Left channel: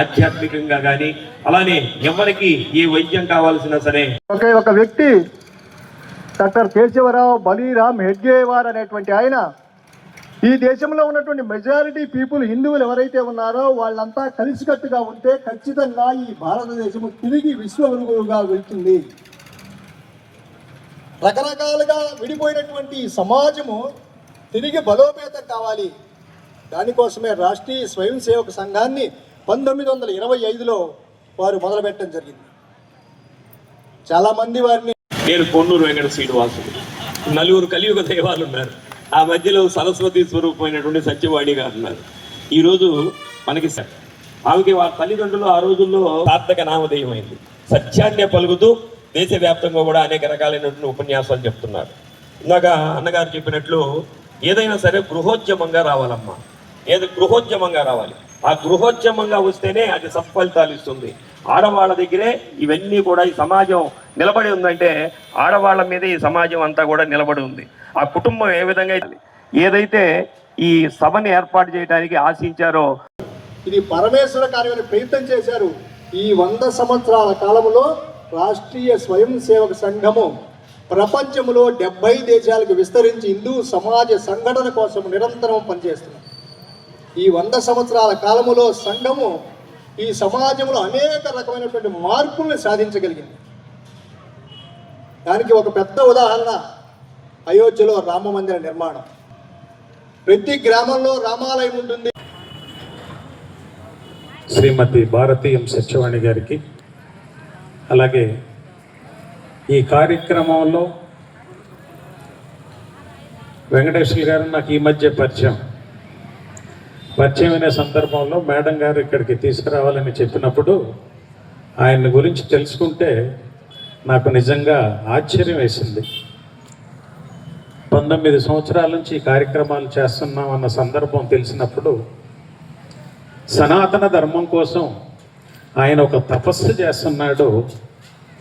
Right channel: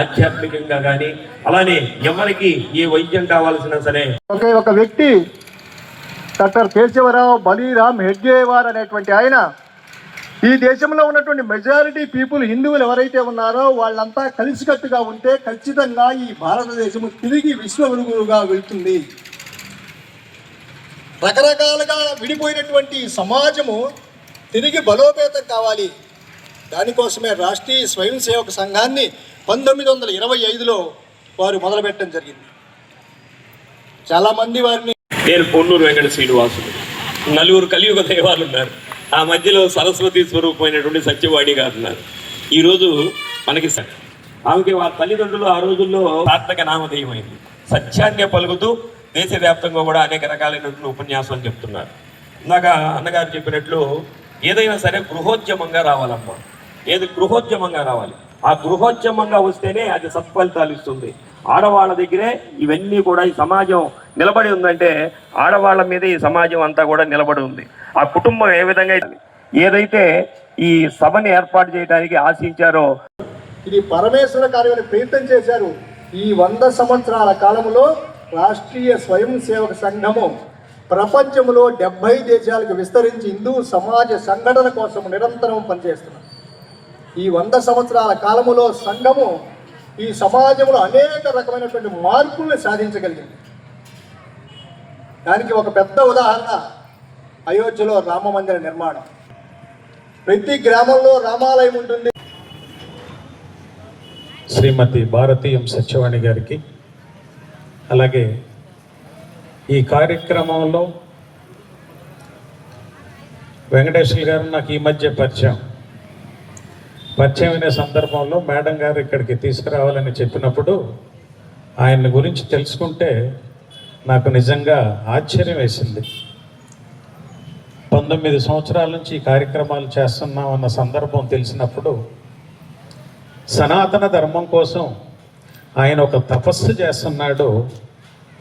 ఆధ్యాత్మికంగా కానీ అలానే ఎవరికి ఏ వైద్యం కావాల్సినా సరే ఒక వ్యక్తి డాక్టర్ కేశవరావు బలీరామ్ హెడ్గేవార్ అనేటువంటి ఆయన ఈ దేశంలో ఉన్నటువంటి మెజారిటీ పీపుల్ హిందువులు ఎవరైతే ఉన్నారో వాళ్ళంతా కలిసికట్టుగా ఉంటే ఖచ్చితంగా ఈ భారతదేశము తిరిగి విశ్వగురువుగా వెళ్తుంది. రకరకాలుగా విడిపోయినటువంటి సమాజము తిరిగి బలోపేతం కావాలి. దానికోసమే రాష్ట్రీయ స్వయం సేవక సంఘాన్ని 1925లో వారు మొదలుపెట్టడం జరిగింది. చాలామంది వారిని నేను పొన్నూరు వెంకట శ్రీనివాసులు, నలుగురు కలియుగ దైవాలు ఉన్నారు. ఆ మధ్యలో సరస్వతి స్వరూపమైనటువంటి సత్యవాణి గారు ఉన్నారు. ఈరోజు మనకి ఆమెకి వాళ్ళ తల్లిదండ్రులు ఆ రోజుల్లో సార్థక నామధేయమైంది. సత్యాన్ని పలుకుతూ దేశవ్యాప్తంగా కూడా అనేక రకాలైనటువంటి ఉపన్యాసాలు చెప్తున్నారు. ఇందాక అన్నగారు చెప్పినట్లు ఏదైనా సరే గృహోద్యమంగా రావాలమ్మా. గృహోద్యమంగా రావాలి. ఆ గృహోద్యమంగా వస్తేనే అది సత్ఫలితాలు ఇస్తుంది. ఆడవాళ్ళ దగ్గరే ఇవన్నీ కూడా ఈ సమాజం నిలబడి ఉందంటే ఆడవాళ్ళ మీద ఈ సమాజం అంతా కూడా నిలబడి ఉంది. ఆ కుటుంబం ఏ విధంగా ఏదైతే ఈ సభని ఏర్పాటు చేయడానికి ఆశించారో ఇది పరమేశ్వర కార్యాన్ని ప్రయత్నం చేశారు. ఈ 100 సంవత్సరాల కాలంలో రాష్ట్రీయ స్వయం సేవక సంఘము ప్రపంచంలో 70 దేశాలకు విస్తరించి హిందూ సమాజ సంఘటన కోసం నిరంతరం పనిచేస్తున్నారు. ఈ 100 సంవత్సరాల కాలములో సంఘము ఈ సమాజంలో అనేక రకమైనటువంటి మార్పుల్ని సాధించగలిగింది. దానికి ఒక పెద్ద ఉదాహరణ అయోధ్యలో రామ మందిర నిర్మాణం. ప్రతి గ్రామంలో రామాలయం ఉంటుంది. శ్రీమతి భారతీయం సత్యవాణి గారికి, అలాగే ఈ కార్యక్రమంలో వెంకటేశ్వర గారు నాకు ఈ మధ్య పరిచయమైన సందర్భంలో మేడం గారు ఇక్కడికి తీసుకురావాలని చెప్పినప్పుడు ఆయన గురించి తెలుసుకుంటే నాకు నిజంగా ఆశ్చర్యం వేసింది. 19 సంవత్సరాల నుంచి ఈ కార్యక్రమాలు చేస్తున్నాం అన్న సందర్భం తెలిసినప్పుడు సనాతన ధర్మం కోసం ఆయన ఒక తపస్సు చేస్తున్నాడు,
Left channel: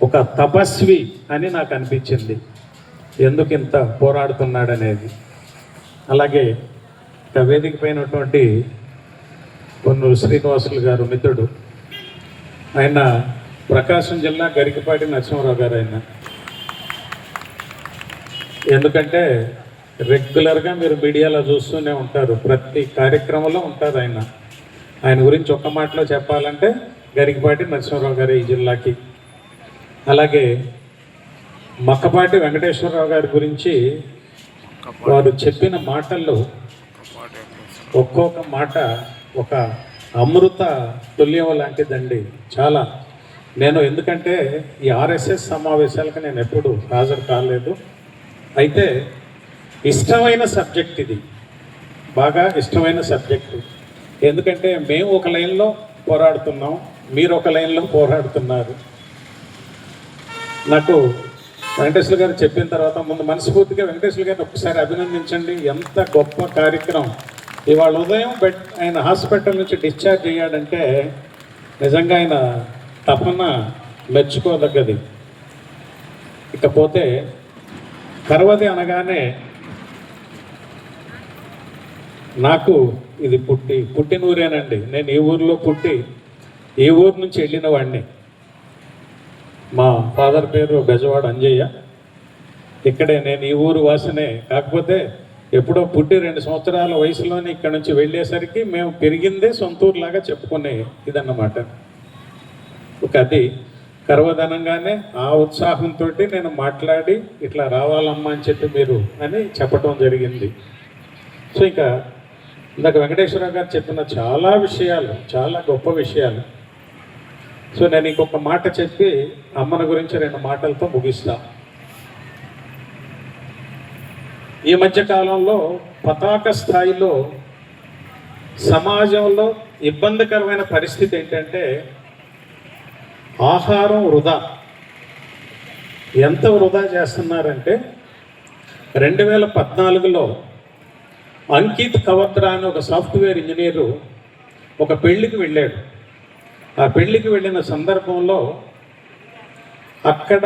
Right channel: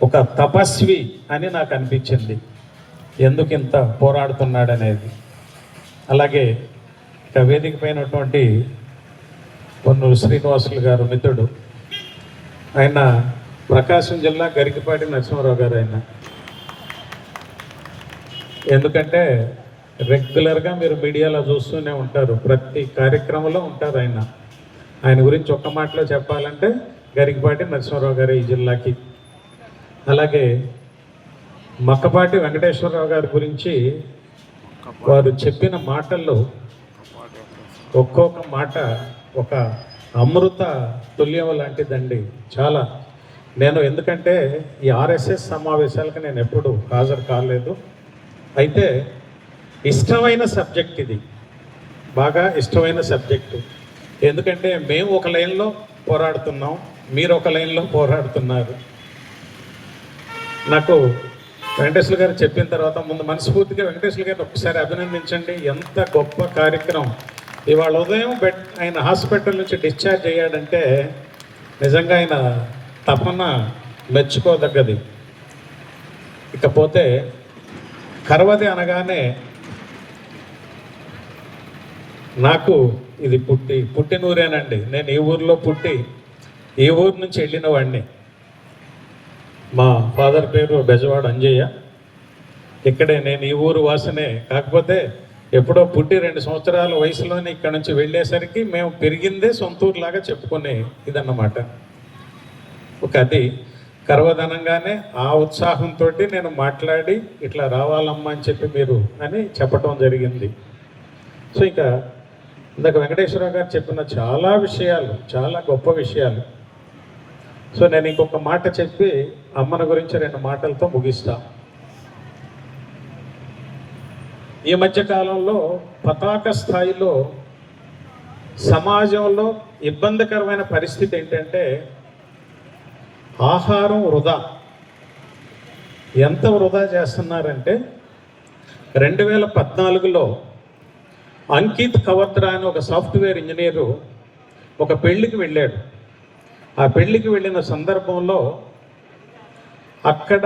ఒక తపస్వి అని నాకు అనిపించింది. ఎందుకు ఇంత పోరాడుతున్నాడు అనేది. అలాగే ఇక వేదిక పైనటువంటి పొన్నూరు శ్రీనివాసులు గారు మిత్రుడు, ఆయన ప్రకాశం జిల్లా గరికపాటి నరసింహారావు గారు. ఆయన ఎందుకంటే రెగ్యులర్గా మీరు మీడియాలో చూస్తూనే ఉంటారు, ప్రతి కార్యక్రమంలో ఉంటారు ఆయన. ఆయన గురించి ఒక్క మాటలో చెప్పాలంటే గరికపాటి నరసింహారావు గారు ఈ జిల్లాకి. అలాగే మక్కపాటి వెంకటేశ్వరరావు గారి గురించి వారు చెప్పిన మాటల్లో ఒక్కొక్క మాట ఒక అమృత తుల్యం లాంటిదండి. చాలా ఎందుకంటే ఈ ఆర్ఎస్ఎస్ సమావేశాలకు నేను ఎప్పుడు హాజరు కాలేదు. అయితే ఇష్టమైన సబ్జెక్ట్ ఇది, బాగా ఇష్టమైన సబ్జెక్టు. ఎందుకంటే మేము ఒక లైన్లో పోరాడుతున్నాం, మీరు ఒక లైన్లో పోరాడుతున్నారు. నాకు వెంకటేశ్వర గారు చెప్పిన తర్వాత ముందు మనస్ఫూర్తిగా వెంకటేశ్వర గారిని ఒకసారి అభినందించండి. ఎంత గొప్ప కార్యక్రమం. ఇవాళ ఉదయం ఆయన హాస్పిటల్ నుంచి డిశ్చార్జ్ అయ్యాడంటే నిజంగా ఆయన తపన మెచ్చుకోదగ్గది. ఇకపోతే కరవది అనగానే నాకు ఇది పుట్టినూరేనండి. నేను ఈ ఊరిలో పుట్టి ఈ ఊరు నుంచి వెళ్ళిన వాడిని. మా ఫాదర్ పేరు బెజవాడ అంజయ్య. ఇక్కడే నేను ఈ ఊరు వాసనే. కాకపోతే ఎప్పుడో పుట్టి 2 సంవత్సరాల వయసులోని ఇక్కడ నుంచి వెళ్ళేసరికి మేము పెరిగిందే సొంతూరులాగా చెప్పుకునే ఇదన్నమాట. ఒక అది కరవదనంగానే ఆ ఉత్సాహంతో నేను మాట్లాడి ఇట్లా రావాలమ్మా అని చెప్పి మీరు అని చెప్పడం జరిగింది. సో ఇంకా ఇందాక వెంకటేశ్వరరావు గారు చెప్పిన చాలా విషయాలు, చాలా గొప్ప విషయాలు. సో నేను ఇంకొక మాట చెప్పి అమ్మన గురించి 2 మాటలతో ముగిస్తా. ఈ మధ్యకాలంలో పతాక స్థాయిలో సమాజంలో ఇబ్బందికరమైన పరిస్థితి ఏంటంటే ఆహారం వృధా. ఎంత వృధా చేస్తున్నారంటే 2014లో అంకిత్ కవత్రా అని ఒక సాఫ్ట్వేర్ ఇంజనీరు ఒక పెళ్లికి వెళ్ళాడు. ఆ పెళ్లికి వెళ్ళిన సందర్భంలో అక్కడ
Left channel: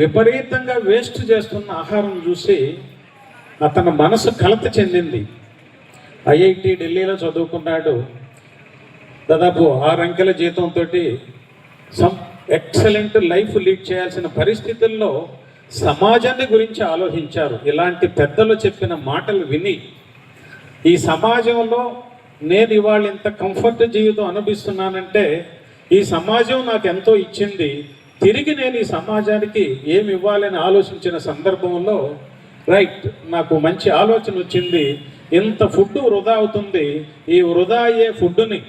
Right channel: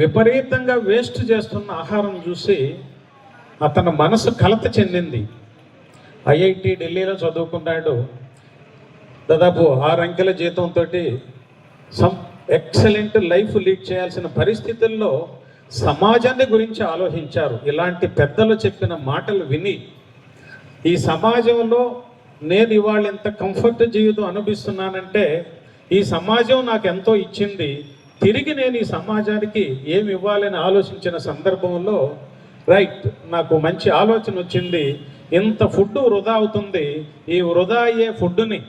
విపరీతంగా వేస్ట్ చేస్తున్న ఆహారం చూసి అతని మనసు కలత చెందింది. ఐఐటి ఢిల్లీలో చదువుకున్నాడు. దాదాపు 6 అంకెల జీతంతో ఎక్సలెంట్ లైఫ్ లీడ్ చేయాల్సిన పరిస్థితుల్లో సమాజాన్ని గురించి ఆలోచించారు. ఇలాంటి పెద్దలు చెప్పిన మాటలు విని ఈ సమాజంలో నేను ఇవాళ ఇంత కంఫర్ట్ జీవితం అనుభవిస్తున్నానంటే ఈ సమాజం నాకు ఎంతో ఇచ్చింది, తిరిగి నేను ఈ సమాజానికి ఏమి ఇవ్వాలని ఆలోచించిన సందర్భంలో రైట్ నాకు మంచి ఆలోచన వచ్చింది. ఇంత ఫుడ్ వృధా అవుతుంది, ఈ వృధా అయ్యే ఫుడ్ని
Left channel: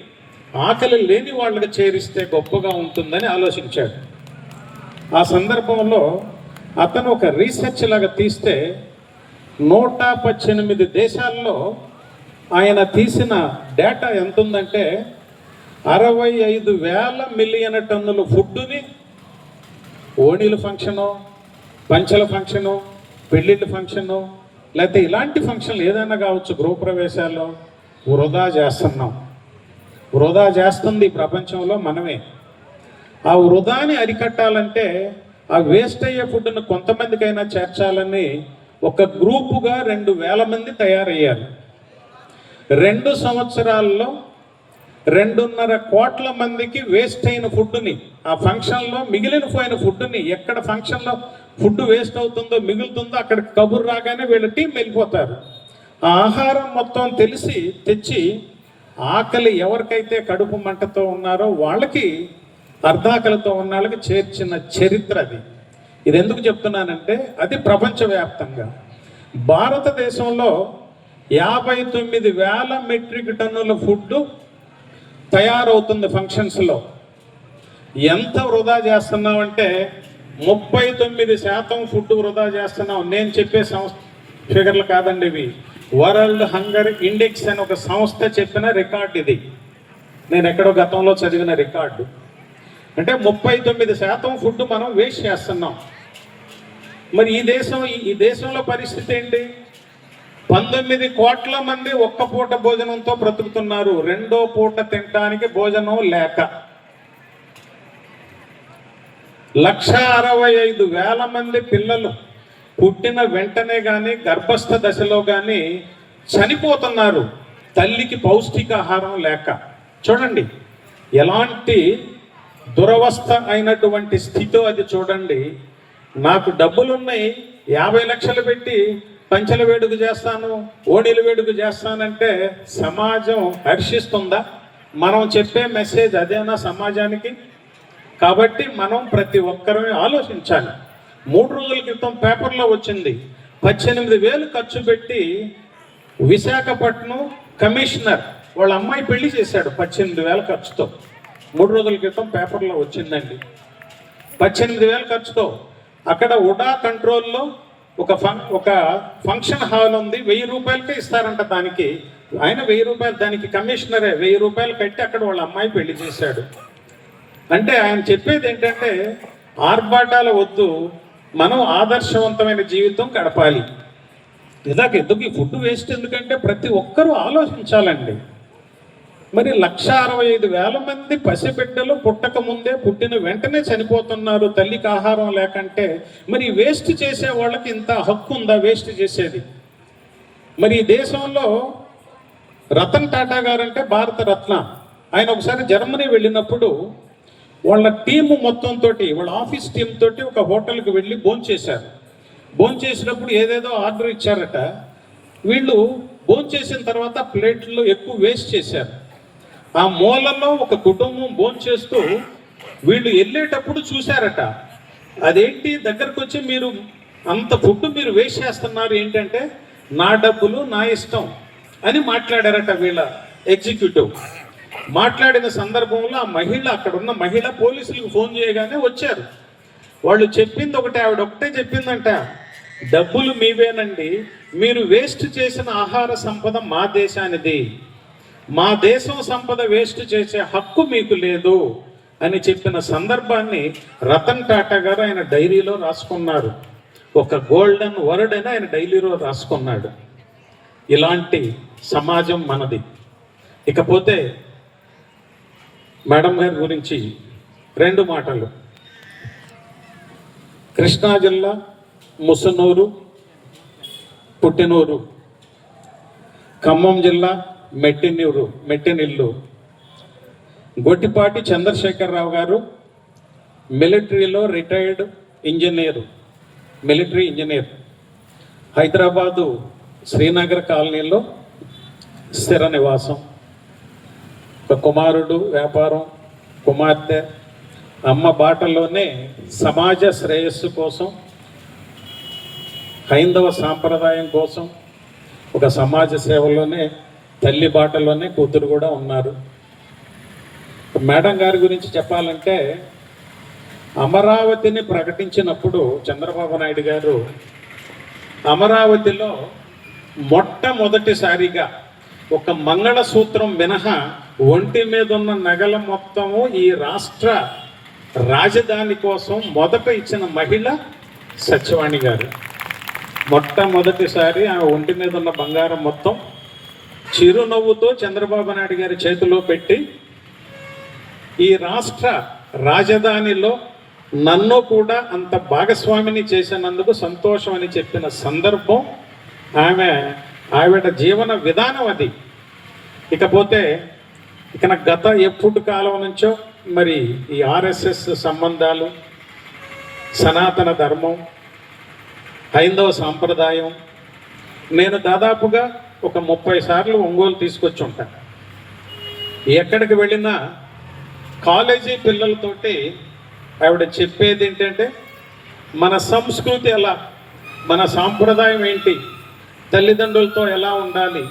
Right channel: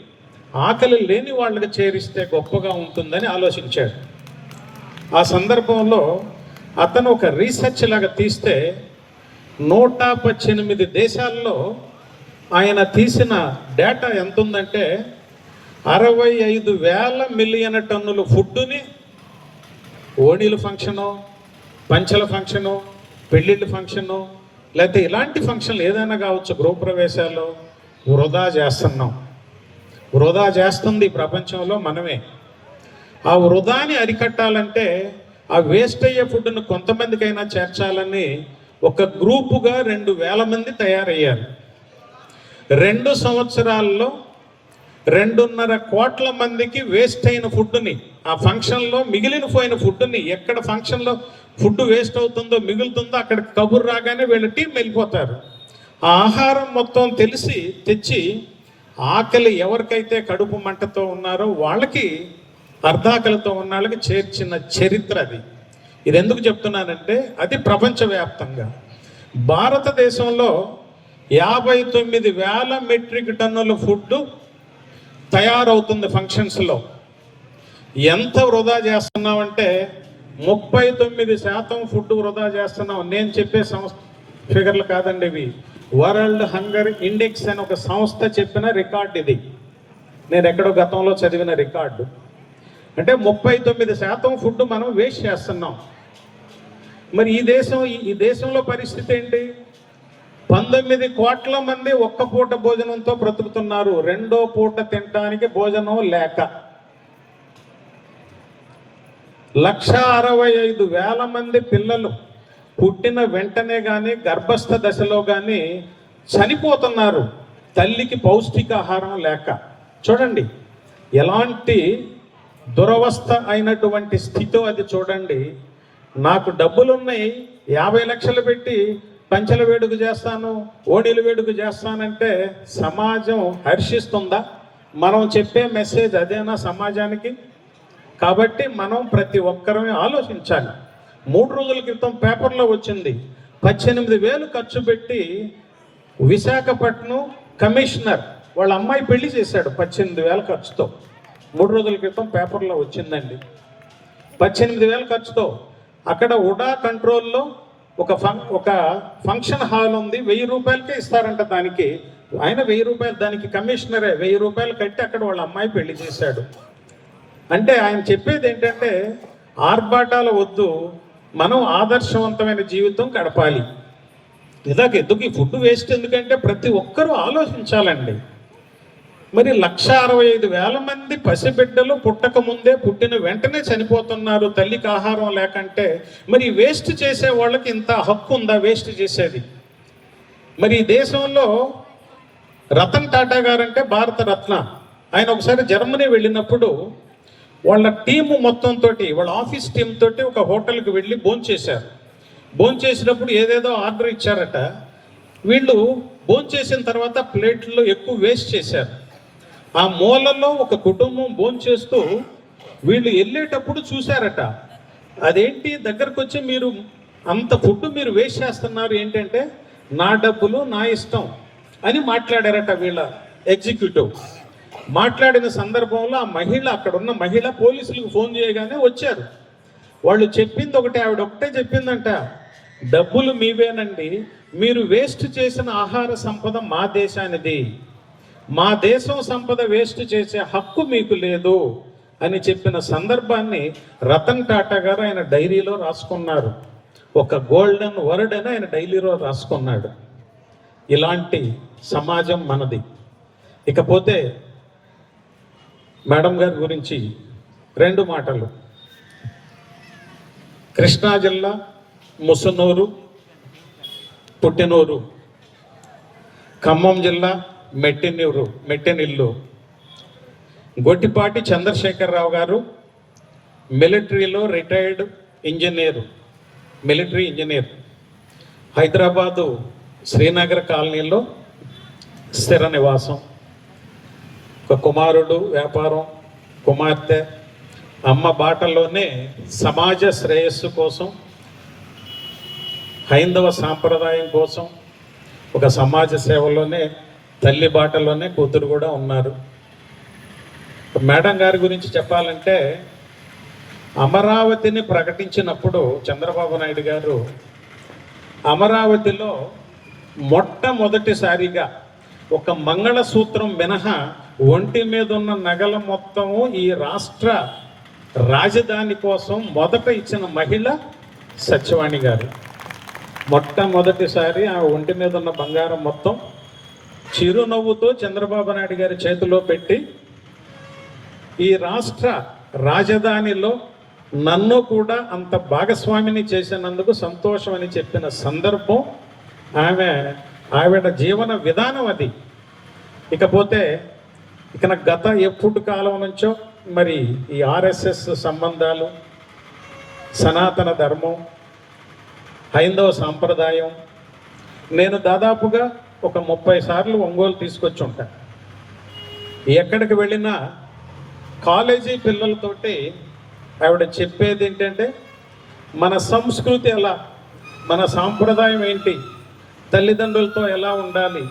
ఆకలి లేని వాళ్ళకి చేరిస్తే గొప్పగా ఉంటుందని ఆలోచించాడు. ఆ సందర్భంలో అతను ఒక రీసెర్చ్ లాగా తీస్తే 118 దేశాల్లో ఆయన తీసిన డేటా ఎంత ఉందంటే 65,000 మిలియన్ టన్నుల ఫుడ్డుని ఓణీల ఫంక్షను, పంచల ఫంక్షను, పెళ్ళిళ్ళ ఫంక్షను, లేకపోతే ఇలాంటి ఫంక్షన్లు ఏదైనా కావచ్చు, గృహప్రవేశాలు వృధా చేస్తున్నాం. వృధా చేస్తుంది ఈ ప్రపంచంలో మనమే. ఆ వృధాని అరికట్టాలంటే ఆ వేస్ట్ అయ్యే ఫుడ్ను కొంతమందికైనా చేర్చాలని ఒక గ్రూపుగా 2,000 మంది తయారయ్యారు. 2 సంవత్సరాల్లో 2.5 కోట్ల మందికి వేస్ట్ అయిన ఫుడ్ని, ఆ ఫంక్షన్లో మిగిలిపోయిన ఫుడ్ని, ఎక్కడ ఫంక్షన్లో ఫుడ్ వేస్ట్ అవుతుందో మిగులుతుందో అక్కడ కబురు రాగానే వీళ్ళ టీం వెళ్ళిపోతారు. ఆ ఆహారం మొత్తం తెచ్చి ఆకలి ఎవరికైతే కడుపు మంటతో ఉన్నారో వాళ్ళకి, అర్ధాకలితో ఉన్న వాళ్ళకి చేర్చిన చరిత్ర అది. ఇది ఎందుకు చెప్తున్నానంటే అది ప్రపంచవ్యాప్తంగా. భారతదేశంలో 59,000 మెట్రిక్ టన్నుల ఫుడ్ తయారవుతుంది ఫంక్షన్స్లో. ఎంత వృధా చేస్తున్నామంటే 39% ఫుడ్ వృధా చేస్తున్నాం. నేను చెప్పే సంస్థ ఫిగర్లు కాదండి ఇవి, వరల్డ్ హంగర్ ఇండెక్స్ అని ఒక సంస్థ చెప్పిన రికార్డు ఇది. నేను ఎక్కడో గతంలో చదివిన రికార్డు. అంటే 39% ఫుడ్ మనం వేస్ట్ చేస్తున్నాం. మరి ఈ దేశంలో పరిస్థితి ఏంటి? 19 కోట్ల మంది ఒక్క పూట భోజనంతో బ్రతుకుతున్నారు, రెండో పూట తినడానికి భోజనం లేక. 165,000 మంది పిల్లలు పుట్టిన వెంటనే కానీ గర్భస్థ దశలో కానీ చనిపోతున్నారు తల్లికి పౌష్టికాహారం లేక. చూడండి ఎలాంటి దురవస్థ అయినటువంటి స్థితో అది. చూడండి, నాకు డబ్బులున్నాయి, 50 లక్షలు పెట్టి పంచల వేడుక చేస్తాను, ఓణీల వేడుక చేస్తానంటే సమాజం హర్షిస్తుందా? మనం చెప్పే మెసేజ్ అదేనా సమాజానికి? కాబట్టి మనం ప్రతి ఒక్కరూ ఆలోచించాలి. 3 రోజుల క్రితం పేపర్లో వచ్చింది, 18,000 ఖర్చు పెట్టి విశాఖపట్నం కమిషనర్ వాళ్ళ అమ్మాయి పెళ్లి చేశాడు 18,000 ఖర్చుతో. 3 రోజుల క్రితం పేపర్లో వచ్చిందండి. 18,000 ఖర్చుతో అక్కడ ఉడా కంట్రోల్లో ఒక ఫంక్షన్ హాల్ ఉంది, 1,000 రూపాయలకే ఇస్తారంట దానికి. ఆయన 1,000 రూపాయలు, దానికి కమిషనరే 1,000 రూపాయలు కట్టి అక్కడ వాళ్ళ అమ్మాయి పెళ్లి చేశాడు. అంటే ఆయన చెప్పేది ఏంటంటే ఆర్భాటాలు వద్దు, మనం ఆదర్శవంతమైన జీవితం గడపాలి. ఎందుకు ఈ ఫుడ్ వేస్ట్ ఎందుకంటే ప్రతి ఒక్కరూ ఆలోచించాలండి. మరి 165,000 మంది పసిబిడ్డలు పుట్టక ముందే, పుట్టిన వెంటనే చనిపోతున్నారు తల్లికి ఆహారం లేకంటే. మరి వేస్ట్ చేసే వాళ్ళకి ఇంత హక్కు ఉందా వేస్ట్ చేసేది? మరి ఈ దేశంలో రతన్ టాటా గారంటే భారత రత్న. ఆయన ఒకసారి జర్మనీ వెళ్ళినప్పుడు వాళ్ళ టీము మొత్తంతో, వాళ్ళ ఆఫీస్ టీమ్ తోటి ఒక హోటల్కి వెళ్ళి భోంచేశారు. భోంచేసినప్పుడు ఏదేదో ఆర్డర్ ఇచ్చారట. వీళ్ళు భోంచేసిన తర్వాత ప్లేట్లో ఎక్కువ వేస్ట్ చేశారు. ఆ మూలలో ఒక కుటుంబం భోంచేస్తూ వీళ్ళు వెళ్ళేటప్పుడు చూశారట. అదేంటి దగ్గరకు వచ్చి, మీరు అంత ఫుడ్ మీరు వేస్ట్ చేస్తున్నారు ఏంటంటే, నా డబ్బులు నా ఇష్టం అని మాట్లాడారట వీళ్ళ ఎగ్జిక్యూటివ్. మాట్లాడిన సందర్భంలో ఆ మహిళ, అక్కడ ఉన్న మహిళ పోలీసులకు ఫోన్ చేయగానే వచ్చారు. వాళ్ళు చెప్పింది ఒకటే, ఆవిడ ఒకటే చెప్పిందంట, డబ్బులు మీవేనండి, మీరు వేస్ట్ చేసిన ఆహార సంపద మా దేశానిది, మా దేశం సంపద వేస్ట్ చేసే హక్కు మీకు లేదు అని చెప్పిన సందర్భాన్ని రతన్ టాటా గారు ఆయన డైరీలో రాసుకున్నారు. ఒక గోల్డెన్ వర్డ్ అని ఆయన డైరీలో రాసుకున్నాడు. ఇలాంటి సమాజం మనది. ఇకపోతే మేడం గారి గురించి 2 మాటలు. కృష్ణా జిల్లా ముసునూరు పుట్టినూరు, ఖమ్మం జిల్లా మెట్టినిల్లు. గొట్టిపాటి చంద్రశేఖరరావు గారు మిలిటరీలో retired engineer, military engineer, Hyderabad Srinagar కాలనీలో స్థిర నివాసం. ఒక కుమారుడు, వ్యాపారం, కుమార్తె. అమ్మ బాటలోనే సమాజ శ్రేయస్సు కోసం, హైందవ సాంప్రదాయం కోసం, ఒక సమాజ సేవలోనే తల్లి బాటలోనే కూతురు కూడా ఉన్నారు. మేడం గారి గురించి చెప్పాలంటే, అమరావతిని ప్రకటించినప్పుడు చంద్రబాబు నాయుడు గారు అమరావతిలో మొట్టమొదటిసారిగా ఒక మంగళసూత్రం మినహా ఒంటి మీద ఉన్న నగల మొత్తము ఈ రాష్ట్ర రాజధాని కోసం మొదట ఇచ్చిన మహిళ సత్యవాణి గారు. మొట్టమొదటిసారి ఆ ఒంటి మీద ఉన్న బంగారం మొత్తం చిరునవ్వుతో చంద్రబాబు నాయుడు గారి చేతిలో పెట్టి ఈ రాష్ట్ర రాజధానిలో నన్ను కూడా అంత భాగస్వామిని చేసినందుకు సంతోషం అని చెప్పిన సందర్భం ఆవిడ జీవన విధానం అది. ఇకపోతే ఇక గత ఎప్పుడు కాలం నుంచో మరి ఈ ఆర్ఎస్ఎస్ సంబంధాలు, సనాతన ధర్మం, హైందవ సాంప్రదాయం, నేను దాదాపుగా ఒక 30 సార్లు ఒంగోలు తీసుకొచ్చి ఉంటాను. ఎక్కడికి వెళ్ళినా కాలేజీ పిల్లలతోటి ఆవిడ చెప్పేది ఏంటంటే, మన సంస్కృతి ఎలా, మన సాంప్రదాయం ఏంటి, తల్లిదండ్రులతో ఎలా ఉండాలి,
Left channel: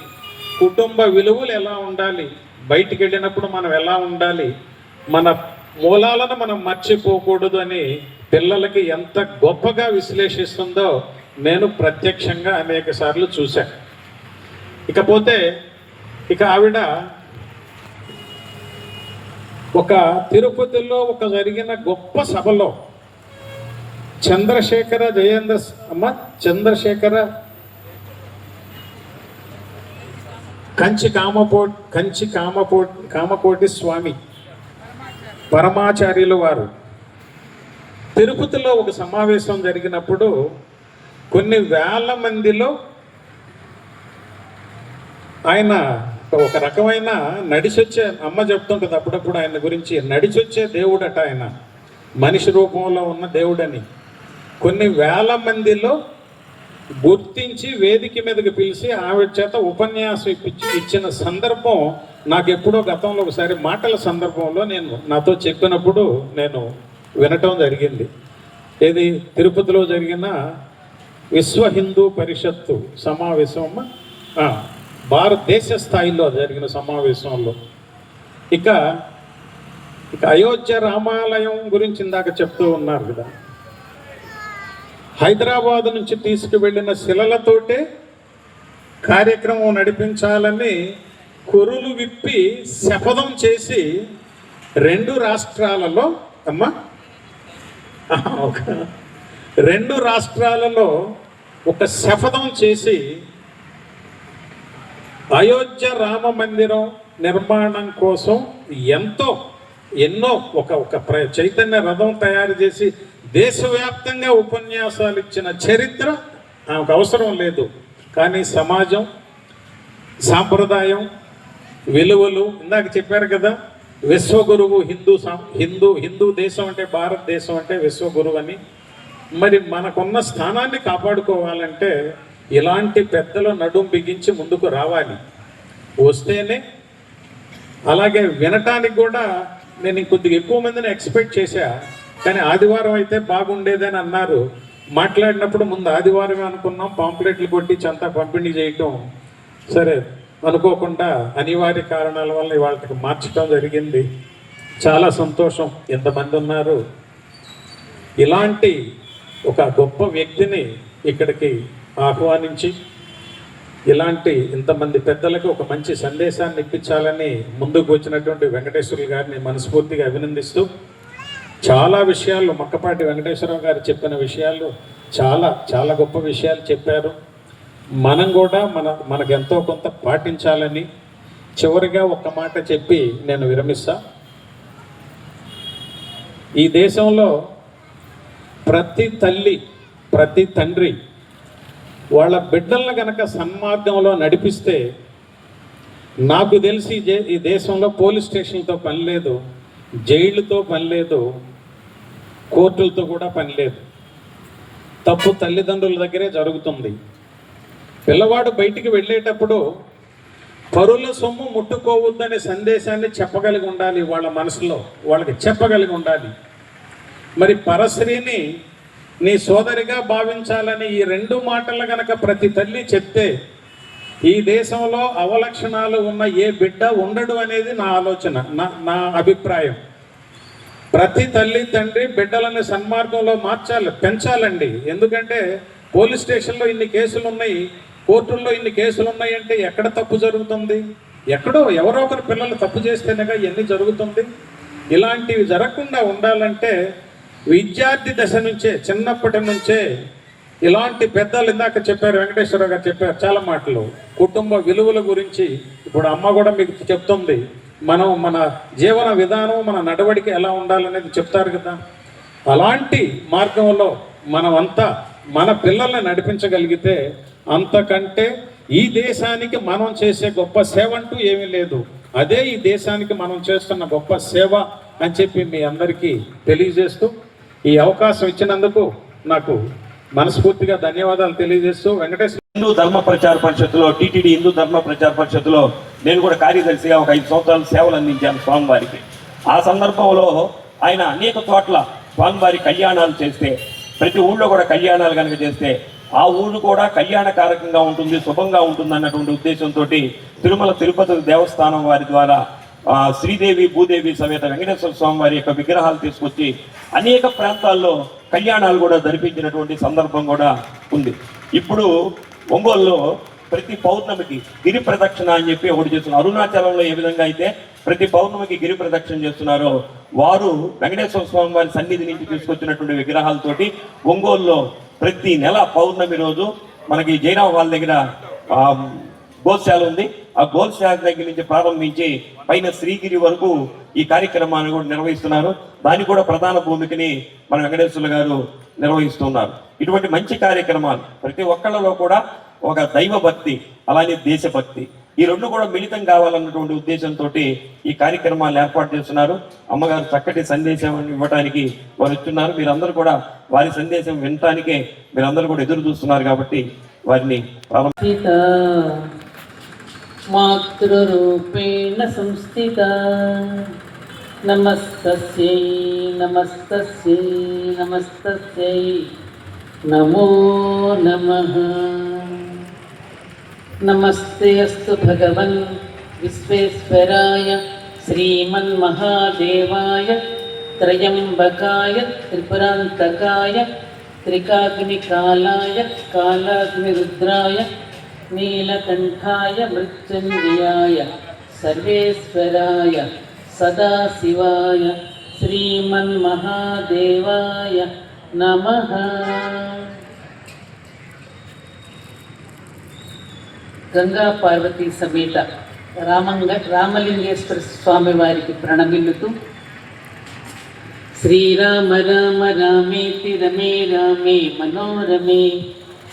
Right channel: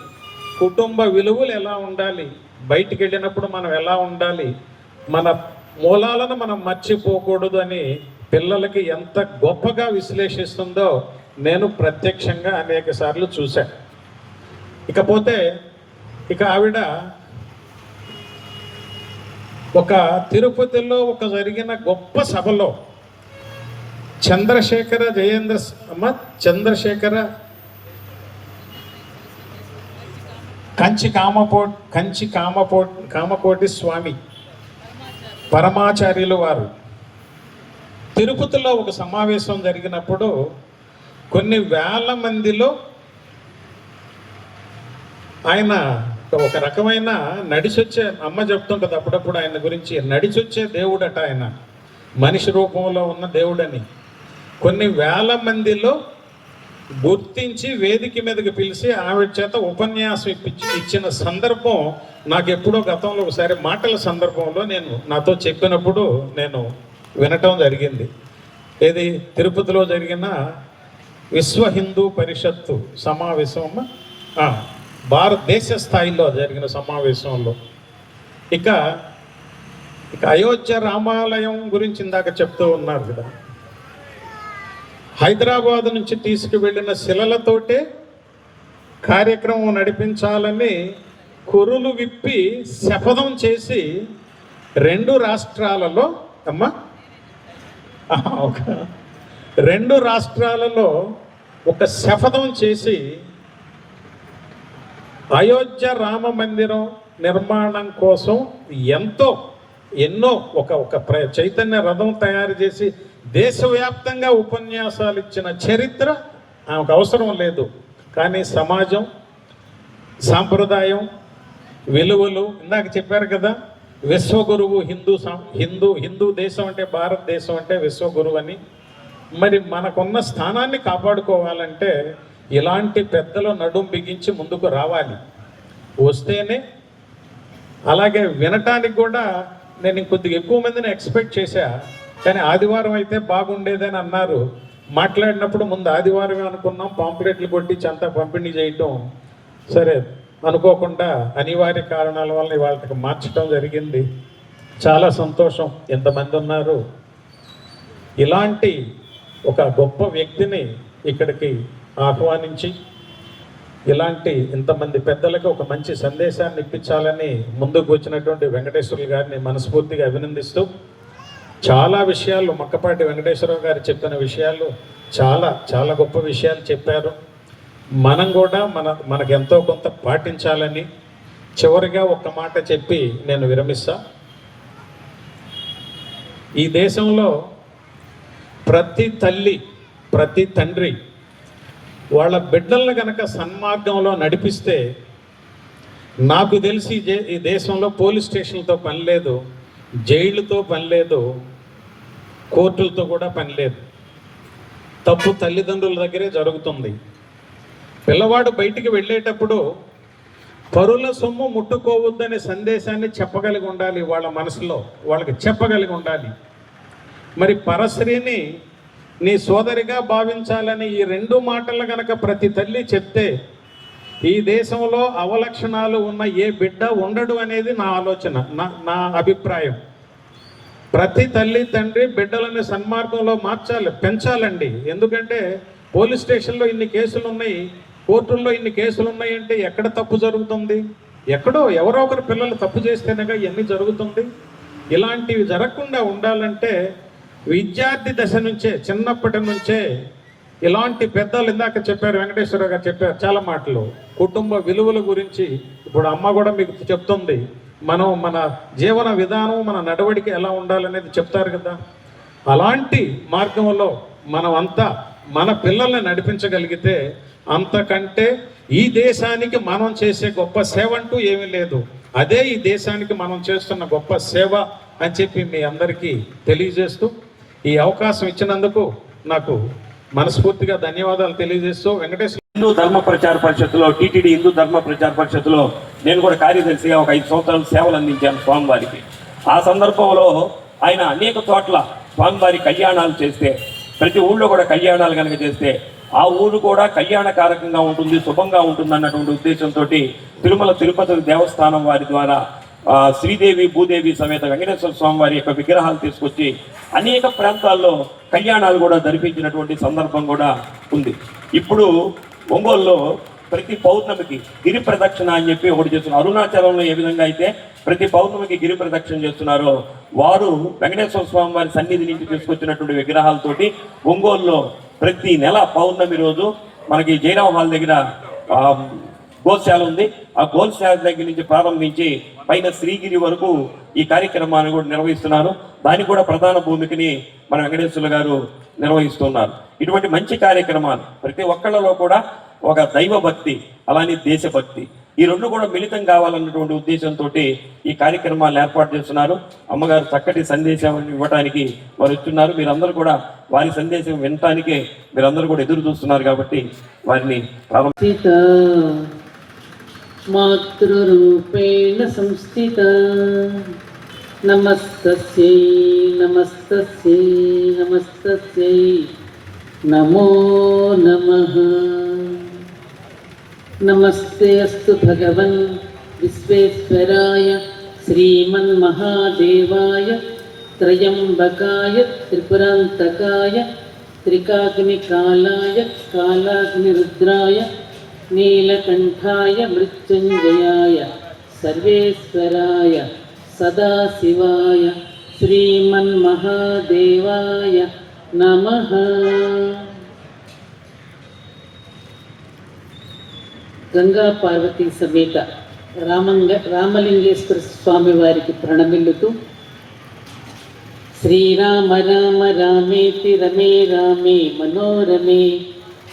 కుటుంబ విలువలు ఎలా ఉండాలి, బయటికి వెళ్ళినప్పుడు మనం ఎలా ఉండాలి, మన మూలాలను మనం మర్చిపోకూడదు అని పిల్లలకి ఎంత గొప్పగా విశ్లేషిస్తుందో నేను ప్రత్యక్షంగా అనేక సార్లు చూశాను. ఇకపోతే ఆవిడ ఒక తిరుపతిలో ఒక జరిగిన గొప్ప సభలో చంద్రశేఖర కామకోటి స్వామి పరమాచార్యులు వారు తిరుపతిలో ఒక సమావేశం జరిగినప్పుడు కొన్ని వేల మందిలో ఆయన ఒక రకమైన నడిచొచ్చే, అమ్మ చెప్తుంటుంది అప్పుడప్పుడు ఆయన గురించి, నడిచొచ్చే దేవుడట ఆయన, మనిషి రూపంలో ఉన్న దేవుడని. కొన్ని వేల మందిలో గుర్తించి వేదిక మీదకి పిలిచి ఆవిడ చేత ఉపన్యాసం ఇచ్చిన సందర్భం నాకు ఎప్పుడో గతంలో ఒకసారి మాటల సందర్భంలో నాతో చెప్పినప్పుడు నేను వినటం జరిగింది. ఏది తిరుపతిలో జరిగిన విశ్వ హిందూ పరిషత్తు సమావేశం, భారతదేశ స్థాయిలో జరిగిన సమావేశంలో ఇక అయోధ్య రామాలయం గురించి ఇందాక చెప్తూ ఉన్నారు కదా, హైదరాబాద్ నుంచి తీసుకువెళ్ళిన శిలలతోటే కార్యక్రమం నడిపించాలని కురులు విప్పి శపథం చేసి 2 రాష్ట్రాలలో రెండు రాష్ట్రాలలో ఒక శపథం చేసి అయోధ్య రామ మందిరం నిర్మాణం కోసం ఎన్నో ఒక చైతన్య రథం తయారు చేసి దేశవ్యాప్తంగా ఉపన్యాసాలు ఇచ్చిన చరిత్ర ఆమెకు అవసరం లేదు. కానీ సమాజం, సాంప్రదాయం, విలువలు, ఇందాక చెప్పారు కదా, విశ్వగురువు హిందూ దేశం అంటే, భారతదేశం అంటే విశ్వగురువు అని. మరి మనకున్న స్థానాన్ని కాపాడుకోవాలంటే ఇలాంటి పెద్దల నడుం బిగించి ముందుకు రావాలి. వస్తేనే, అలాగే వినటానికి కూడా నేను కొద్దిగా ఎక్కువ మందిని ఎక్స్పెక్ట్ చేశా, కానీ ఆదివారం అయితే బాగుండేదని అన్నారు. మాట్లాడినప్పుడు ముందు ఆదివారమే అనుకున్నాం, పాంప్లెట్లు కొట్టి అంతా పంపిణీ చేయటం సరే అనుకోకుండా అనివార్య కారణాల వల్ల వాళ్ళకి మార్చడం జరిగింది. చాలా సంతోషం, ఎంతమంది ఉన్నారు. ఇలాంటి ఒక గొప్ప వ్యక్తిని ఇక్కడికి ఆహ్వానించి ఇలాంటి ఇంతమంది పెద్దలకు ఒక మంచి సందేశాన్ని ఇప్పించాలని ముందుకు వచ్చినటువంటి వెంకటేశ్వరులు గారిని మనస్ఫూర్తిగా అభినందిస్తూ, చాలా విషయాలు మక్కపాటి వెంకటేశ్వరరావు గారు చెప్పిన విషయాలు చాలా చాలా గొప్ప విషయాలు చెప్పారు. మనం కూడా మనకు ఎంతో కొంత పాటించాలని చివరిగా ఒక్క మాట చెప్పి నేను విరమిస్తా. ఈ దేశంలో ప్రతి తల్లి, ప్రతి తండ్రి వాళ్ళ బిడ్డలను కనుక సన్మార్గంలో నడిపిస్తే నాకు తెలిసి ఈ దేశంలో పోలీస్ స్టేషన్లతో పని లేదు, జైళ్ళతో పని లేదు, కోర్టులతో కూడా పని లేదు. తప్పు తల్లిదండ్రుల దగ్గరే జరుగుతుంది. పిల్లవాడు బయటికి వెళ్ళేటప్పుడు పరుల సొమ్ము ముట్టుకోవద్దనే సందేశాన్ని చెప్పగలిగి ఉండాలి, వాళ్ళ మనసులో వాళ్ళకి చెప్పగలిగి ఉండాలి. మరి పరశ్రీని నీ సోదరిగా భావించాలని ఈ 2 మాటలు కనుక ప్రతి తల్లి చెప్తే ఈ దేశంలో అవలక్షణాలు ఉన్న ఏ బిడ్డ ఉండడు అనేది నా ఆలోచన, నా అభిప్రాయం. ప్రతి తల్లి తండ్రి బిడ్డలని సన్మార్గంలో పెంచాలండి. ఎందుకంటే పోలీస్ స్టేషన్లో ఇన్ని కేసులు ఉన్నాయి, కోర్టుల్లో ఇన్ని కేసులు ఉన్నాయంటే ఎక్కడ తప్పు జరుగుతుంది? ఎక్కడో ఎవరో ఒకరు పిల్లలు తప్పు చేస్తేనేగా ఇవన్నీ జరుగుతుంది. ఇలాంటివి జరగకుండా ఉండాలంటే విద్యార్థి దశ నుంచే, చిన్నప్పటి నుంచే ఇలాంటి పెద్దలు, ఇందాక చెప్పారు, వెంకటేశ్వర గారు చెప్పారు చాలా మాటలు, కుటుంబ విలువల గురించి. ఇప్పుడు అమ్మ కూడా మీకు చెప్తుంది, మన జీవన విధానం, మన నడవడిక ఎలా ఉండాలనేది చెప్తారు కదా. అలాంటి మార్గంలో మనమంతా మన పిల్లల్ని నడిపించగలిగితే అంతకంటే ఈ దేశానికి మనం చేసే గొప్ప సేవ అంటూ ఏమీ లేదు. అదే ఈ దేశానికి మనం చేస్తున్న గొప్ప సేవ అని చెప్పి మీ అందరికీ తెలియజేస్తూ, ఈ అవకాశం ఇచ్చినందుకు నాకు మనస్ఫూర్తిగా ధన్యవాదాలు తెలియజేస్తూ, వెంకటేశ్వర హిందూ ధర్మ ప్రచార పరిషత్తులో, టీటీడీ హిందూ ధర్మ ప్రచార పరిషత్తులో నేను కూడా కార్యదర్శిగా ఒక 5 సంవత్సరాలు సేవలు అందించాను స్వామివారికి. ఆ సందర్భంలో ఆయన అనేక చోట్ల స్వామివారి కళ్యాణాలు చేస్తే, ప్రతి ఊళ్ళో కూడా కళ్యాణాలు కనుక చేస్తే ఆ ఊరు కూడా కళ్యాణకారకంగా ఉంటుంది, శుభంగా ఉంటుంది అన్నటువంటి ఉద్దేశంతో తిరుమల తిరుపతి దేవస్థానం వారి ద్వారా శ్రీదేవి భూదేవి సమేత వెంకటేశ్వర స్వామి వారి యొక్క విగ్రహాలు తీసుకొచ్చి అనేక ప్రాంతాల్లో కళ్యాణాలు కూడా జరిపించినటువంటి సందర్భం కూడా ఉంది. ఇప్పుడు ఒంగోలులో ప్రతి పౌర్ణమికి గిరి ప్రదక్షిణ అని చెప్పి ఒకటి చేస్తున్నారు. అరుణాచలంలో ఏ విధంగా అయితే ప్రతి పౌర్ణమికి గిరి ప్రదక్షిణ చేస్తున్నారో, వారు వెంకటేశ్వర స్వామి వారి సన్నిధి నుంచి తీసుకొచ్చినటువంటి విగ్రహాలతోటి ఒంగోలులో ప్రతి నెల పౌర్ణమి రోజు మనకి జైరామ హాల్ దగ్గర గోశాల ఉంది. ఆ గోశాల దగ్గర నుంచి ప్రారంభించి పైన శ్రీగిరి వరకు ఈ కార్యక్రమాన్ని కూడా నిర్వహిస్తున్నారు. దానికి కూడా ప్రధాన భూమికని మన వెంకటేశ్వర గారు నిర్వహిస్తున్నారు. ఇటువంటి మంచి కార్యక్రమాలు ప్రతి ఒక్కళ్ళలో కూడా ఒక దైవ భక్తి, అలానే దేశభక్తి, ఈ 2 కూడా మిళితం కావాలన్నటువంటి ఉద్దేశంతో ఈ కార్యక్రమాలు ఏర్పాటు చేస్తున్నారు. అమ్మగారు చక్కటి సందేశం ఇవ్వడానికి వారు ఇస్తున్నారు. మీరందరూ కూడా వారి సందేశం వినటానికే మీరందరూ కూడా ఎదురు చూస్తున్నారు. కాబట్టి వారిని మాతృరూపేణ సంస్థిత నమస్తస్యై నమస్తస్యై నమస్తస్యై నమో నమః. నమస్తే అస్తు భగవన్ విశ్వేశ్వరాయ శ్రీమన్మహాదేవాయ త్రయంబకాయ త్రిపురాంతకాయ త్రికాగ్నికాలాయ కాలాగ్నిరుద్రాయ నీలకంఠాయ మృత్యుంజయాయ సర్వేశ్వరాయ సదాశివాయ శ్రీమన్మహాదేవాయ నమః. గంగా పార్వతీ సమేత రామలింగేశ్వర స్వామి వారికి ప్రణమిల్లుతూ శ్రీరామ రామ రామేతి రమే రామే మనోరమే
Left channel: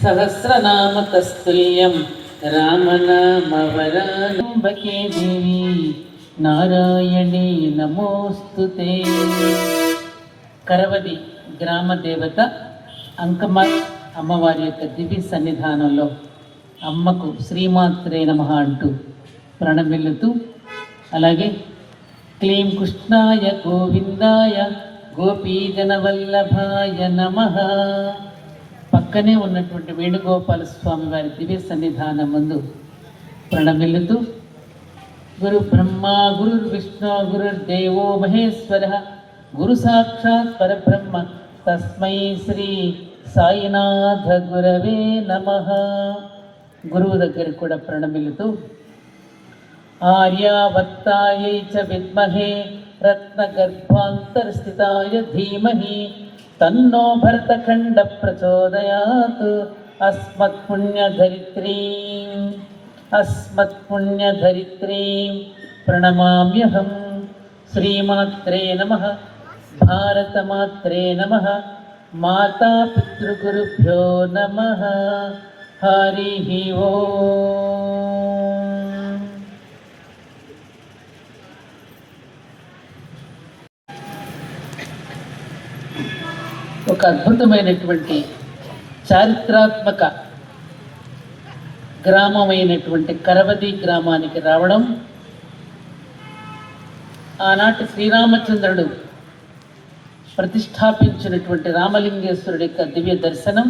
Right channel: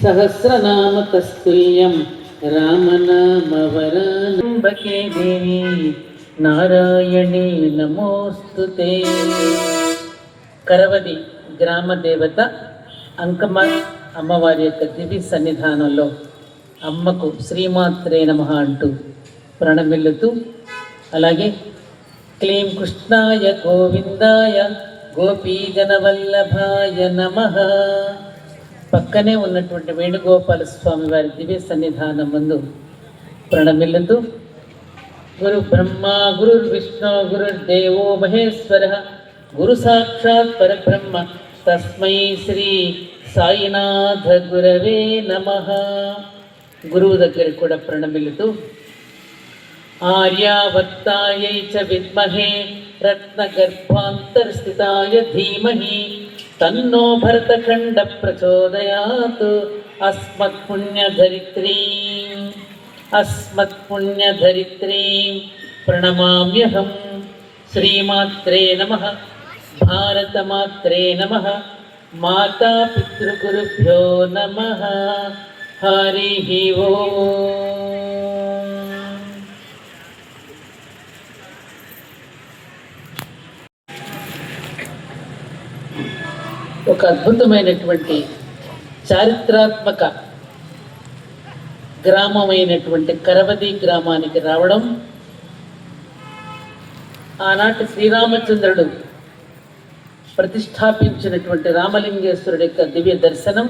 సహస్రనామ తస్తుల్యం రామనామవరాంబకే దేవి నారాయణే నమోస్తుతే. కరవది గ్రామ దేవత అంకమ్మ అమ్మవారి యొక్క దివ్య సన్నిధానంలో అమ్మకు శ్రీమాత్రే నమః అంటూ ప్రణమిల్లుతూ, అలాగే క్లీం కృష్ణాయ గోవిందాయ గోపీజనవల్లభాయ నమః పక్కనే ఉన్నటువంటి వేణుగోపాల స్వామి వారి దివ్య సన్నిధానం ముందు ప్రణమిల్లుతూ, గురు బ్రహ్మ గురుర్విష్ణు గురుర్దేవో మహేశ్వర గురు సాక్షాత్ పరబ్రహ్మ తస్మై శ్రీ సాయినాథ గురవే నమః. గురువు దగ్గరికి కూడా ప్రణమిల్లుతూ, ఆర్యావర్తాయై చ విద్మహే రత్నగర్భాంతర్స్థితాయ ధీమహి తన్నో భరతఖండ ప్రచోదయాత్. అస్మత్పుణ్యధరిత్రీం ప్రణమామ్యహం. శ్రీమాత్రే నమః. భారతమాత్రే నమః. మాతా పితృగురుభ్యో నమః. హరి ఓం. ఒక అద్భుతమైనటువంటి చారిత్రాత్మక గ్రామమైనటువంటి కరవది గ్రామానికి రావడం, ఆనాటి శ్రీరామచంద్రుడు ప్రతిష్టాపించినటువంటి రామలింగేశ్వరుడి యొక్క దివ్య దర్శనం,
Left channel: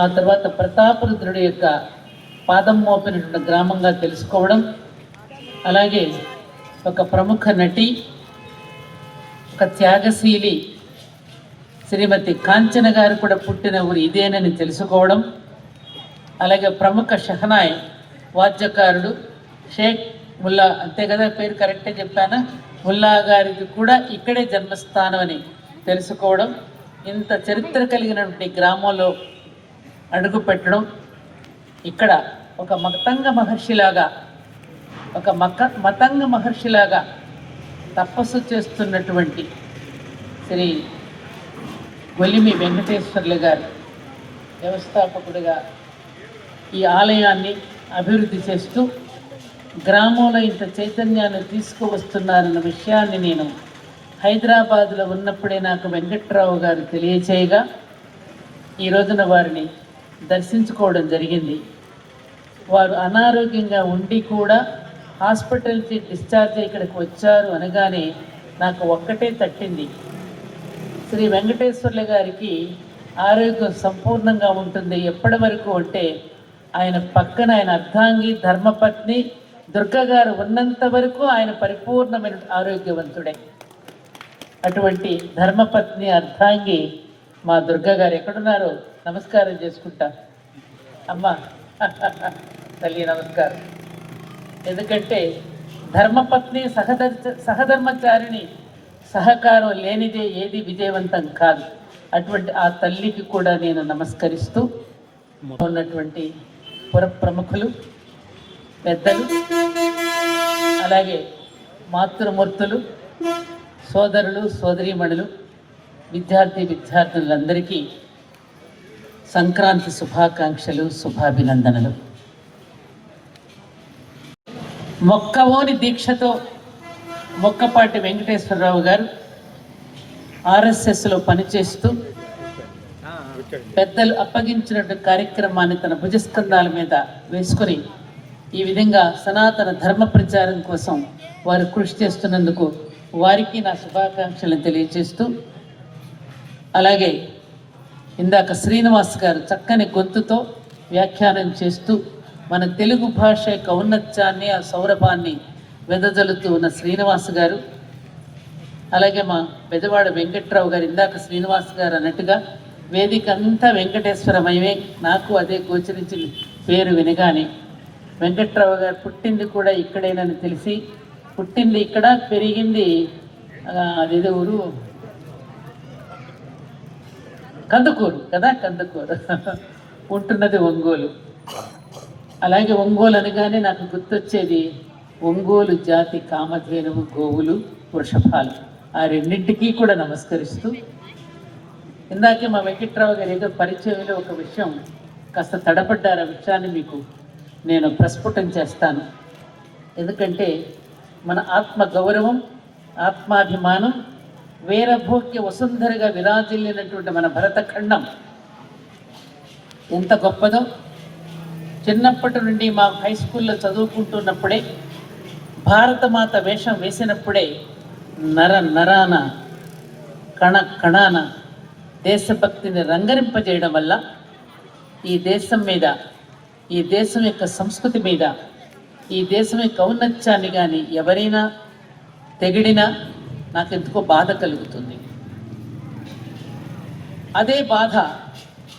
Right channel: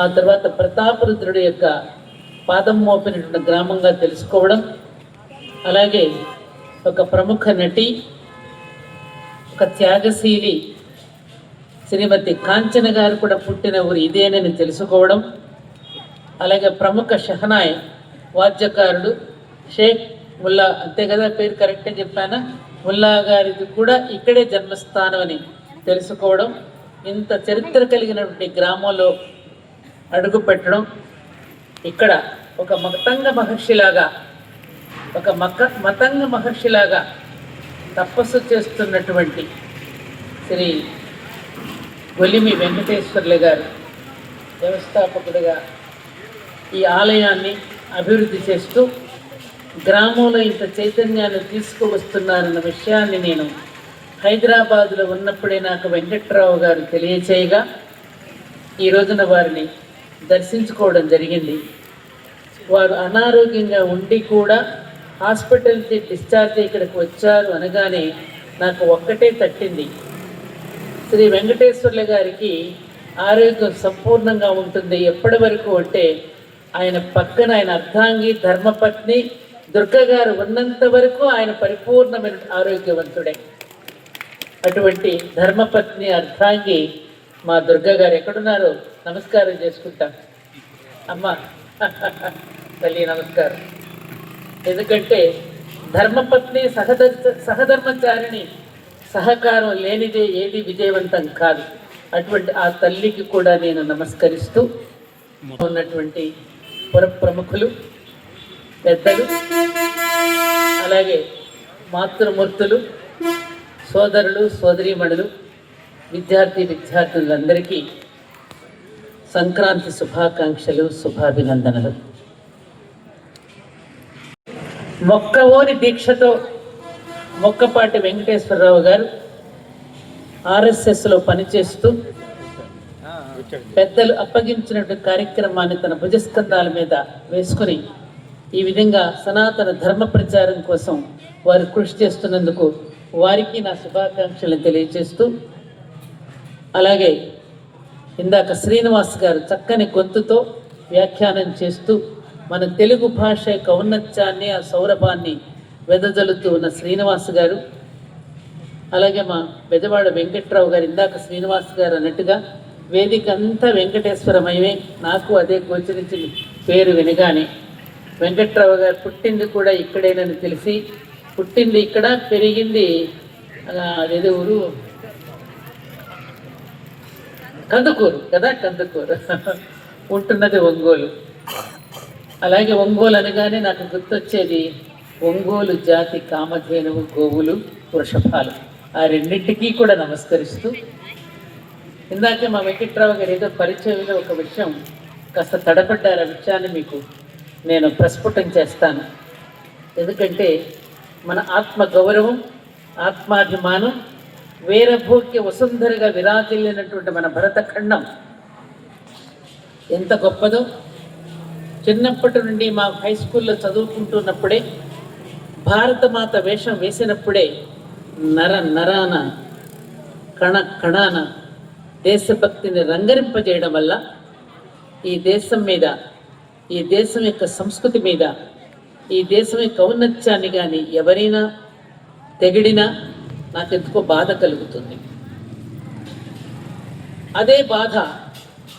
ఆ తర్వాత ప్రతాపరుద్రుడి యొక్క పాదం మోపినటువంటి గ్రామంగా తెలుసుకోవడం, అలాగే ఒక ప్రముఖ నటి, ఒక త్యాగశీలి శ్రీమతి కాంచన గారు కూడా పుట్టిన ఊరు ఇదేనని తెలుసుకోవడం, అలాగే ప్రముఖ షహనాయ్ వాద్యకారుడు షేక్ ముల్లా, అంతే కదా పేరు కరెక్టే చెప్పానా, ముల్లా గారిది కూడా ఇక్కడే జన్మస్థానం అని తెలుసుకోవడం, ఇంత చరిత్ర కలిగినటువంటి గ్రామంలో అడుగు పెట్టడం, ఇక్కడ ఒక మతంగ మహర్షిలాగా తపస్సు చేస్తున్నటువంటి శ్రీ ఒలిమి వెంకటేశ్వర్లు గారు వ్యవస్థాపకుడిగా ఈ ఆలయాన్ని అభివృద్ధి చేస్తూ గ్రామంలో ఇంత చైతన్యాన్ని తీసుకువస్తున్నారన్న విషయాన్ని నేను హైదరాబాదులో ఉన్నప్పుడే నాకు వెంకట్రావు గారు తెలియచేయగా ఈ రోజున వారిని దర్శించుకోవడం జరిగింది. వారు అనారోగ్యంగా ఉండి కూడా హాస్పిటల్కి డిశ్చార్జ్ ఇక్కడికి వచ్చారు అనగానే నాకు ఒక్కటే తట్టింది, శ్రీ వెంకటేశ్వర్ల గారికి ఆరోగ్యం సంపూర్ణంగా ఉంటుంది ఎప్పటి వరకు అంటే ఆయన పక్కన ఆయన అర్ధాంగి ధర్మపత్ని దుర్గా గారు ఉన్నంత వరకు ఆయన పరిపూర్ణమైన ఆరోగ్యవంతుడే. అటువంటి ధర్మపత్ని అర్ధాంగి మా దుర్గా గారు ఎక్కడున్నారో నమస్కారం చేసుకుంటా. అమ్మ తల్లి నమస్కారం. ఎందుకంటే ధర్మపత్ని సహధర్మచారిణి సహకారం లేనిదే ఏది విజయవంతం కాదు. అటువంటి ఆ తల్లికి కూడా నేను నమస్కరిస్తూ ఉన్నటువంటి పుర ప్రముఖులు, పెద్దలు, అలాగే మాతృమూర్తులు, సోదరులు, సోదరీమణులు, విద్యార్థులందరికీ సంక్రాంతి శుభాకాంక్షలు, శుభాభినందనలు. మొక్కవోని దీక్షతో మొక్కపాటి వెంకటేశ్వరరావు గారు ఆర్ఎస్ఎస్లో పనిచేస్తూ పెద్దలు అప్పగించినటువంటి కార్యక్రమాన్ని తన భుజస్కంధాల మీద వేసుకొని ఈ విధంగా సనాతన ధర్మ ప్రచారం కోసం వారు కృషి చేస్తున్నందుకు వారికి నా శుభాకాంక్షలను తెలియజేస్తూ, అలాగే ఇందాక శ్రీనివాస్ గారు చక్కని గొంతుతో వ్యాఖ్యానం చేస్తూ మన తెలుగు భాష యొక్క ఔన్నత్యాన్ని, ఆ సౌరభాన్ని వెదజల్లుతూ ఉన్న శ్రీనివాస్ గారు, అలాగే మా బెజవాడ వెంకట్రావు గారు, ఇందాక శ్రీనివాస్ గారు అన్నట్టుగా వేదిక అంతా వెంకటేశ్వరమయమే. నాకు అదే గోచరించింది పేరు వినగానే. వెంకట్రావు గారు పుట్టింది కూడా ఇక్కడేనని తెలిసి, పుట్టింది ఇక్కడ, పెరిగింది అదేదో ఊరు కందుకూరు కదా, కందుకూరు, ఉంటున్నది ఒంగోలు. అలాగే ఒంగోలు అనగానే నాకు గుర్తొచ్చేది ఒంగోలు జాతి కామధేనువు గోవులు వృషభాలు. ఆ రెండింటికీ కూడా నమస్కరిస్తూ, ఇందాకే మా వెంకట్రావు గారు ఏదో పరిచయంలో ఒక విషయం కాస్త తడపడ్డారు. ఆ విషయాన్ని మీకు నేను ప్రస్ఫుటం చేస్తాను. ఎందుకంటే మన ఆత్మ గౌరవం, ఆత్మాభిమానం, వీరభోగ్య వసుంధరగా విరాజిల్లినటువంటి మన భరతఖండం ఎంత గొప్పదో చిన్నప్పటి నుండి మా హై స్కూల్లో చదువుకుంటున్నప్పుడే, భారతమాత వేషం వేసినప్పుడే నరాన కణాన దేశభక్తిని రంగరింపజేయడం వల్ల ఈ దేశం మీద, ఈ దేశం యొక్క సంస్కృతి మీద, ఈ దేశం యొక్క ఔన్నత్యాన్ని కానీ ఎవరైనా తెగిడినా నాకు ఎందుకో బాధ కలుగుతుంది. అదే బాధ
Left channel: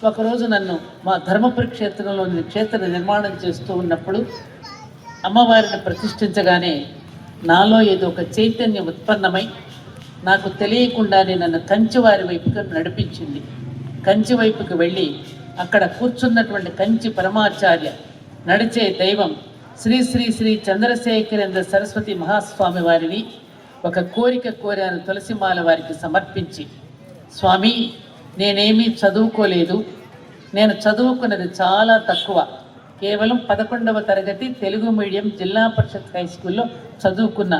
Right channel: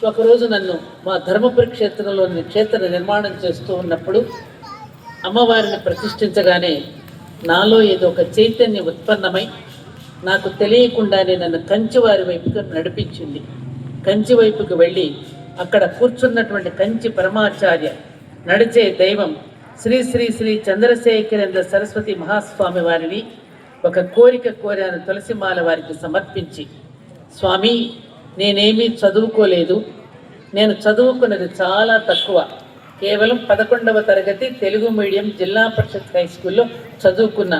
ఒకరోజు నన్ను మా ధర్మపురి క్షేత్రంలో క్షేత్ర నిర్మాణం చేస్తూ ఉన్నప్పుడు అమ్మవారిని ప్రతిష్ఠించగానే నాలో ఏదో ఒక చైతన్యం ఉత్పన్నమై నాకు తెలియకుండానే నన్ను కంచివారి వైపుగా నడిపించింది. కంచి వైపుకి వెళ్ళి అక్కడ కూర్చున్నటువంటి కంచి పరమాచార్య నడిచే దైవం శ్రీ శ్రీ శ్రీ చంద్రశేఖరేంద్ర సరస్వతి మహాస్వామి వారిని ఒక కోరిక కోరాను. తులసిమాల వారికి సమర్పించి, స్వామి నేనేమీ చదువుకోలేదు, నేను చదువుకున్నది చాలా తక్కువ, కేవలం 11వ తరగతి తెలుగు మీడియం జిల్లా పరిషత్ హై స్కూల్లో చదువుకున్నా.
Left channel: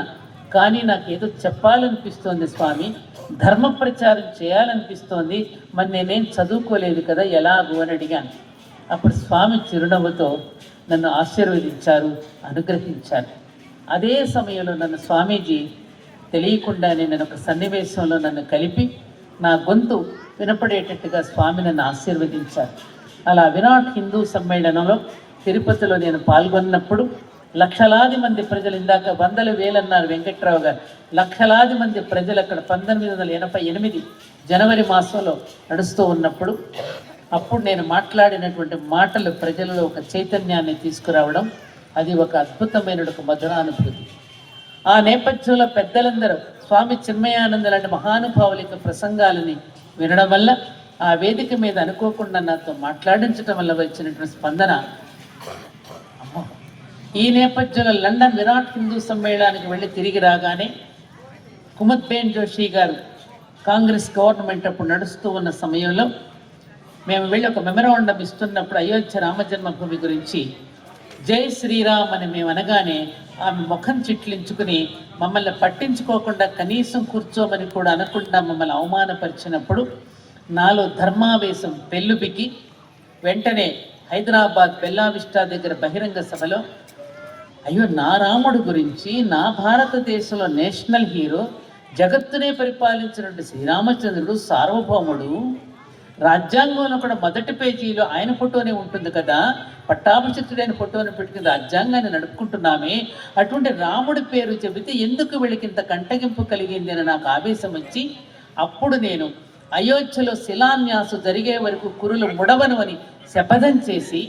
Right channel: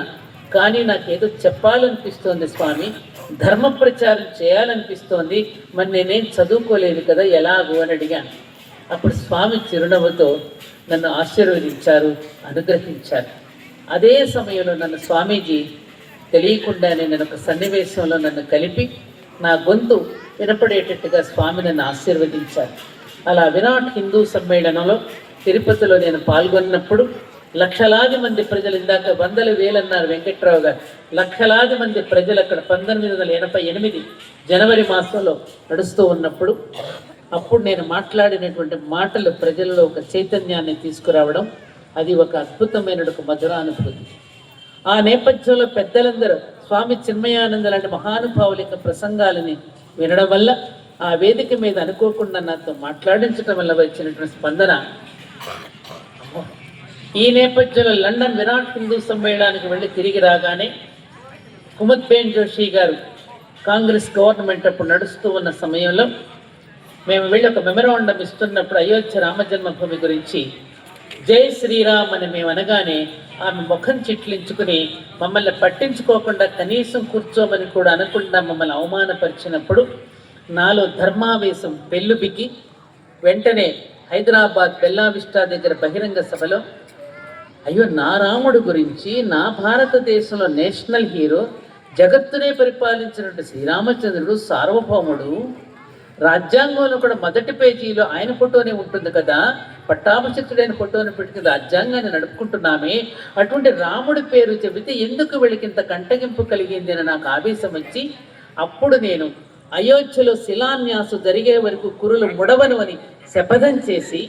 కానీ నాకేదో చెప్పాలనిపిస్తోంది స్వామి, ధర్మ ప్రచారం చేయాలనిపిస్తోంది, మరి నేనేం చదువుకోలేదు కదా ఎలాగూ అని అడిగాను. అప్పుడు స్వామి చిరునవ్వుతో నన్ను ఆశీర్వదించారు, అనుగ్రహించారు. అదే సమయంలో నన్ను స్వామీజీ తెలియకుండానే నేను ఒక సన్నివేశంలో నన్ను కలిపి నా గొంతు వినపడేటట్టుగా స్వామి నన్ను ఆశీర్వదించారు. అలా విరాట్ హిందూ సమ్మేళనంలో తిరుపతిలో నేను పాల్గొన్నప్పుడు లక్షలాది మంది ప్రజలు, ఇందాక వందల వేలన్నారు వెంకట్రావు గారు, లక్షలాది మంది ప్రజలు అక్కడ 1988 జనవరి మాసంలో నడుస్తూ ఉన్నప్పుడు అప్పుడు నేను మాట్లాడినటువంటి మాటలు ప్రజల్లో ఒక చైతన్యాన్ని తీసుకురావడం, అది ఒక అద్భుతమైన ఒక మధురానుభూతి. ఆ నేపథ్యంలో పెద్దలందరూ స్వామి చిన్మయానంద లాంటి మహానుభావుల యొక్క ప్రసంగాలని వినడం వల్ల, ఆ వేదిక మీద అనుకోకుండా నాతో మాట్లాడించడం వల్ల వచ్చినటువంటి స్పందన. ఈ నేపథ్యంలో లండన్ విరాట్ హిందూ సమ్మేళనానికి వెళ్ళి తిరిగి రాగానే కుముద్బేన్ జోషి గారు కాంగ్రెస్ గవర్నమెంట్ అప్పుడు నడుస్తూ ఉన్న సమయంలో మేము వెళ్ళి ఒక మెమరాండం ఇస్తున్నప్పుడు అయోధ్య రామజన్మభూమి గురించి జై శ్రీరామ్ అని మేము అనగానే ఆమె ముఖం చిట్లించుకుని మమ్మల్ని పట్టించుకోకుండా కనీసం కూర్చోమని కూడా అనకుండా మమ్మల్ని అవమానపరిచినప్పుడు నాలో ధర్మావేశం పెళ్ళుబికి వెంటనే హైదరాబాద్ బెల్లా విస్టా దగ్గర బహిరంగ సభలో, అయ్యో నా రాముడు గురించి, నా భారతదేశంలో నేషనల్ హీరో, జగత్తునే పరిపాలించినట్టు శ్రీరామచంద్రుడు సార్వభౌముడు, రాజ్యాంగంలో కూడా మొదటి పేజీలో ఆయన ఫోటోనే ఉంటుంది కదా, పట్టాభిషిక్తుడైన ఫోటోని పెట్టుకుని రాజ్యాంగాన్ని నడుపుకుంటున్నామే, అటువంటి రాముడి పేరు చెబితే ఎందుకు వీళ్ళకింత కంటగింపు కలిగింది అని నాకు ఆవేశం వచ్చి, అప్పుడు నేను అయోధ్యలో శిలాన్యాసు జరిగే వరకు కురులు ముడవను అని శపథం చేసి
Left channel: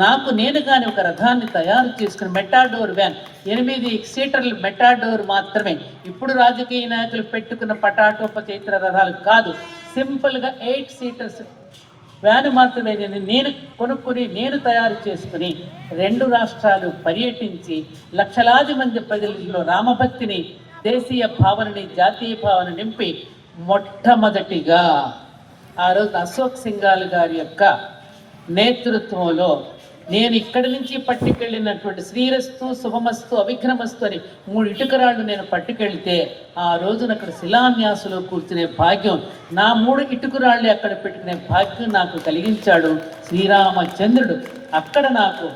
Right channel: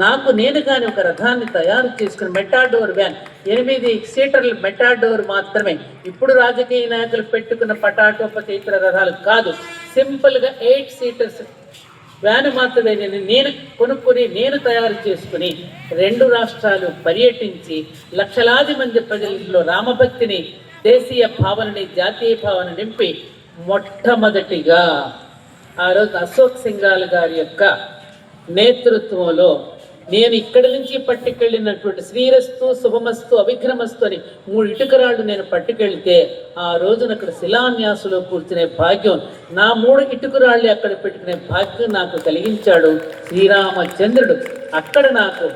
నాకు నేను కానీ ఒక రథాన్ని తయారు చేసుకుని మెటాడోర్ వ్యాన్, 8 సీటర్ల మెటాడోర్ మాత్రమే, ఇప్పుడు రాజకీయ నాయకులు పెట్టుకున్న పటాటోపచైత్ర రథాలు కాదు, సింపుల్గా 8 సీటర్స్ వ్యాన్ మాత్రమే నేను కొనుక్కొని నేను తయారు చేసుకుని 2 రాష్ట్రాలు పర్యటించి లక్షలాది మంది ప్రజల్లో రామభక్తిని, దేశీయ భావనని, జాతీయ భావన నింపి మొట్టమొదటిగా ఆ రోజు అశోక్ సింఘాల్ గారి యొక్క నేతృత్వంలో నేను ఇక్కడి నుంచి పట్టుకెళ్ళినటువంటి శ్రీరస్తు, శుభమస్తు, అవిఘ్నమస్తు అని 3 ఇటుకరాళ్ళు నేను పట్టుకెళ్తే ఆ రోజున అక్కడ శిలాన్యాసులో కూర్చునే భాగ్యం, నా 3 ఇటుకరాళ్ళే అక్కడ పెట్టుకునే భాగ్యం నాకు కలిగించాడు శ్రీరామచంద్రుడు. అక్కడ నాకు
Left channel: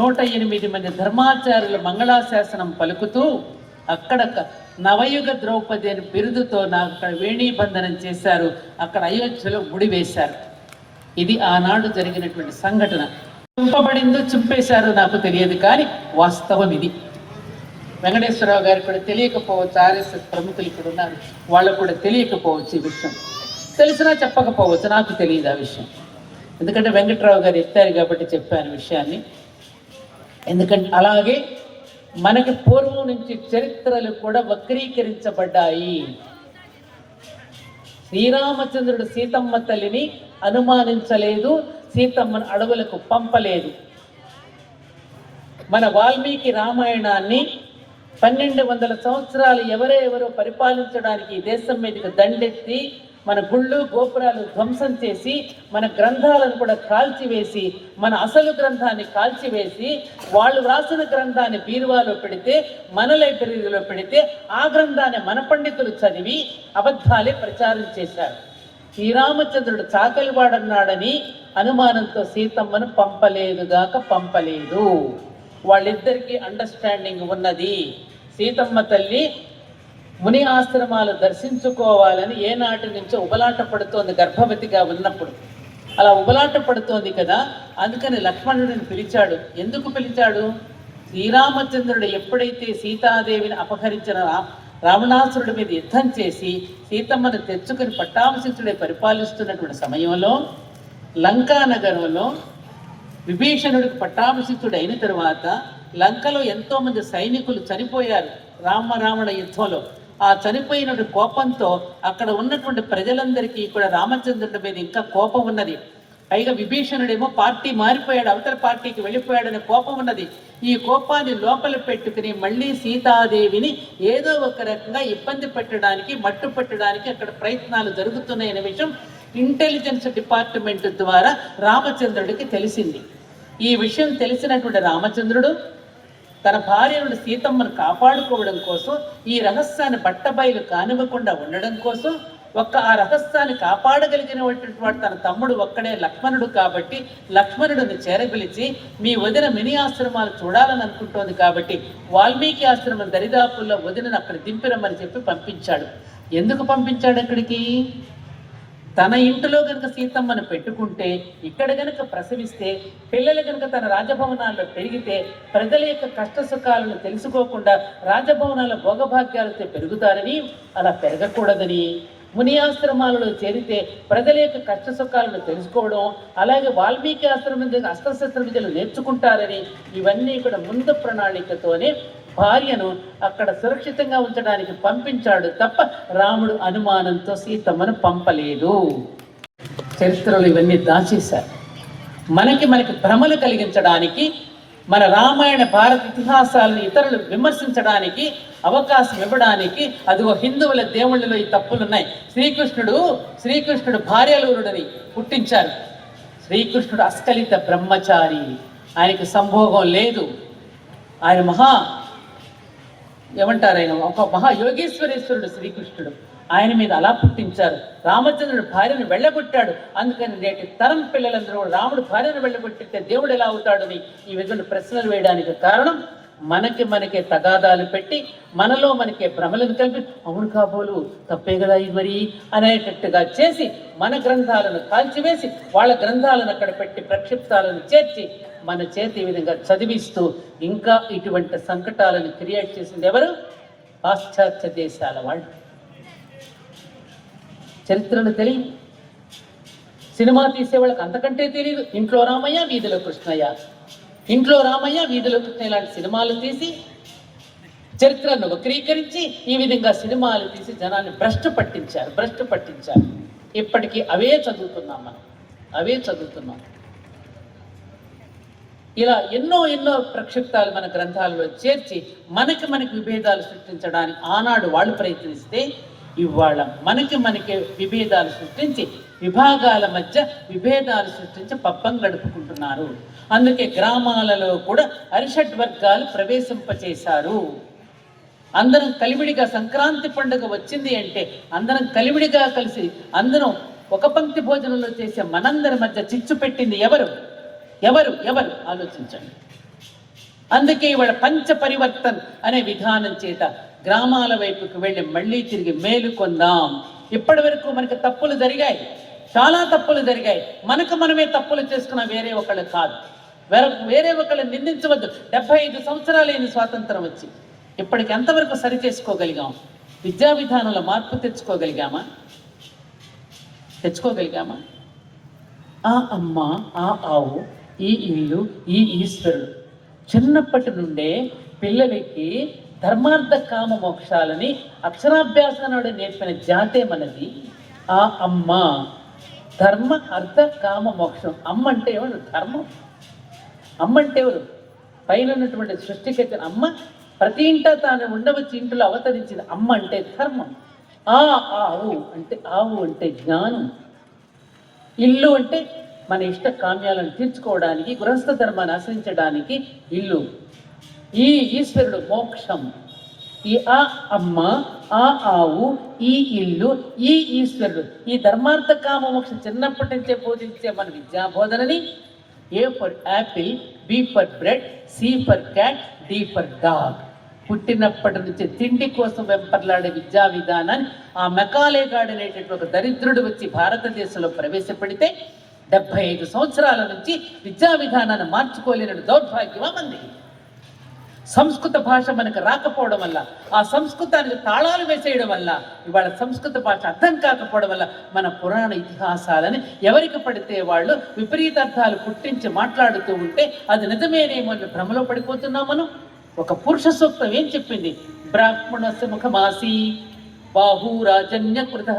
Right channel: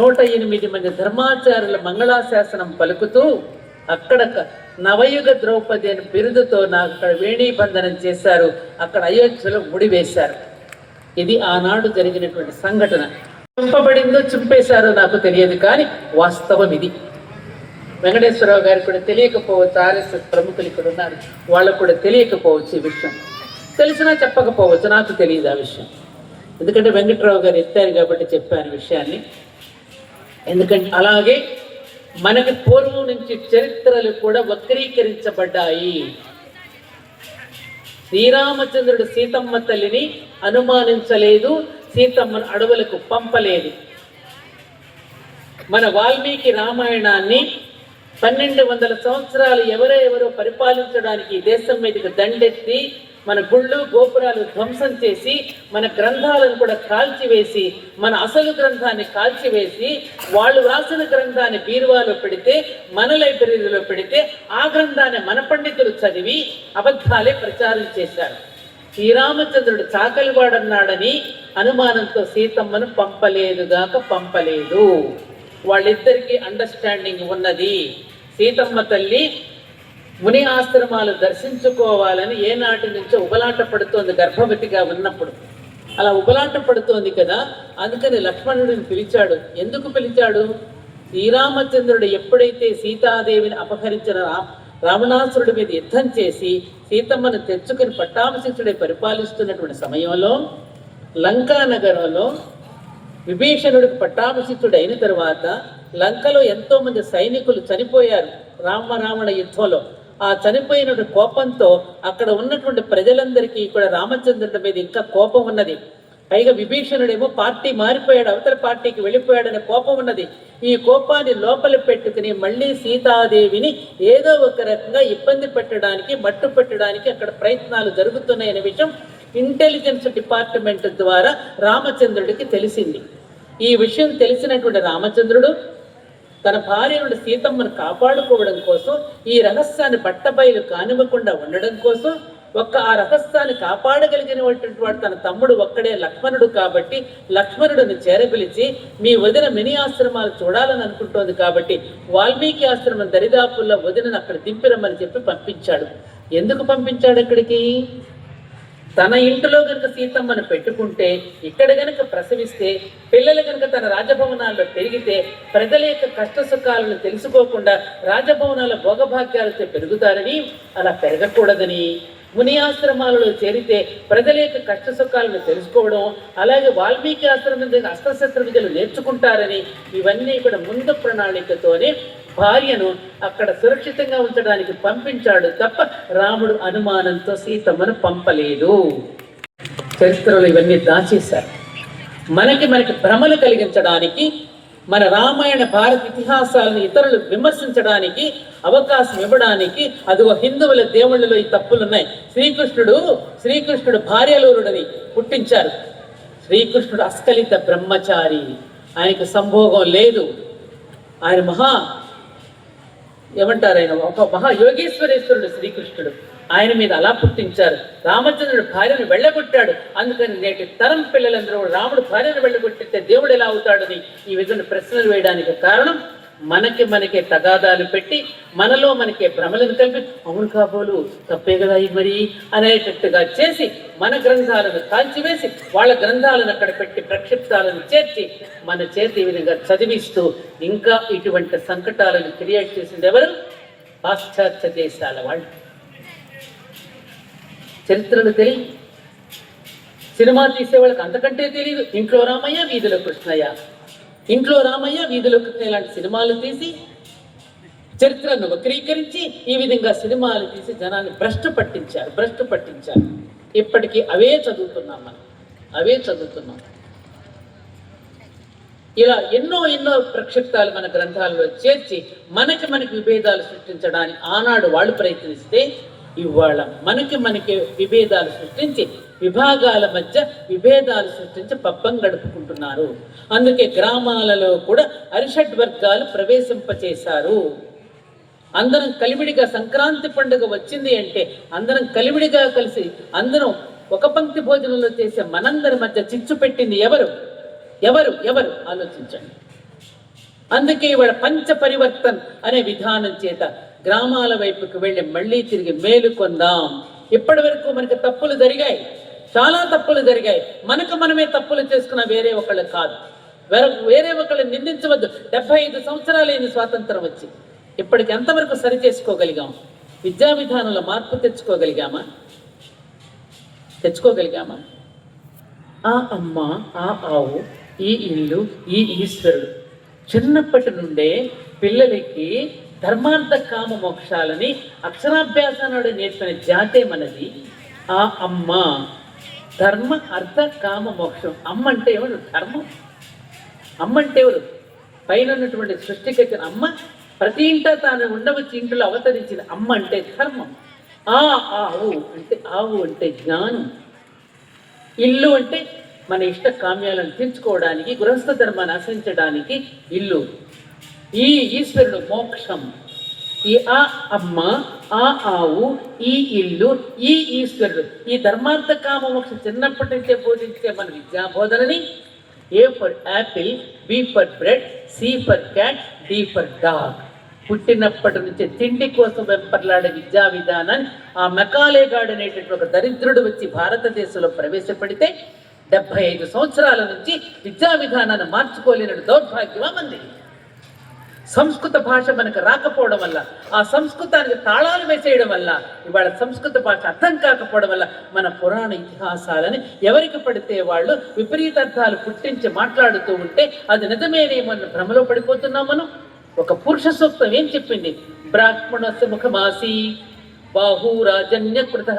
108 మంది ధర్మాచార్యుల మంగళాశాసనం పలుకుతూ అక్కడ నవయుగ ద్రౌపది అని బిరుదుతో నాకు అక్కడ వేణీబంధనం చేశారు, అక్కడ అయోధ్యలో ముడివేశారు. ఇది ఆనాడు జరిగినటువంటి సంఘటన. చింపబడిందో చింపేశారో నాకు తెలియదు, కానీ వాస్తవం ఇది. వెంకటేశ్వరరావు గారికి కూడా తెలియకపోవచ్చు, ఆర్ఎస్ఎస్ ప్రముఖులు ఇక్కడ ఉన్నారు, వాళ్ళకు కూడా తెలియకపోవచ్చు ఈ విషయం, తెలిసినా చెప్పకపోవచ్చు, నాకు తెలియదు ఆ విషయం. ఎందుకంటే వెంకటరావు గారు ఎత్తారు కాబట్టి చెప్పాను విషయాన్ని. ఎందుకంటే అలాగే మనకి పూర్వం నుంచి చరిత్రలు కూడా వక్రీకరించబడ్డాయి. శ్రీరామచంద్రుడు సీతమ్మ తల్లిని అనుమానించలేదు, సీతమ్మను అడవులకు పంపలేదు. మన వాల్మీకి రామాయణాన్ని 1200 సంవత్సరాలు ఎవరో పరిపాలించడానికి దేశం మీదకి దండెత్తి మన గుళ్ళు గోపురాలు ధ్వంసం చేసి మన గ్రంథాలను కూడా కాల్చివేసి, మన అసలు గ్రంథాన్ని కాల్చివేసి, వాళ్ళు రాసిన గ్రంథాన్ని బీరువాలో పెడితే, మన లైబ్రరీలో పెడితే, ఆ గ్రంథాన్ని మన పండితులు చదివి అబద్ధాలే ప్రచారం చేశారు. శ్రీరామచంద్రుడు చాకలివాడన్నాడని అనుమానంతో సీతమ్మను పంపలేదు. వాళ్ళిద్దరికీ అండర్స్టాండింగ్ ఉన్నది. సీతమ్మ తల్లి ముని ఆశ్రమాలు దర్శించుకోవాలని ఏనాటి నుంచో ఉబలాట పడుతోంది గర్భవతిగా ఉన్నప్పుడు. అలా ఉబలాట పడుతోంది కదా, అందుకని లక్ష్మణుడిని పిలిచాడు. ఎందుకు పిలిచాడు? శ్రీరామచంద్రుడు ఎప్పుడైతే సీతాదేవిని అపహరించిన రావణాసురుడి మీద యుద్ధం చేసి సీతమ్మను తెచ్చుకుని పట్టాభిషిక్తుడే పరిపాలిస్తున్నటువంటి సమయంలో లంకా నగరంలో విభీషణుడికి పట్టాభిషిక్తుడు అయిన తర్వాత లంకలో ఎంతోమంది సైనికులు చనిపోయారు రావణ యుద్ధంలో. ఆ చనిపోయిన కోపంతో అక్కడ ఉన్నటువంటి ప్రజలందరికీ కూడా రామచంద్రుడి మీద ఇంకా కోపం ఉన్నది. పైగా విభీషణుడేమో పార్టీ మారిపోయాడు, అవతల పార్టీకి వెళ్ళిపోయాడనే కోపం ఉన్నది. ఈ కోపాన్ని లోపల పెట్టుకుని మళ్ళీ సీతాదేవిని ఏదో ఒక రకంగా ఇబ్బంది పెట్టడానికి, మట్టు పెట్టడానికి అక్కడ ప్రయత్నాలు జరుగుతున్నాయనే విషయం ఇంటెలిజెన్స్ డిపార్ట్మెంట్ ద్వారా రామచంద్రుడికి తెలిసింది. ఈ విషయం తెలిసినటువంటి రామచంద్రుడు తన భార్యను సీతమ్మను కాపాడుకోవడం కోసం, ఈ రహస్యాన్ని బట్టబయలు కానివ్వకుండా ఉండడం కోసం, ఆ రహస్యాన్ని కాపాడగలిగినటువంటి వాడు తన తమ్ముడు ఒక్కడే లక్ష్మణుడు కాబట్టి లక్ష్మణుడిని చేరపిలిచి, మీ వదిన మినీ ఆశ్రమాలు చూడాలని అనుకుంటోంది కాబట్టి వాల్మీకి ఆశ్రమం దరిదాపుల్లో వదినను అక్కడ దింపిరమ్మని చెప్పి పంపించాడు. ఎందుకు పంపించాడు అక్కడికి? తన ఇంటిలో గనుక సీతమ్మను పెట్టుకుంటే, ఇక్కడ గనుక ప్రసవిస్తే, పిల్లలు గనుక తన రాజభవనాల్లో పెరిగితే ప్రజల యొక్క కష్ట సుఖాలను తెలుసుకోకుండా రాజభవనాల భోగభాగ్యాలతో పెరుగుతారని, అలా పెరగకూడదని, ముని ఆశ్రమాలలో చేరితే ప్రజల యొక్క కష్ట సుఖాలను తెలుసుకోవడం, అలాగే వాల్మీకి ఆశ్రమం దగ్గర అస్త్రశస్త్ర విద్యలు నేర్చుకుంటారని, ఇవన్నీ కూడా ముందు ప్రణాళికతోనే భార్యను అక్కడ సురక్షితంగా ఉంచడానికి పంపించాడు తప్ప రాముడు అనుమానంతో సీతమ్మను పంపలేదు. చరిత్రలో ఇవన్నీ దాచేశారు. మనకి భ్రమలు కలిగించడానికి, మన రామాయణ భారత ఇతిహాసాలను ఇతరులు విమర్శించడానికి అవకాశం ఇవ్వడానికి, అదిగో హిందువుల దేవుళ్ళలో ఈ తప్పులున్నాయి. శ్రీకృష్ణుడు భార్యలూరుడని పుట్టించారు. శ్రీకృష్ణుడు అస్కలిత బ్రహ్మచారి, ఆయనకు సంభోగం లేదు. ఆయన ఏమంటారు, ఆయన ఒక మహాయోగేశ్వరేశ్వరుడు శ్రీకృష్ణుడు. ఆయన మీద అలా పుట్టించారు. రామచంద్రుడు భార్యను వెళ్ళగొట్టాడు. అందుకని నేటి తరం పిల్లలందరూ రాముడు భార్యను వెళ్ళగొట్టితే దేవుడు ఎలా అవుతాడని ఈ విధంగా ప్రశ్నలు వేయడానికి కారణం, మనకే తగాదాలు పెట్టి, మనలో భ్రమలను కలిపి, అవును కాబోలు తప్పే కదా మరి అనేటట్టుగా చేసి, మన గ్రంథాలను కాల్చివేసి వాళ్ళ గ్రంథాలను అక్కడ పెట్టి ప్రక్షిప్తాలను చేర్చి మన చేతి ఈ విధంగా చదివిస్తూ ఇంకా ఇటువంటి సంకటాలను క్రియేట్ చేసింది ఎవరు? పాశ్చాత్య దేశాల వాళ్ళు. చరిత్రలు తెలియదు, సినిమా తీసేవాళ్ళకి అంతకంటే తెలియదు. ఇంట్లో రామయ్య వీధిలో కృష్ణయ్య, ఇంట్లో రామయ్య వీధిలో కృష్ణయ్య లాంటి సినిమాలు తీసి చరిత్రను వక్రీకరించి ఈ విధంగా సినిమాలు తీసి జనాన్ని భ్రష్టు పట్టించారు. ఇప్పటికీ అవే చదువుతున్నాం. ఇలా ఎన్నో ప్రక్షిప్తాలు మన గ్రంథాలలో చేర్చి మనకి విభేదాలు సృష్టించడానికి ఆనాడు వాళ్ళు ప్రయత్నిస్తే, ఇవాళ మనకి విభేదాలు సృష్టించి, విభాగాల మధ్య విభేదాలు సృష్టించి పబ్బం గడుపుకుంటున్నారు. అందుకే గ్రామాలలో కూడా అరిషడ్ వర్గాలు ప్రవేశింపచేశారు. అందరం కలివిడిగా, సంక్రాంతి పండుగ వచ్చింది అంటే అందరం కలివిడిగా కలిసి అందరం ఒక పంక్తి భోజనంలో చేసే మనందరి మధ్య చిచ్చు పెట్టింది ఎవరు ఆలోచించండి. అందుకే ఇవాళ పంచ పరివర్తన్ అనే విధానం చేత గ్రామాల వైపుకి వెళ్ళి మళ్ళీ తిరిగి మేలుకొందాం. ఇప్పటి వరకు మనకి తప్పులు జరిగాయి, చాలా తప్పులు జరిగాయి. మనమే తప్పులు చేసుకున్న, వేరే ఒకళ్ళు కాదు. వేరే ఒకళ్ళు నిందించవద్దు. 75 సంవత్సరాలైంది స్వాతంత్రం వచ్చి. ఇప్పటికి ఎంతవరకు సరి చేసుకోగలిగాం? విద్యా విధానంలో మార్పు తెచ్చుకోగలిగామా? ఆ అమ్మ, ఆ ఆవు, ఈ ఇల్లు, ఈ ఈశ్వరుడు. చిన్నప్పటి నుండే పిల్లలకి ధర్మార్థ కామ మోక్షాలని అక్షరాభ్యాసాన్ని నేర్పిన జాతే మనది. ఆ అమ్మ ధర్మ అర్థ కామ మోక్షం. అమ్మ అంటే ఎవరు? ధర్మం. అమ్మ అంటే ఎవరు? పైన ఉన్నటువంటి సృష్టికర్త అమ్మ. ప్రతి ఇంట తాను ఉండవచ్చి ఇంట్లో అవతరించిన అమ్మ అంటే ధర్మం. ఆవు అంటే జ్ఞానం. ఇల్లు అంటే మన ఇష్ట కామ్యాలను తీర్చుకోవడానికి, గృహస్థ ధర్మాన్ని ఆశ్రయించడానికి ఇల్లు. ఈ ఈశ్వరుడు మోక్షం. ఈ ఆ అమ్మ, ఆ ఆవు, ఈ ఇల్లు, ఈ ఈశ్వరుడు, ఈ ధర్మార్థ కామ మోక్షం చిన్నప్పటి నుంచే బోధించే మన విద్యా బోధనని A for apple, B for bread, C for cat, D for dog. పుట్టినప్పటి నుంచి తిండి కోసం వెంపర్లాడే విద్యా విధానాన్ని ఆ మెకాలేగాడ్ అనేటటువంటి ఒక దరిద్రుడు వచ్చి భారతదేశంలో ప్రవేశపెడితే 75 సంవత్సరాల నుంచి విద్యా విధానాన్ని మార్చుకోలేని దౌర్భాగ్యమా మంది. సంస్కృత భాష మనకు రాకపోవడం వల్ల, ఆ సంస్కృతానికి తాళాలు వేసేయడం వల్ల, ఇవాళ సంస్కృత భాష అర్థం కాకపోవడం వల్ల మన పురాణ ఇతిహాసాలని ఎవరికి పడితే వాళ్ళు విపరీతార్థాలు పుట్టించి మాట్లాడుతూ ఉంటే అది నిజమేనేమో అని భ్రమలో పడిపోతున్నాం మనం. ఒక పురుష సూక్తం ఏం చెప్పింది? బ్రాహ్మణస్య ముఖమాసి బాహూరాజన్యకృత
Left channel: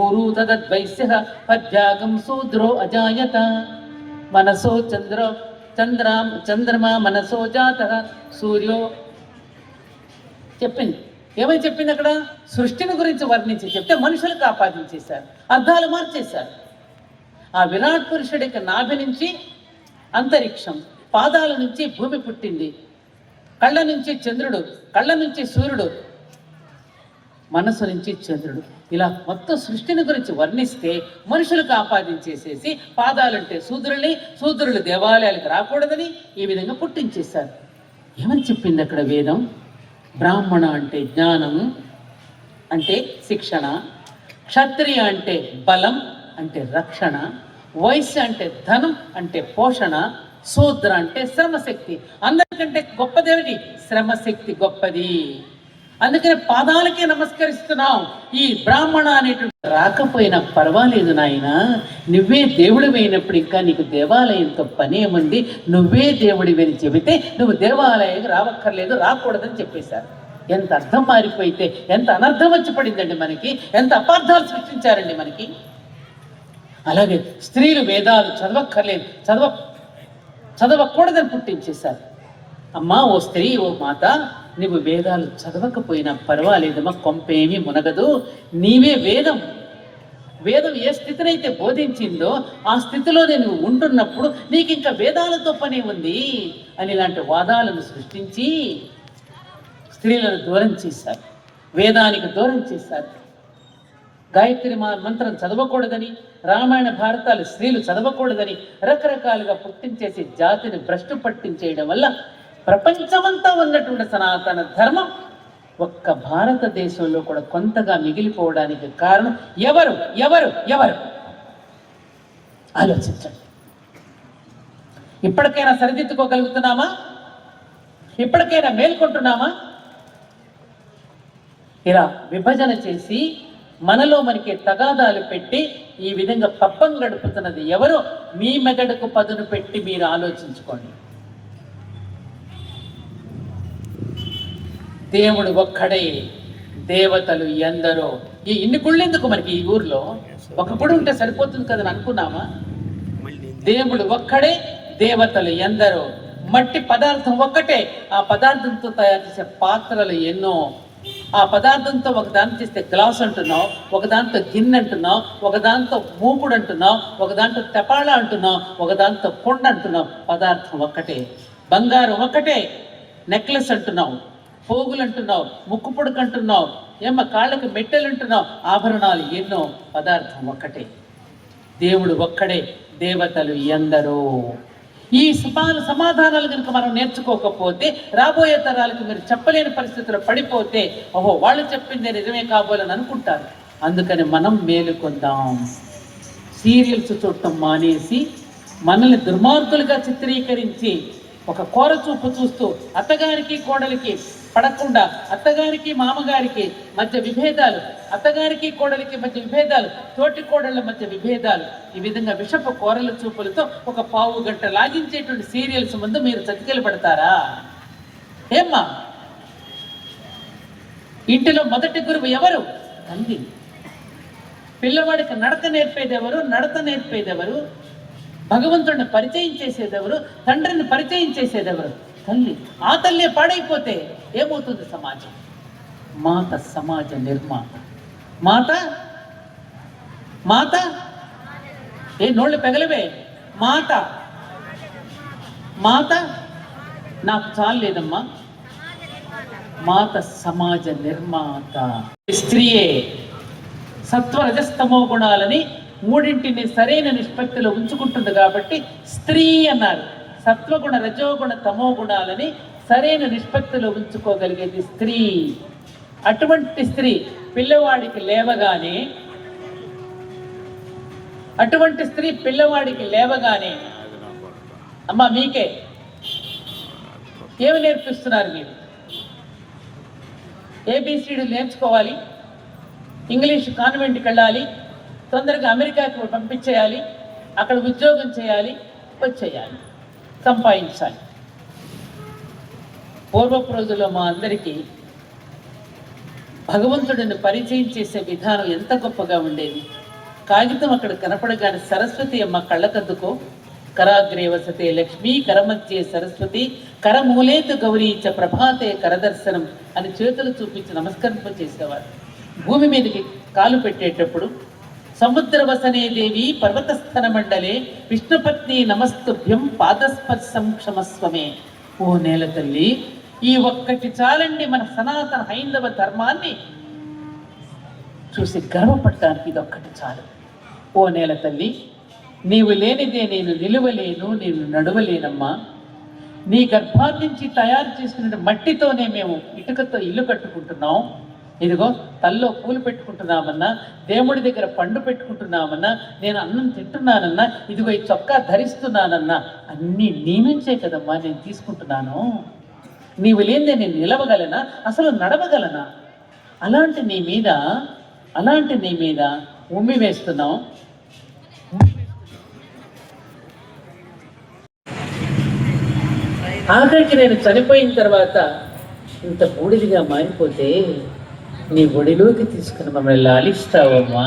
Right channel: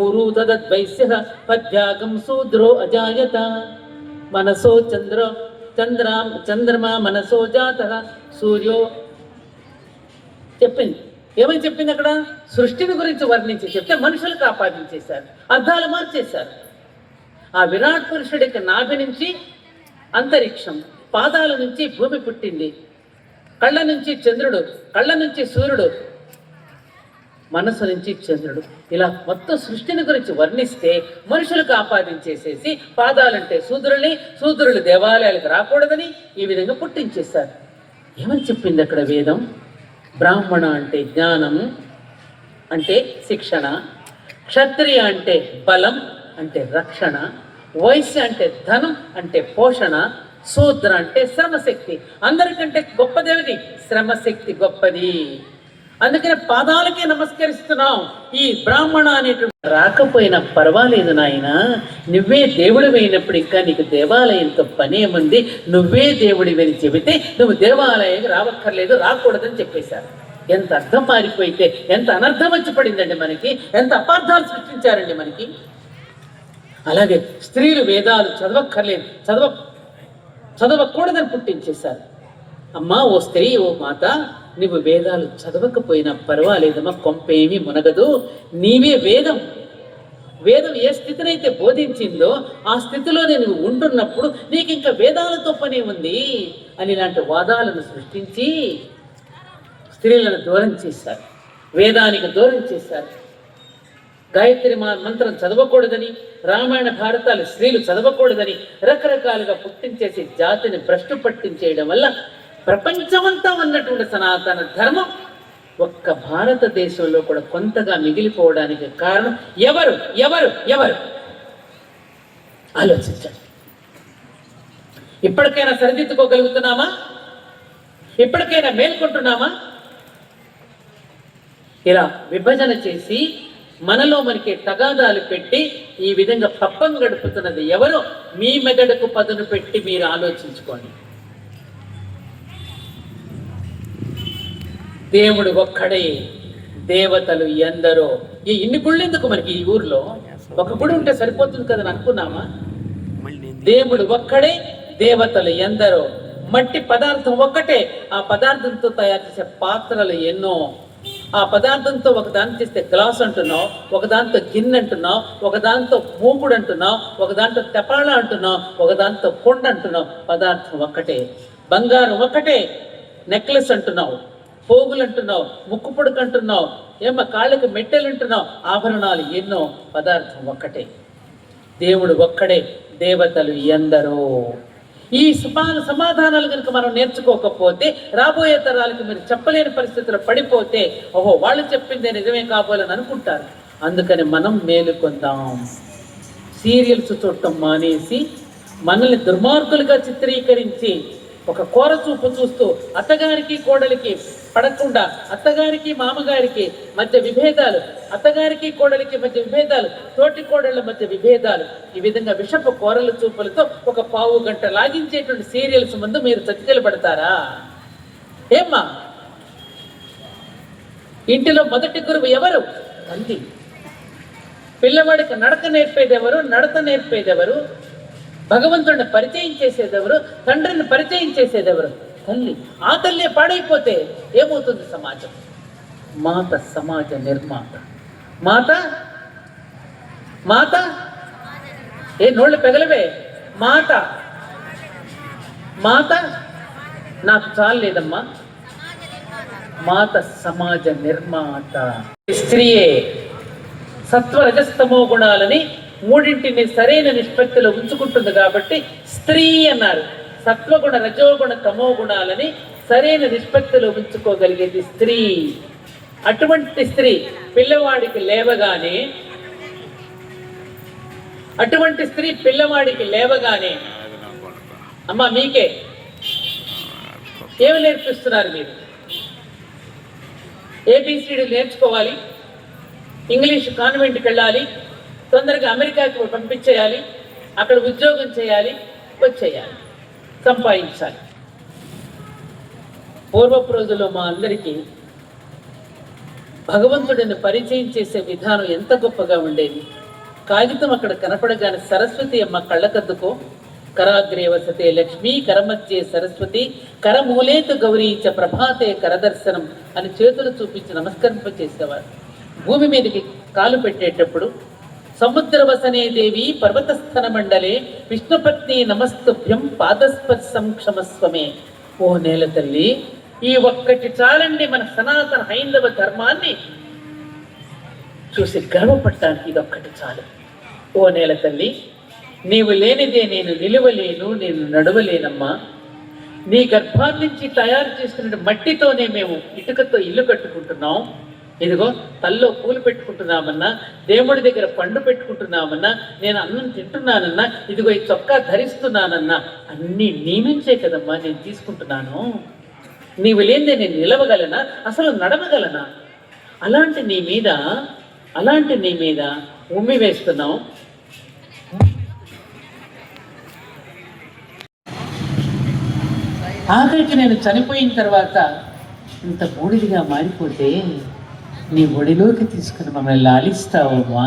ఊరు తదద్వైశ్య పద్భ్యాగం శూద్రో అజాయత మనసో చంద్రమా మనసో జాత సూర్యో చెప్పింది. ఏమని చెప్పింది అక్కడ? సృష్టిని గురించి వర్ణించి చెప్తే మనుషులకు ఆపాదించేశారు, అర్థాలు మార్చేశారు. ఆ విరాట్ పురుషుడి యొక్క నాభి నుంచి అంతరిక్షం, పాదాల నుంచి భూమి పుట్టింది. కళ్ళ నుంచి చంద్రుడు, కళ్ళ నుంచి సూర్యుడు, మనసు నుంచి చంద్రుడు, ఇలా మొత్తం సృష్టిని గురించి వర్ణిస్తే మనుషులకు ఆపాదించేసేసి పాదాలంటే శూద్రుల్ని, శూద్రులు దేవాలయాలకు రాకూడదని ఈ విధంగా పుట్టించేశారు. ఏమని చెప్పింది అక్కడ వేదం? బ్రాహ్మణ అంటే జ్ఞానం అంటే శిక్షణ, క్షత్రియ అంటే బలం అంటే రక్షణ, వైశ్య అంటే ధనం అంటే పోషణ, శూద్ర అంటే శ్రమశక్తి. అందరికంటే గొప్పదేమిటి? శ్రమశక్తి గొప్పది. అందుకని పాదాలకే నమస్కరిస్తున్నాం. ఈ బ్రాహ్మణ అనేటువంటి రాకపోయినా పర్వాలేదు నాయన, నువ్వే దేవుడివైనప్పుడు ఇంకా నీకు దేవాలయంతో పని ఏముంది, నువ్వే దేవుడివని చెబితే నువ్వు దేవాలయానికి రావక్కర్లేదు, రాకూడదని చెప్పేశారు. ఎంత అర్థం మారిపోయితే ఎంత అనర్థం వచ్చి పడిందండి మనకి, ఎంత అపార్థాలు సృష్టించారండి మనకి. అలాగే స్త్రీలు వేదాలు చదవక్కర్లేదు, చదవకూడదని పుట్టించేశారు. అమ్మా ఓ స్త్రీ, ఓ మాత, నువ్వు వేదాలు చదవకపోయినా పర్వాలేదమ్మా, కొంపేమీ మునగదు, నీవే వేదం. వేదం ఏ స్థితినైతే బోధించిందో ఆ స్థితిలో నేను ఉంటున్నప్పుడు నీకు ఇంకా వేదాలతో పని ఉంది అని ఇలాంటి వాదాలను సృష్టించి స్త్రీలను దూరం చేశారు, వేదానికి దూరం చేశారు. గాయత్రి మంత్రం చదవకూడదని, రామాయణ భారతాలు స్త్రీలు చదవకూడదని రకరకాలుగా పుట్టించేసి జాతిని భ్రష్టు పట్టించేయడం వల్ల ప్రపంచమంతా ఉన్నటువంటి సనాతన ధర్మం ఒక్క భారతదేశంలో కూడా కొంతగా మిగిలిపోవడానికి కారణం ఎవరు ఎవరు ఎవరు ఆలోచించండి. ఇప్పటికైనా సరిదిద్దుకోగలుగుతున్నామా? ఇప్పటికైనా మేల్కొంటున్నామా? ఇలా విభజన చేసి మనలో మనకి తగాదాలు పెట్టి ఈ విధంగా పప్పం గడుపుతున్నది ఎవరు? మీ మెదడుకు పదును పెట్టి మీరు ఆలోచించుకోండి. దేవుడు ఒక్కడే, దేవతలు ఎందరో. ఈ ఇన్ని గుళ్ళు ఎందుకు మనకి ఈ ఊర్లో? ఒక గుడి ఉంటే సరిపోతుంది కదని అనుకున్నామా? దేవుడు ఒక్కడే, దేవతలు ఎందరో. మట్టి పదార్థం ఒక్కటే, ఆ పదార్థంతో తయారు చేసే పాత్రలు ఎన్నో. ఆ పదార్థంతో ఒకదాన్ని చేస్తే గ్లాస్ అంటున్నావు, ఒకదాంతో గిన్నె అంటున్నావు, ఒకదాంతో మూకుడు అంటున్నావు, ఒకదాంతో తెపాళ అంటున్నావు, ఒకదాంతో కొండ అంటున్నావు. పదార్థం ఒక్కటే. బంగారం ఒక్కటే, నెక్లెస్ అంటున్నావు, పోగులు అంటున్నావు, ముక్కు పొడుకు అంటున్నావు, ఏమో కాళ్ళకి మెట్టెలు అంటున్నావు, ఆభరణాలు ఎన్నో. పదార్థం ఒక్కటే. దేవుడు ఒక్కడే, దేవతలు ఎందరో. ఈ సమాధానాలు కనుక మనం నేర్చుకోకపోతే రాబోయే తరాలకు మీరు చెప్పలేని పరిస్థితుల్లో పడిపోతే ఓహో వాళ్ళు చెప్పిందే నిజమే కాబోలని అనుకుంటారు. అందుకని మనం మేలుకొందాం. సీరియల్స్ చూడటం మానేసి మనల్ని దుర్మార్గులుగా చిత్రీకరించి ఒక కోర చూపు చూస్తూ అత్తగారికి కోడలికి పడకుండా, అత్తగారికి మామగారికి మధ్య విభేదాలు, అత్తగారికి కోడలికి మధ్య విభేదాలు, తోటి కోడళ్ళ మధ్య విభేదాలు, ఈ విధంగా విషపు కోరల చూపులతో ఒక పావు గంట లాగించేటువంటి సీరియల్స్ ముందు మీరు చతికిలు పడతారా? ఏమ్మా, ఇంటిలో మొదటి గురువు ఎవరు? తల్లి. పిల్లవాడికి నడక నేర్పేదెవరు? నడత నేర్పేదెవరు? భగవంతుడిని పరిచయం చేసేదెవరు? తండ్రిని పరిచయం చేసేదెవరు? తల్లి. ఆ తల్లి పాడైపోతే ఏమవుతుంది సమాజం? మాత సమాజ నిర్మాత. మాత మాత ఏ నోళ్ళు పెగలవే. మాత మాత నాకు చాలేదమ్మా. మాత సమాజ నిర్మాత. స్త్రీయే సత్వరజస్తమో గుణాలని మూడింటిని సరైన నిష్పత్తిలో ఉంచుకుంటుంది కాబట్టి స్త్రీ అన్నారు. సత్వగుణ, రజోగుణ, తమో గుణాలని సరైన నిష్పత్తిలో ఉంచుకోగలిగేది స్త్రీ. అటువంటి స్త్రీ పిల్లవాడికి లేవగానే అమ్మా మీకే ఏమి నేర్పిస్తున్నారు మీరు? ఏబిసిడి నేర్చుకోవాలి, ఇంగ్లీష్ కాన్వెంట్కి వెళ్ళాలి, తొందరగా అమెరికాకి పంపించేయాలి, అక్కడ ఉద్యోగం చేయాలి, వచ్చేయాలి, సంపాదించాలి. పూర్వపు రోజుల్లో మా అందరికీ భగవంతుడిని పరిచయం చేసే విధానం ఎంత గొప్పగా ఉండేది. కాగితం అక్కడ కనపడగానే సరస్వతి అమ్మ కళ్ళకద్దుకో, కరాగ్రే వసతే లక్ష్మీ, కరమధ్యే సరస్వతి, కరమూలేతు గౌరీ చ ప్రభాతే కరదర్శనం అని చేతులు చూపించి నమస్కరింప చేసేవారు. భూమి మీదకి కాలు పెట్టేటప్పుడు సముద్రవసనే దేవి పర్వతస్థన మండలే విష్ణుపత్ని నమస్తుభ్యం పాదస్పర్శం క్షమస్వమే. ఓ నేల తల్లి, ఈ ఒక్కటి చాలండి మన సనాతన హైందవ ధర్మాన్ని చూసి గర్వపడటానికి ఇది ఒక్కటి చాలు. ఓ నేల తల్లి, నీవు లేనిదే నేను నిలువలేను, నేను నడవలేనమ్మా. నీ గర్భాన్ని నుంచి తయారు చేసుకున్న మట్టితోనే మేము ఇటుకతో ఇల్లు కట్టుకుంటున్నాం. ఇదిగో తల్లో పూలు పెట్టుకుంటున్నామన్నా, దేవుడి దగ్గర పండు పెట్టుకుంటున్నామన్నా, నేను అన్నం తింటున్నానన్నా, ఇదిగో ఈ చొక్కా ధరిస్తున్నానన్నా, అన్నీ నీ నుంచే కదమ్మా నేను తీసుకుంటున్నాను. నీవు లేనిదే నేను నిలవగలనా, అసలు నడవగలనా? అలాంటి నీ మీద ఉమ్మి వేస్తున్నాం. ఆఖరికి నేను చనిపోయిన తర్వాత ఇంత బూడిదిగా మారిపోతే నీ ఒడిలోకి తీసుకుని మమ్మల్ని లాలిస్తావమ్మా.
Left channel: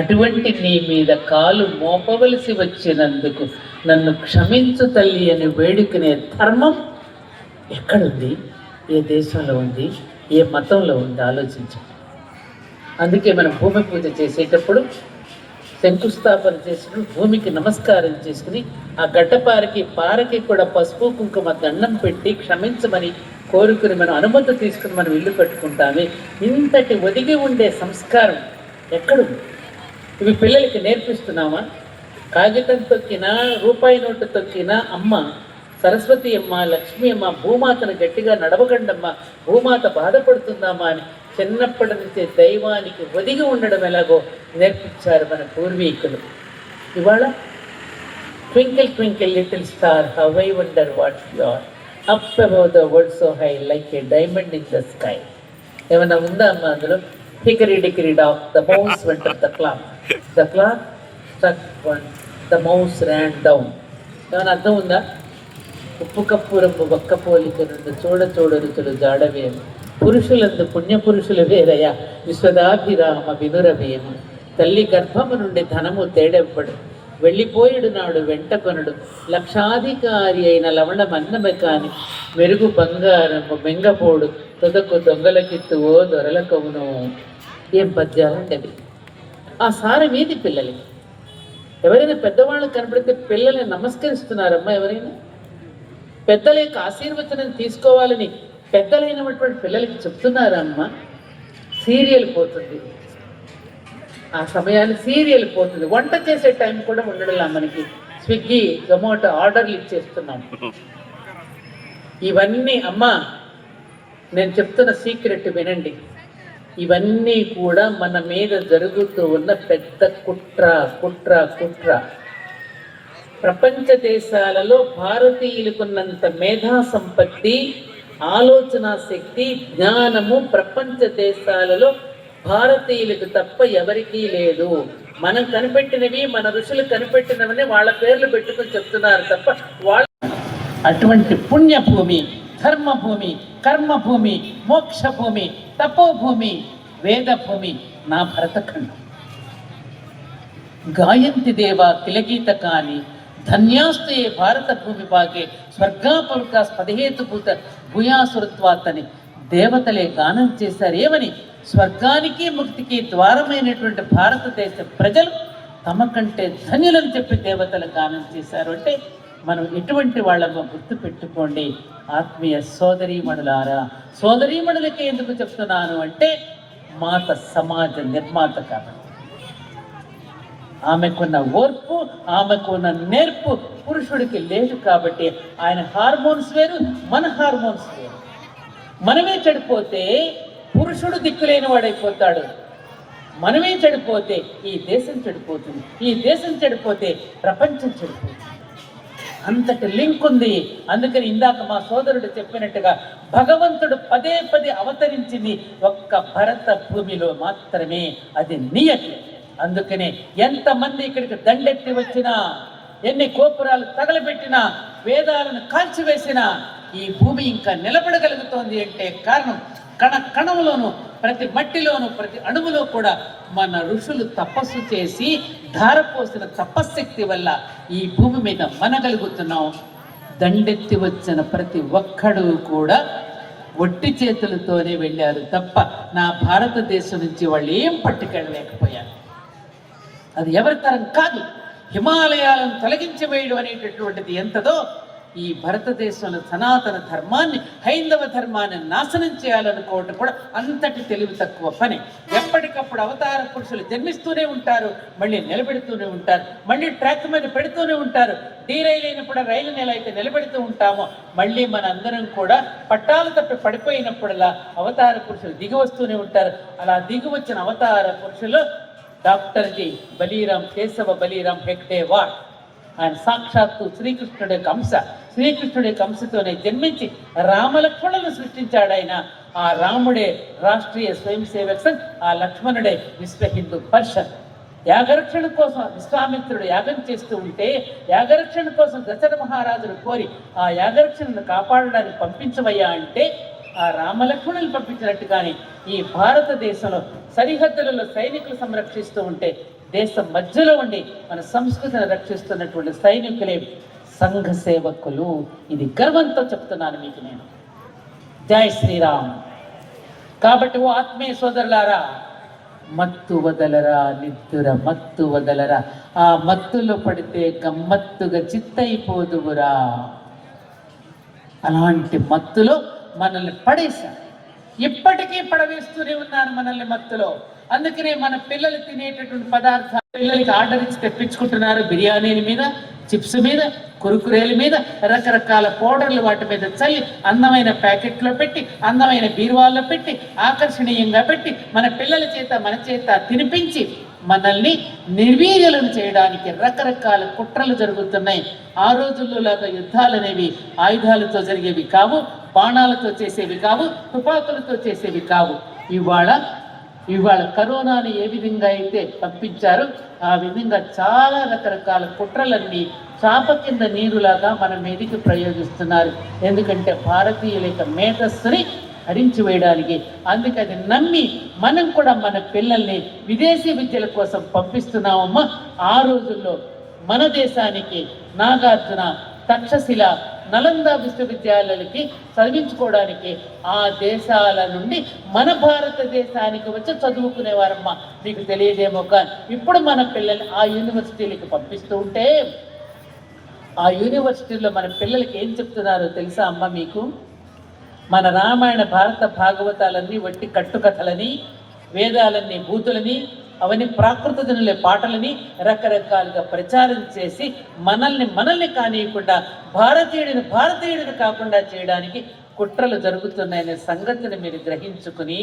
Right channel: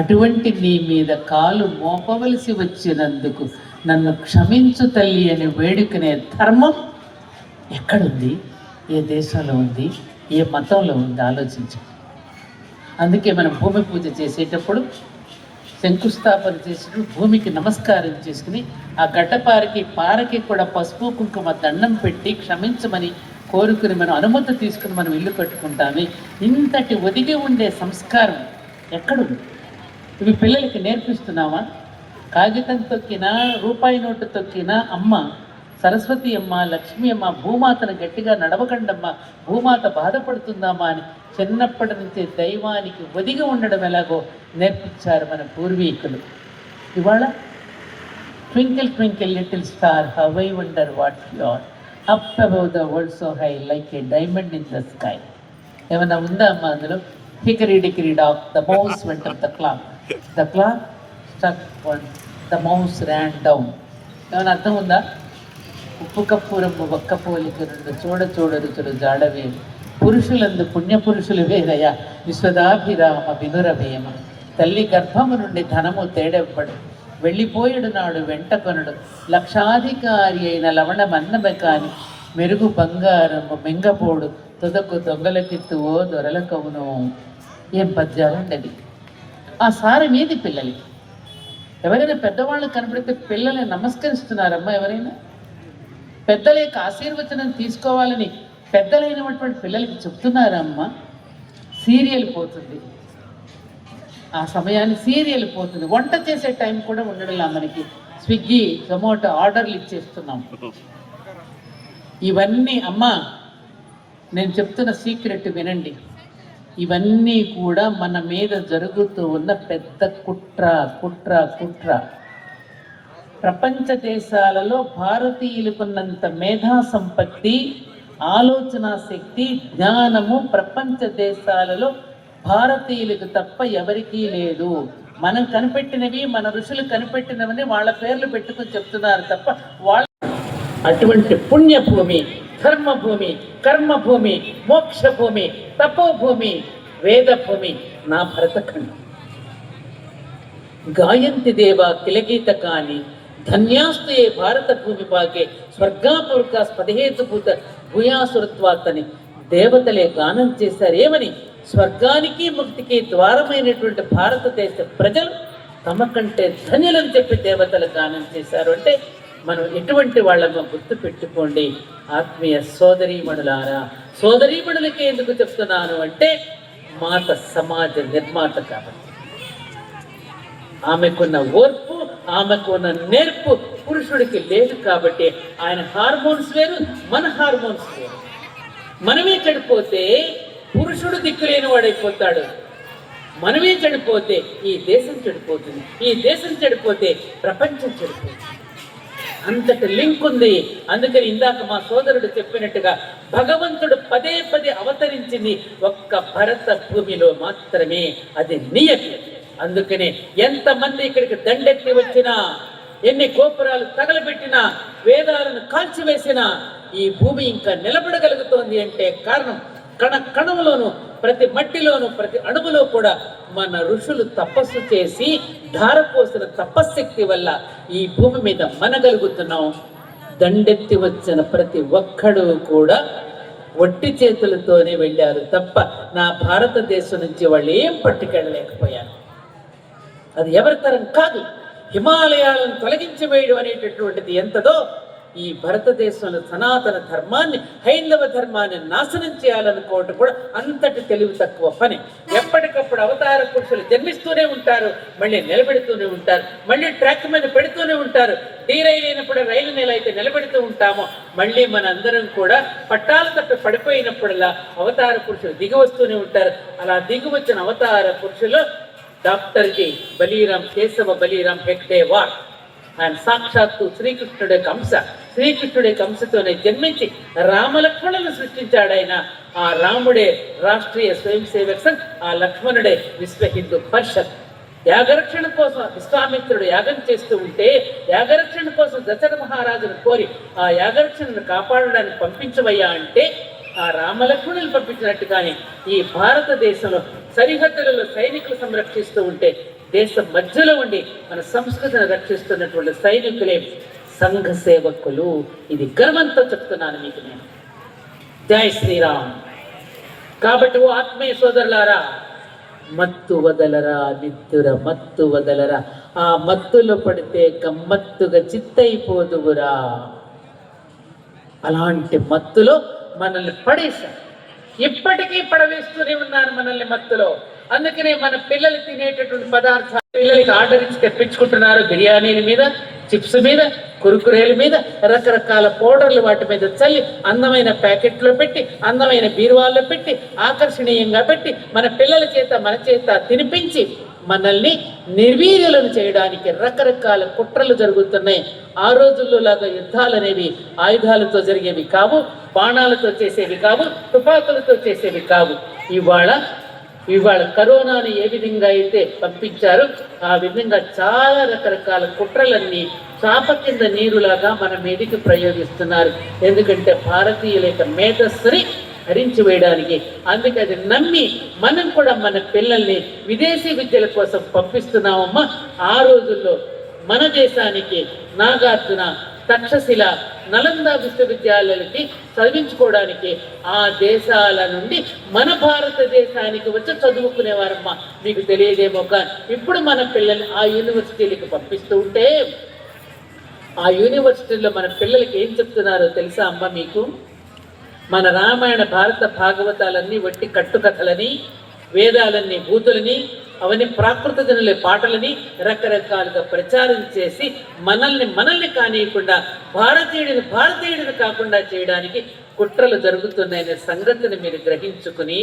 అటువంటి నీ మీద కాలు మోపవలసి వచ్చినందుకు నన్ను క్షమించు తల్లి అని వేడుకునే ధర్మం ఎక్కడుంది? ఏ దేశంలో ఉంది? ఏ మతంలో ఉంది? ఆలోచించు. అందుకే మనం భూమి పూజ చేసేటప్పుడు శంకుస్థాపన చేసుకుని భూమికి నమస్కారం చేసుకుని ఆ పారకి కూడా పసుపు కుంకుమ దండం పెట్టి క్షమించమని కోరుకుని మనం అనుమతి తీసుకుని మనం ఇల్లు కట్టుకుంటామే. ఇంతటి ఒదిగి ఉండే సంస్కారం ఎక్కడుంది? ఇవి పిల్లలకి నేర్పిస్తున్నామా? కాగితం తొక్కినా, రూపాయి నోటు తొక్కినా అమ్మ సరస్వతి అమ్మ, లక్ష్మీ అమ్మ, భూమాతను గట్టిగా నడవకండమ్మ, భూమాత బాధపడుతుందమ్మా అని చిన్నప్పటి నుంచే దైవానికి ఒదిగి ఉండడం ఎలాగో నేర్పించారు మన పూర్వీకులు. ఇవాళ twinkle twinkle little star how I wonder what you are up above the world so high like a diamond in the sky. ఏమన్నా ఉందా అమ్మ అందులో? Hickory dickory dock the mouse went the clock struck one the mouse ran down. ఏమైనా అర్థం ఉందా? ఉప్పు cup రంగు ఒక్క పోలిక నుండి చూడ రుచులు జాడవేరు పురుషులందు పుణ్యపురుషులు వేరయ విశ్వదాభిరామ వినురవేమ. తల్లి గర్భము నుండి ధనము తేడెవ్వడు, వెళ్ళిపోయేడు నాడు వెంట కొనడు, లక్షాధికారి అయిన లవణమన్నమే కాని మెరుగు బంగారము మెంగపోడు, తుదకు దొంగలకిత్తు ఓ దొరలకవును. ఏం పద్యాలండి అవి! ఆ సారం ఏది పిల్లలకి? ఎవరైనా పెద్దవాళ్ళు కనపడితే పిల్లల్ని నమస్కరిస్తున్నారమ్మా? ఎవరైనా పెద్దల యొక్క ఆశీర్వచనం తీసుకోవాలని పెద్దలైనటువంటి పిల్లలకి చెప్తున్నారా అమ్మా? సీరియల్ పోతుంది, ఆ సమయాన్ని సీరియల్ పోతుంది. వంట చేసే టైం కూడా ఉండడంలా మనకి. స్విగ్గీ, జొమాటో ఆర్డర్లు ఇచ్చేస్తున్నాం. ఇవన్నీ అమ్మా నేను చెప్తున్న సీక్రెట్ వినండి. ఇవన్నీ కూడా మన మీద జరుగుతూ ఉన్న పెద్ద కుట్ర. ప్రపంచ దేశాలలో భారతీయులకున్నంత మేధా సంపత్తి, ఆలోచన శక్తి, జ్ఞానము ప్రపంచ దేశాలలో భారతీయులకు తప్ప ఎవరికీ లేదు. మనం కనిపెట్టినవి, మన ఋషులు కనిపెట్టినవని వాళ్ళ పేర్లు పెట్టుకుని చెప్తున్నారు తప్ప వాళ్ళ అటువంటి పుణ్యభూమి, ధర్మభూమి, కర్మభూమి, మోక్షభూమి, తపోభూమి, వేదభూమి నా భరతఖండం. గాయంతి దేవా కిలగీత కాని ధన్యాస్తు ఏ భారత భూమి పాకే స్వర్గాపురుక స్పదహేతుభూత భూయాసురత్వాతని దేవతలే గానం చేశారు. ఏమని? స్వర్గానికి ముక్తికి ద్వారమైనటువంటి భారతదేశ ప్రజలు తమ కంటే ధన్యులని చెప్పి దేవతలు గానం చేశారు. అంటే మనం ఎటువంటి వాళ్ళమో గుర్తు పెట్టుకోండి. ఆత్మీయ సోదరీమణులారా, సోదరీమణులకి ఎందుకు చెప్తున్నాను అంటే మాత సమాజ నిర్మాత కాబట్టి. ఆమెకున్న ఓర్పు, ఆమెకున్న నేర్పు పురుషుడికి లేదు కాబట్టి ఆయన హార్మోన్స్ వేరు, మన హార్మోన్స్ వేరు. మనమే చెడిపోతే పురుషుడు దిక్కులేని వాడైపోతాడు. మనమే చెడిపోతే ఈ దేశం చెడిపోతుంది, ఈ దేశం చెడిపోతే ప్రపంచం చెడిపోతుంది. అంతటి లింక్ ఉంది. అందుకని ఇందాక మా సోదరుడు చెప్పినట్టుగా భగవంతుడు పదే అవతరించింది ఒక్క భరత భూమిలో మాత్రమే. అది నియతి. అందుకనే ఎంతమంది ఇక్కడికి దండెత్తి వచ్చినా, ఎన్ని గోపురాలు తగలబెట్టినా, వేదాలను కాల్చివేసినా ఈ భూమి ఇంకా నిలబడగలుగుతోంది అంటే కారణం కణంలోను, ప్రతి మట్టిలోను, ప్రతి అణువులో కూడా మన ఋషులు తపస్సు చేసి ధారపోసిన తపశ్శక్తి వల్ల ఈ భూమి మీద మనగలుగుతున్నాం. దండెత్తి వచ్చిన ప్రతి ఒక్కడు కూడా ఒట్టి చేతులతోనే వెళ్ళారు తప్ప నా భారతదేశం నుంచి వాళ్ళు ఏం పట్టుకెళ్ళలేకపోయారు. అది ఎవరి తరం కాదు. హిమాలయాలను తొలగించి వేయడం అనేటటువంటిది ఎంతదో ఈ భారతదేశంలో సనాతన ధర్మాన్ని, హైందవ ధర్మాన్ని నాశనం చేయాలనుకోవటం కూడా అంతటి తెలివి తక్కువ పని. ఎప్పటికప్పుడు అవతార పురుషులు జన్మిస్తూనే ఉంటారు, మళ్ళీ నిలబెడుతూనే ఉంటారు, మళ్ళీ ట్రాక్ మీద పెడుతూనే ఉంటారు. రైలు అయినప్పుడు రైలు నెల అయితే నిలబెడుతూ ఉంటామో, మళ్ళీ మన అందరం కూడా పట్టాలు తప్పి పడిపోయినప్పుడల్లా అవతార పురుషులు దిగి వస్తూనే ఉంటారు. అలా దిగి వచ్చిన అవతార పురుషులు డాక్టర్ జి బలీరామ్, కేశవ బలీరామ్ హెగ్డేవార్. ఆయన సాక్షాత్తు శ్రీకృష్ణుడి యొక్క అంశ. శ్రీకృష్ణుడి యొక్క అంశతోనే జన్మించి రామలక్ష్మణులను సృష్టించాడు ఆయన. ఆ రాముడే రాష్ట్రీయ స్వయం సేవక్ సంఘ్, ఆ లక్ష్మణుడే విశ్వ హిందూ పరిషత్. యాగరక్షణ కోసం విశ్వామిత్రుడు యాగం చేస్తూ ఉంటే, యాగరక్షణ కోసం దశరథ మహారాజును కోరి ఆ యాగరక్షణను కాపాడడానికి పంపించవయ్యా అంటే, ఆ రామలక్ష్మణులు పంపించినట్టుగానే ఈ భారతదేశంలో సరిహద్దులలో సైనికులు సంరక్షిస్తూ ఉంటే, దేశం మధ్యలో ఉండి మన సంస్కృతిని రక్షిస్తున్నటువంటి సైనికులే సంఘ సేవకులు. ఇది గర్వంతో చెప్తున్నాను మీకు నేను. జై శ్రీరామ్. కాబట్టి ఓ ఆత్మీయ సోదరులారా, మత్తు వదలరా, నిద్దుర మత్తు వదలరా, ఆ మత్తులో పడితే గమ్మత్తుగా చిత్తైపోదువురా. అలాంటి మత్తులో మనల్ని పడేశారు, ఇప్పటికీ పడవేస్తూనే ఉన్నారు మనల్ని మత్తులో. అందుకనే మన పిల్లలు తినేటటువంటి పదార్థాలు పిల్లలకి ఆర్డర్ ఇచ్చి తెప్పించుకుంటున్నారు. బిర్యానీల మీద, చిప్స్ మీద, కురుకురేల మీద, రకరకాల పౌడర్లు వాటి మీద చల్లి అందమైన ప్యాకెట్లో పెట్టి, అందమైన బీరువాల్లో పెట్టి, ఆకర్షణీయంగా పెట్టి మన పిల్లల చేత మన చేత తినిపించి మనల్ని నిర్వీర్యులను చేయడానికి రకరకాల కుట్రలు జరుగుతున్నాయి. ఆ రోజుల్లో లాగా యుద్ధాలు అనేవి ఆయుధాలతో జరిగేవి కావు, బాణాలతో చేసేవి కావు, తుపాకులతో చేసేవి కావు. ఇవాళ కరోనాను ఏ విధంగా అయితే పంపించారో ఆ విధంగా చాలా రకరకాల కుట్రలన్నీ చాప కింద నీరులాగా మన మీదికి ప్రయోగిస్తున్నారు. ఎందుకంటే భారతీయుల యొక్క మేధస్సుని హరించి వేయడానికి. అందుకే అది నమ్మి మనం కూడా మన పిల్లల్ని విదేశీ విద్యల కోసం పంపిస్తున్నామమ్మా. ఆ రోజుల్లో మన దేశానికి నాగార్జున, తక్షశిల, నలంద విశ్వవిద్యాలయాలకి చదివించుకోవడానికి ఆ దేశాల నుండి మన భారతదేశానికి వచ్చి చదువుకునేవారమ్మా. మీకు తెలియదేమో కానీ ఇప్పుడు మన పిల్లల్ని ఆ యూనివర్సిటీలకు పంపిస్తూ ఉంటే, ఆ యూనివర్సిటీలో మన పిల్లలకి ఏం చెప్తున్నారో తెలుసా అమ్మ మీకు? మన రామాయణ, భారత భాగవతాలన్నీ వట్టి కట్టుకథలని, వేదాలన్నీ బూతులని, అవన్నీ ప్రాకృత జనుల పాటలని రకరకాలుగా ప్రచారం చేసి మనల్ని కానియకుండా భారతీయుడిని కాకుండా చేయడానికి కుట్రలు జరుగుతున్నాయనే సంగతిని మీరు గ్రహించుకుని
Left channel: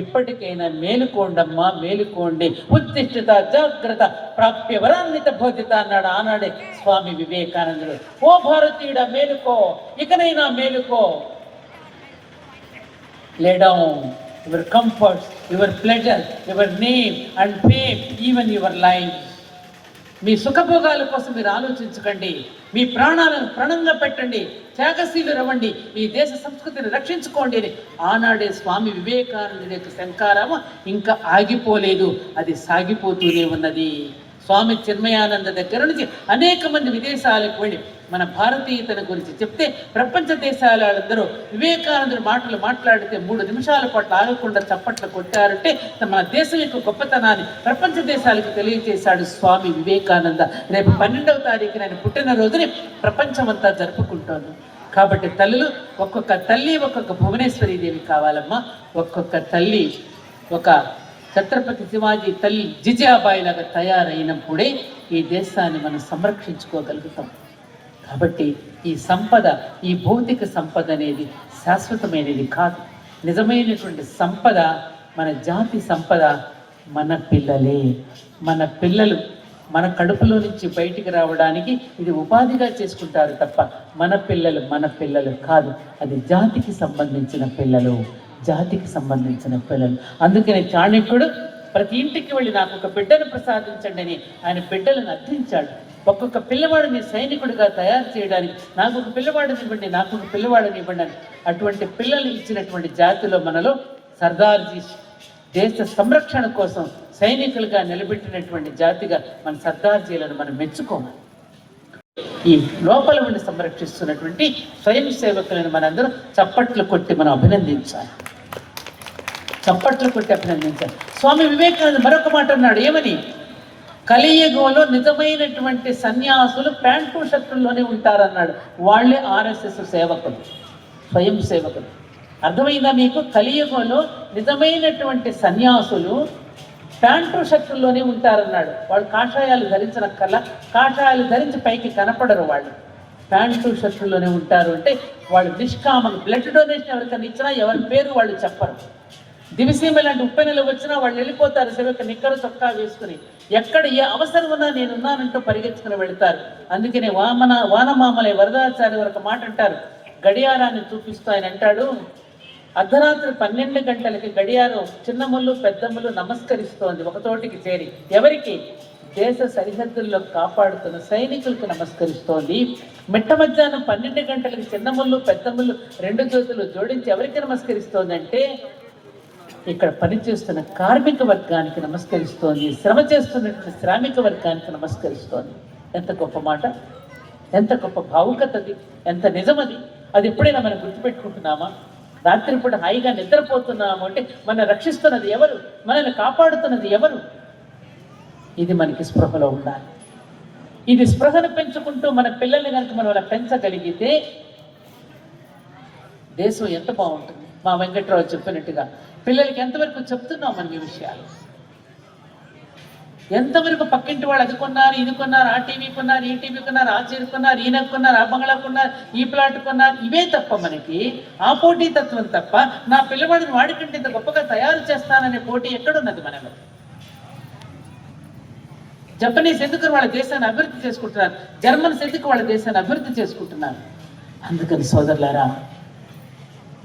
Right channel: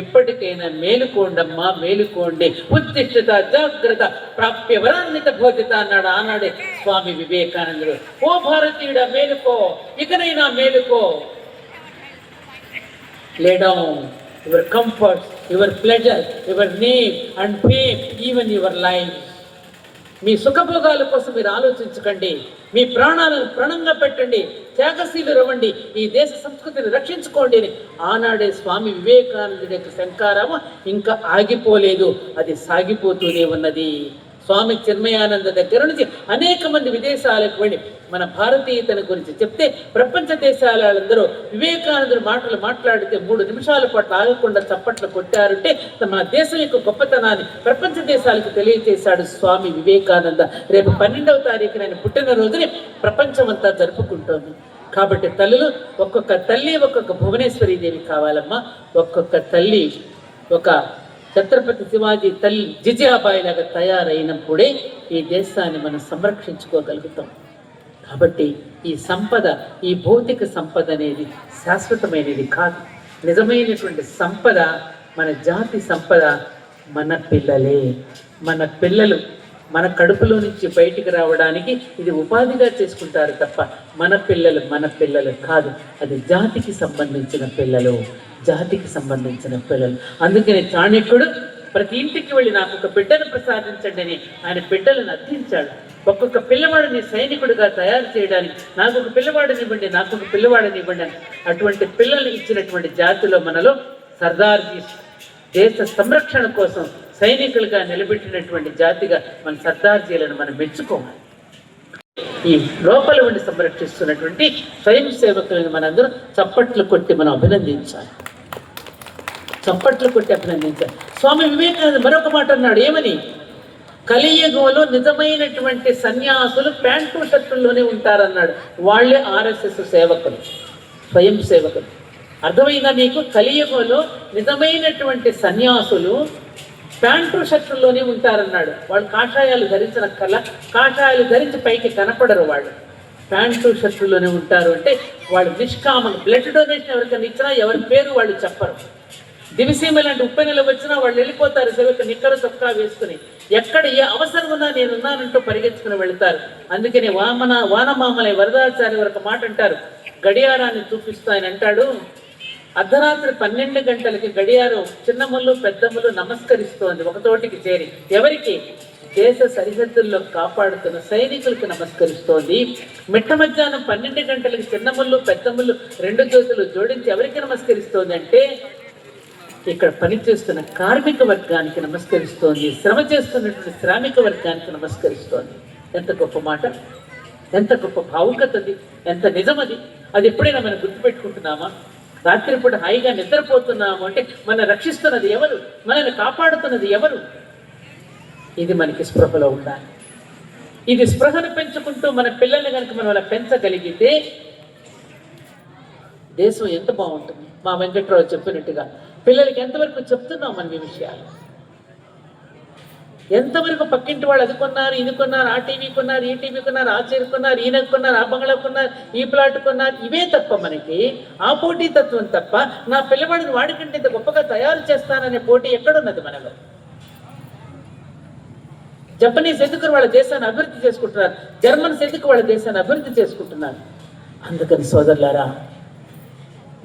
ఇప్పటికైనా మేలుకోండమ్మా, మేలుకోండి. ఉత్తిష్ఠత జాగ్రత్త ప్రాప్య వరాన్విత భోజిత అన్నాడు ఆనాడే స్వామి వివేకానందుడు. ఓ భారతీయుడా మేలుకో, ఇకనైనా మేలుకో. Lay down your comforts, your pleasure, your name and fame, even your life. మీ సుఖభోగాల కోసం మీరు ఆలోచించకండి, మీ ప్రాణాలను ప్రణంగా పెట్టండి, త్యాగశీలు రవ్వండి, ఈ దేశ సంస్కృతిని రక్షించుకోండి అని ఆనాడే స్వామి వివేకానందుడి యొక్క శంకారము ఇంకా ఆగిపోలేదు, అది సాగిపోతూనే ఉన్నది. స్వామి చిన్మయానంద దగ్గర నుంచి అనేక మంది విదేశాలకు వెళ్ళి మన భారతీయతను గురించి చెప్తే ప్రపంచ దేశాలందరూ వివేకానందుడి మాటలు మాట్లాడితే 3 నిమిషాల పాటు ఆగకుండా చప్పట్లు కొట్టారంటే మన దేశం యొక్క గొప్పతనాన్ని ప్రపంచ దేశాలకు తెలియజేశాడు స్వామి వివేకానంద. రేపు 12వ తారీఖున ఆయన పుట్టినరోజుని ప్రపంచమంతా జరుపుకుంటోంది. కాబట్టి తల్లులు, ఒక్కొక్క తల్లి ఒక్కొక్క భువనేశ్వరీ దేవి కావాలమ్మా. ఒక్కొక్క తల్లి ఒక ఛత్రపతి శివాజీ తల్లి జిజాబాయి లాగా తయారైనప్పుడే ఈ దేశాన్ని మనం సంరక్షించుకోగలుగుతాం. కాబట్టి ఈ సంపద, ఈ భౌతిక సంపద అనేది శాశ్వతమైనది కాదు. నిజమైనటువంటి సంపద, మన జాతి సంపద మన పిల్లలే. మన పిల్లలు మన కడుపులో నుంచి బయటికి రావడానికి ఇది ఉపాధిగా చేసుకుంటారు తప్ప మన పిల్లలు కాదు. అది జాతికి సంబంధించిన పిల్లలు, జాతికి సంబంధించిన పిల్లలు. అందుకనే చాణక్యుడు ప్రతి ఇంటికి వెళ్ళి నాకు ఒక బిడ్డను ప్రసాదించండి అని ఆయన బిడ్డలను అర్థించాడు. ఒక్కొక్క పిల్లవాడిని సైనికుడిగా తయారు చేయడానికి నాకు ఒక పిల్లవాడిని ఇవ్వండి అని అటువంటి పిల్లల్ని ఇచ్చినటువంటి జాతిలో మనలో సర్దార్జీ దేశ సంరక్షణ కోసం సైనికులుగా నిలబెట్టినటువంటి జాతిగా మన సర్దార్జీలను మనం మెచ్చుకోవాలి. ఈ లోపల ఉండి సంరక్షిస్తున్నటువంటి స్వయం సేవకులను మనందరూ చప్పట్లు కొట్టి మనం అభినందించాలి. స్వామి వివేకానంద మరొక మాట అన్నాడు. ఏమని? కలియుగంలో నిజమైనటువంటి సన్యాసులు ప్యాంటు షర్టుల్లోనే ఉంటారన్నాడు. వాళ్ళే ఆర్ఎస్ఎస్ సేవకులు, స్వయం సేవకులు. అర్థమైందా మీకు? కలియుగంలో నిజమైనటువంటి సన్యాసులు ప్యాంటు షర్టుల్లోనే ఉంటారన్నాడు. వాళ్ళు కాషాయాలు ధరించనక్కర్లా, కాషాయాలు ధరించి పైకి కనపడరు. వాళ్ళు ప్యాంటు షర్టుల్లోనే ఉంటారు. అంటే వాళ్ళు నిష్కామం. బ్లడ్ డొనేషన్ ఎవరికైనా ఇచ్చినా ఎవరి పేరు వాళ్ళు చెప్పరు. దివిసీమ లాంటి ఉప్పెనలు వచ్చినా వాళ్ళు వెళ్ళిపోతారు సేవకు నిక్కర చొక్కా వేసుకుని. ఎక్కడ ఏ అవసరం ఉన్నా నేనున్నానంటూ పరిగెత్తుకుని వెళ్తారు. అందుకనే వానమామలే వరదాచారి వరకు మాట అంటారు, గడియారాన్ని చూపిస్తూ ఆయన అంటాడు, అర్ధరాత్రి 12 గంటలకి గడియారం చిన్నములు పెద్దములు నమస్కరిస్తోంది ఒకచోటికి చేరి. ఎవరికి? దేశ సరిహద్దుల్లో కాపాడుతున్న సైనికులకు నమస్కరిస్తోంది. మిట్ట మధ్యాహ్నం 12 గంటలకి చిన్నములు పెద్దములు 2 చేతులు జోడించి ఎవరికి నమస్కరిస్తోంది అంటే ఇక్కడ పనిచేస్తున్న కార్మిక వర్గానికి నమస్కరిస్తోంది, శ్రమ చేస్తున్నటువంటి శ్రామిక వర్గానికి నమస్కరిస్తోంది. ఎంత గొప్ప మాట, ఎంత గొప్ప భావుకత అది, ఎంత నిజమది. అది ఎప్పుడైనా మనం గుర్తుపెట్టుకుంటున్నామా? రాత్రిపూట హాయిగా నిద్రపోతున్నాము అంటే మన రక్షిస్తున్నది ఎవరు, మనల్ని కాపాడుతున్నది ఎవరు? ఇది మనకి స్పృహలో ఉండాలి. ఇది స్పృహను పెంచుకుంటూ మన పిల్లల్ని కనుక మనం అలా పెంచగలిగితే దేశం ఎంత బాగుంటుంది. మా వెంకట్రావు చెప్పినట్టుగా పిల్లలకి ఎంతవరకు చెప్తున్నాం మనం ఈ విషయాలు? ఎంతవరకు పక్కింటి వాళ్ళు అది కొన్నారు, ఇది కొన్నారు, ఆ టీవీ కొన్నారు, ఈ టీవీ కొన్నారు, ఆ చీర కొన్నారు, ఈయన కొన్నారు, ఆ బంగ్లా కొన్నారు, ఈ ప్లాట్ కొన్నారు, ఇవే తప్ప మనకి ఆ పోటీ తత్వం తప్ప నా పిల్లవాడిని వాడికంటే ఇంత గొప్పగా తయారు చేస్తాననే పోటీ ఎక్కడున్నది మనకు? జపనీస్ ఎందుకు వాళ్ళ దేశాన్ని అభివృద్ధి చేసుకుంటున్నారు, జర్మన్స్ ఎందుకు వాళ్ళ దేశాన్ని అభివృద్ధి చేసుకుంటున్నారు? అందుకని సోదరులారా,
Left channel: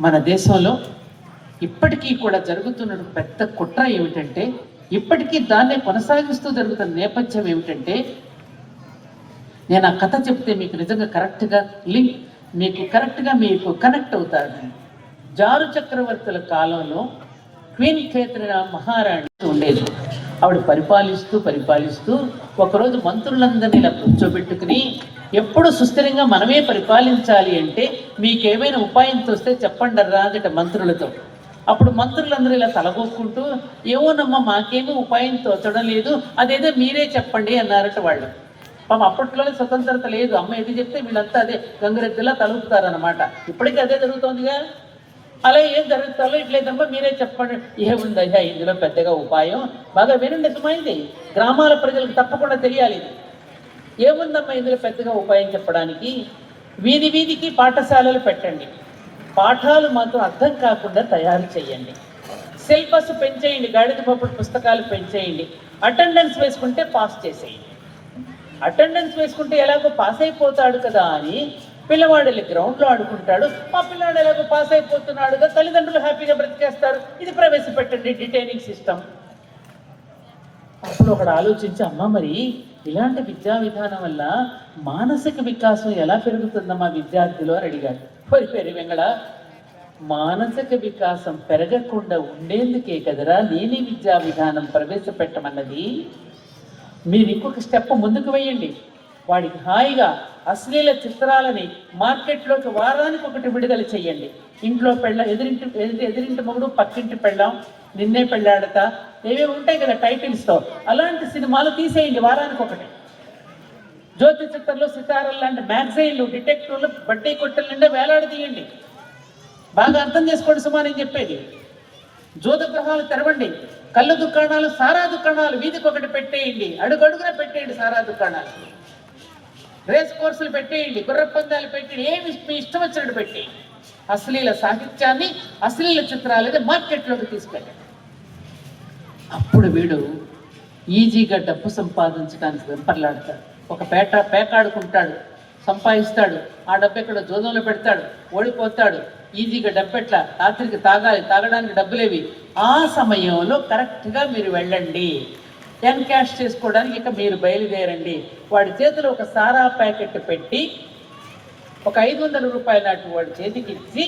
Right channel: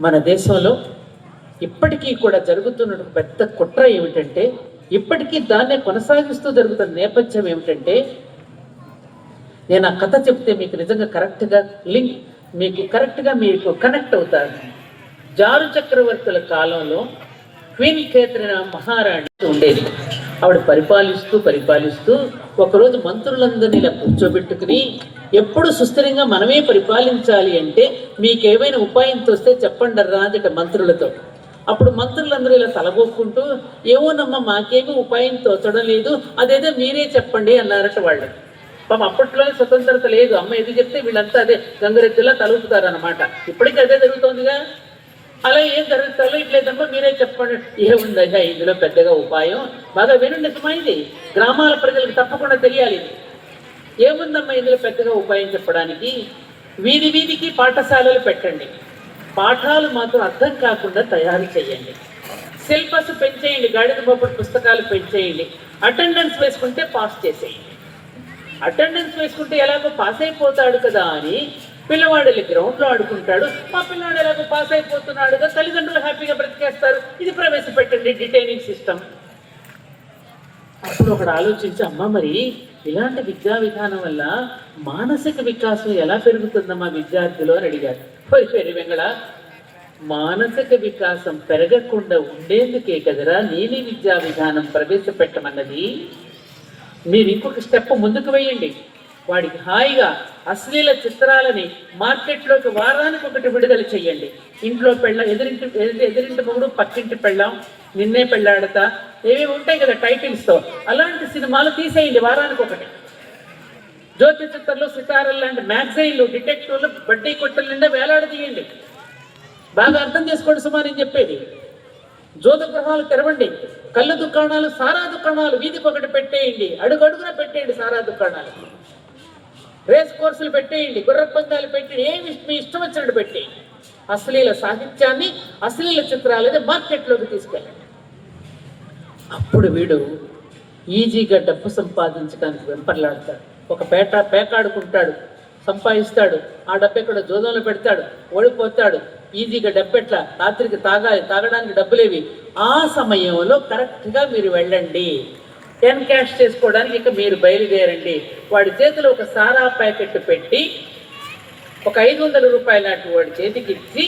మన దేశంలో ఇప్పటికీ కూడా జరుగుతున్న పెద్ద కుట్ర ఏమిటంటే, ఇప్పటికీ దాన్నే కొనసాగిస్తూ జరుగుతున్న నేపథ్యం ఏమిటంటే, నేను ఆ కథ చెప్తే మీకు నిజంగా కరెక్ట్గా మీకు కనెక్ట్ అవుతారు. జారు చక్రవర్తుల కాలంలో క్వీన్ కేథరిన్ మహారాణి ఉండేది. ఆవిడ పరిపాలిస్తూ ఒకరోజు మంత్రులందరినీ ఇలా కూర్చోబెట్టుకుని, ఎప్పుడు సుస్థిరంగా మనమే పరిపాలించాలి అంటే మీకేమైనా ఉపాయం తోస్తే చెప్పండి రా అందట మంత్రులతో. అప్పుడు మంత్రులందరూ ఇలా తలగొక్కుంటూ, ఏమోనమ్మా మాకేమీ ఉపాయం తోచడం లేదు, అదేదో మీరే చెప్పండి అన్నారట వాళ్ళు. పాపం అప్పట్లోనే స్వతంత్రత లేదు. అమ్మ ఏది చెప్తే వీళ్ళంతా అదే గంగరెద్దులా తలుపుతారనమాట. ఇప్పటికీ అదే జరుగుతోందిగా. అలా ఏం జరుగుతుందో ఇట్లేదమ్మా మీరే చెప్పండి. ఏముందయ్యా ఇందులో పెద్దగా ఉపాయం? బాగా వినండి, నిజమైంది, గ్రామాల ప్రజలకు తప్పకుండా తెలియాలి. ఏముందమ్మా ఇందులో పెద్దగా ఉపాయం చెప్పడానికి? వీధి వీధికి పాఠశాలలు పెట్టండి, పాఠాలు మాత్రం అర్థం కాకుండా తయారు చేయండి, సిలబస్ పెంచేయండి, గాడిద పోపుడు పుస్తకాలు పెంచేయండి, అటెండెన్స్ వేసుకుంటే పాస్ చేసేయండి. అటెండెన్స్ వేసుకుంటే ఎలాగో పాస్ అయిపోతాడు కదా అని పిల్లవాడు గ్రౌండ్లో ఆడుకుంటాడు, మా పిల్లవాడు ఎలాగో పాస్ అయిపోతున్నాడుగా, తల్లిదండ్రులు హ్యాపీగా బ్రతికేస్తారు, ఇది ప్రవేశపెట్టండి డిటైనింగ్ సిస్టమ్. అప్పుడు ఒకడు ఆలోచించి, అమ్మ మరి ఇలాంటి విద్యా విధానం వల్ల మానసిక వికాసం ఎలా పెరుగుతుందమ్మా విద్యార్థులు అని అడిగాడు. పేరు వెంగళ, మానసిక వికాసం పెరగకుండా ఉండేందుకే కదరా నేనే విద్యా విధానం ప్రవేశపెట్టమన్నది. మీరు ఇంకొక స్టెప్ ముందుకు వేయండి, వాడికి హాయిగా అశ్లీల చిత్రాలని మార్కెట్లోకి వారానికి ఒకటి విడుదల చేయండి. ఇంట్లో ఎదిరింటి మొగుడు పక్కింటి పెళ్ళాం, నిన్నే పెళ్ళాడతా, ఏవేవి ఉంటాయి కదా టైటిల్స్తో, అలాంటి సినిమాలు తీసేయండి వారానికి ఒకటి. జ్యోతి చిత్రంలో సితారలు లాంటి మ్యాగజైన్లు, డిటెక్టివ్లు, బడ్డీ కొట్టల నిండా వేలాడదీయండి. బాగా అర్థం చేసుకోండి సుమా నేను చెప్పేది. జ్యోత గృహాలు తెరవండి, కళ్ళ దుకాణాలు, సారా దుకాణాలు వీధికి ఒకటి పెట్టేయండి, అడుగడుగున పెట్టేయండి సారా దుకాణాలు, రేస్ కోర్సులు పెట్టేయండి, గుర్ర పందాలు పెట్టి, ఏమి మీ ఇష్టం వచ్చినట్టు పెట్టి అశ్లీల సాహిత్యాన్ని, అశ్లీల చిత్రాలని మార్కెట్లోకి తీసుకెళ్ళండి. అప్పుడు వీడు ఈజీగా డబ్బు సంపాదించడానికి వెంపర్లాడతాడు. ఒక పేకాడుకుంటాడు, సంపాదిస్తాడు, ఆ డబ్బు ఎక్కడ జోదంలో పెడతాడు, ఓడిపోతాడు. ఈజీగా డబ్బు ఎట్లా, రాత్రికి తాగడానికి డబ్బులేవి. ఆ సమయంలో కరెక్ట్గా మీరు వెళ్ళండి, క్యాష్ చేసుకోవడానికి ఇక మీరు బయలుదేరండి. వాడి చేతిలో ఒక సారా ప్యాకెట్ పెట్టి ఒక 500 రూపాయల నాటి వాడి చేతికి ఇచ్చి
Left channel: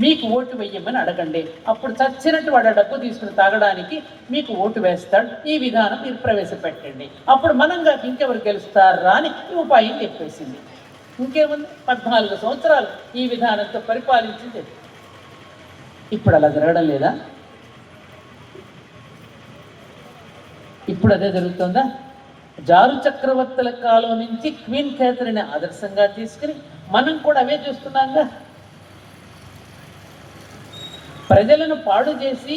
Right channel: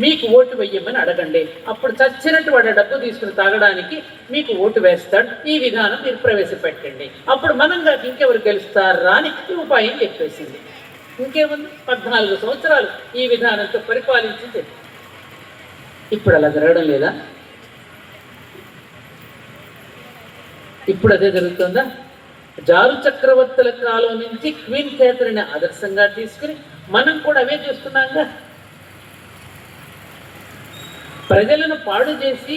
మీకు ఓటు వేయమని అడగండి. అప్పుడు చచ్చినట్టు వాడు డబ్బు తీసుకుని తాగడానికి మీకు ఓటు వేస్తాడు. ఈ విధానం మీరు ప్రవేశపెట్టండి. అప్పుడు మనంగా ఇంకెవరు గెలుస్తారా అని ఈ ఉపాయం చెప్పేసింది. ఇంకేముంది, 14 సంవత్సరాలు ఈ విధానంతో పరిపాలించింది. ఇప్పుడు అలా జరగడం లేదా? ఇప్పుడు అదే జరుగుతుందా? జారు చక్రవర్తుల కాలం నుంచి క్వీన్ క్యాథరిన్ ఆదర్శంగా తీసుకుని మనం కూడా అవే చూస్తున్నాంగా. ప్రజలను పాడు చేసి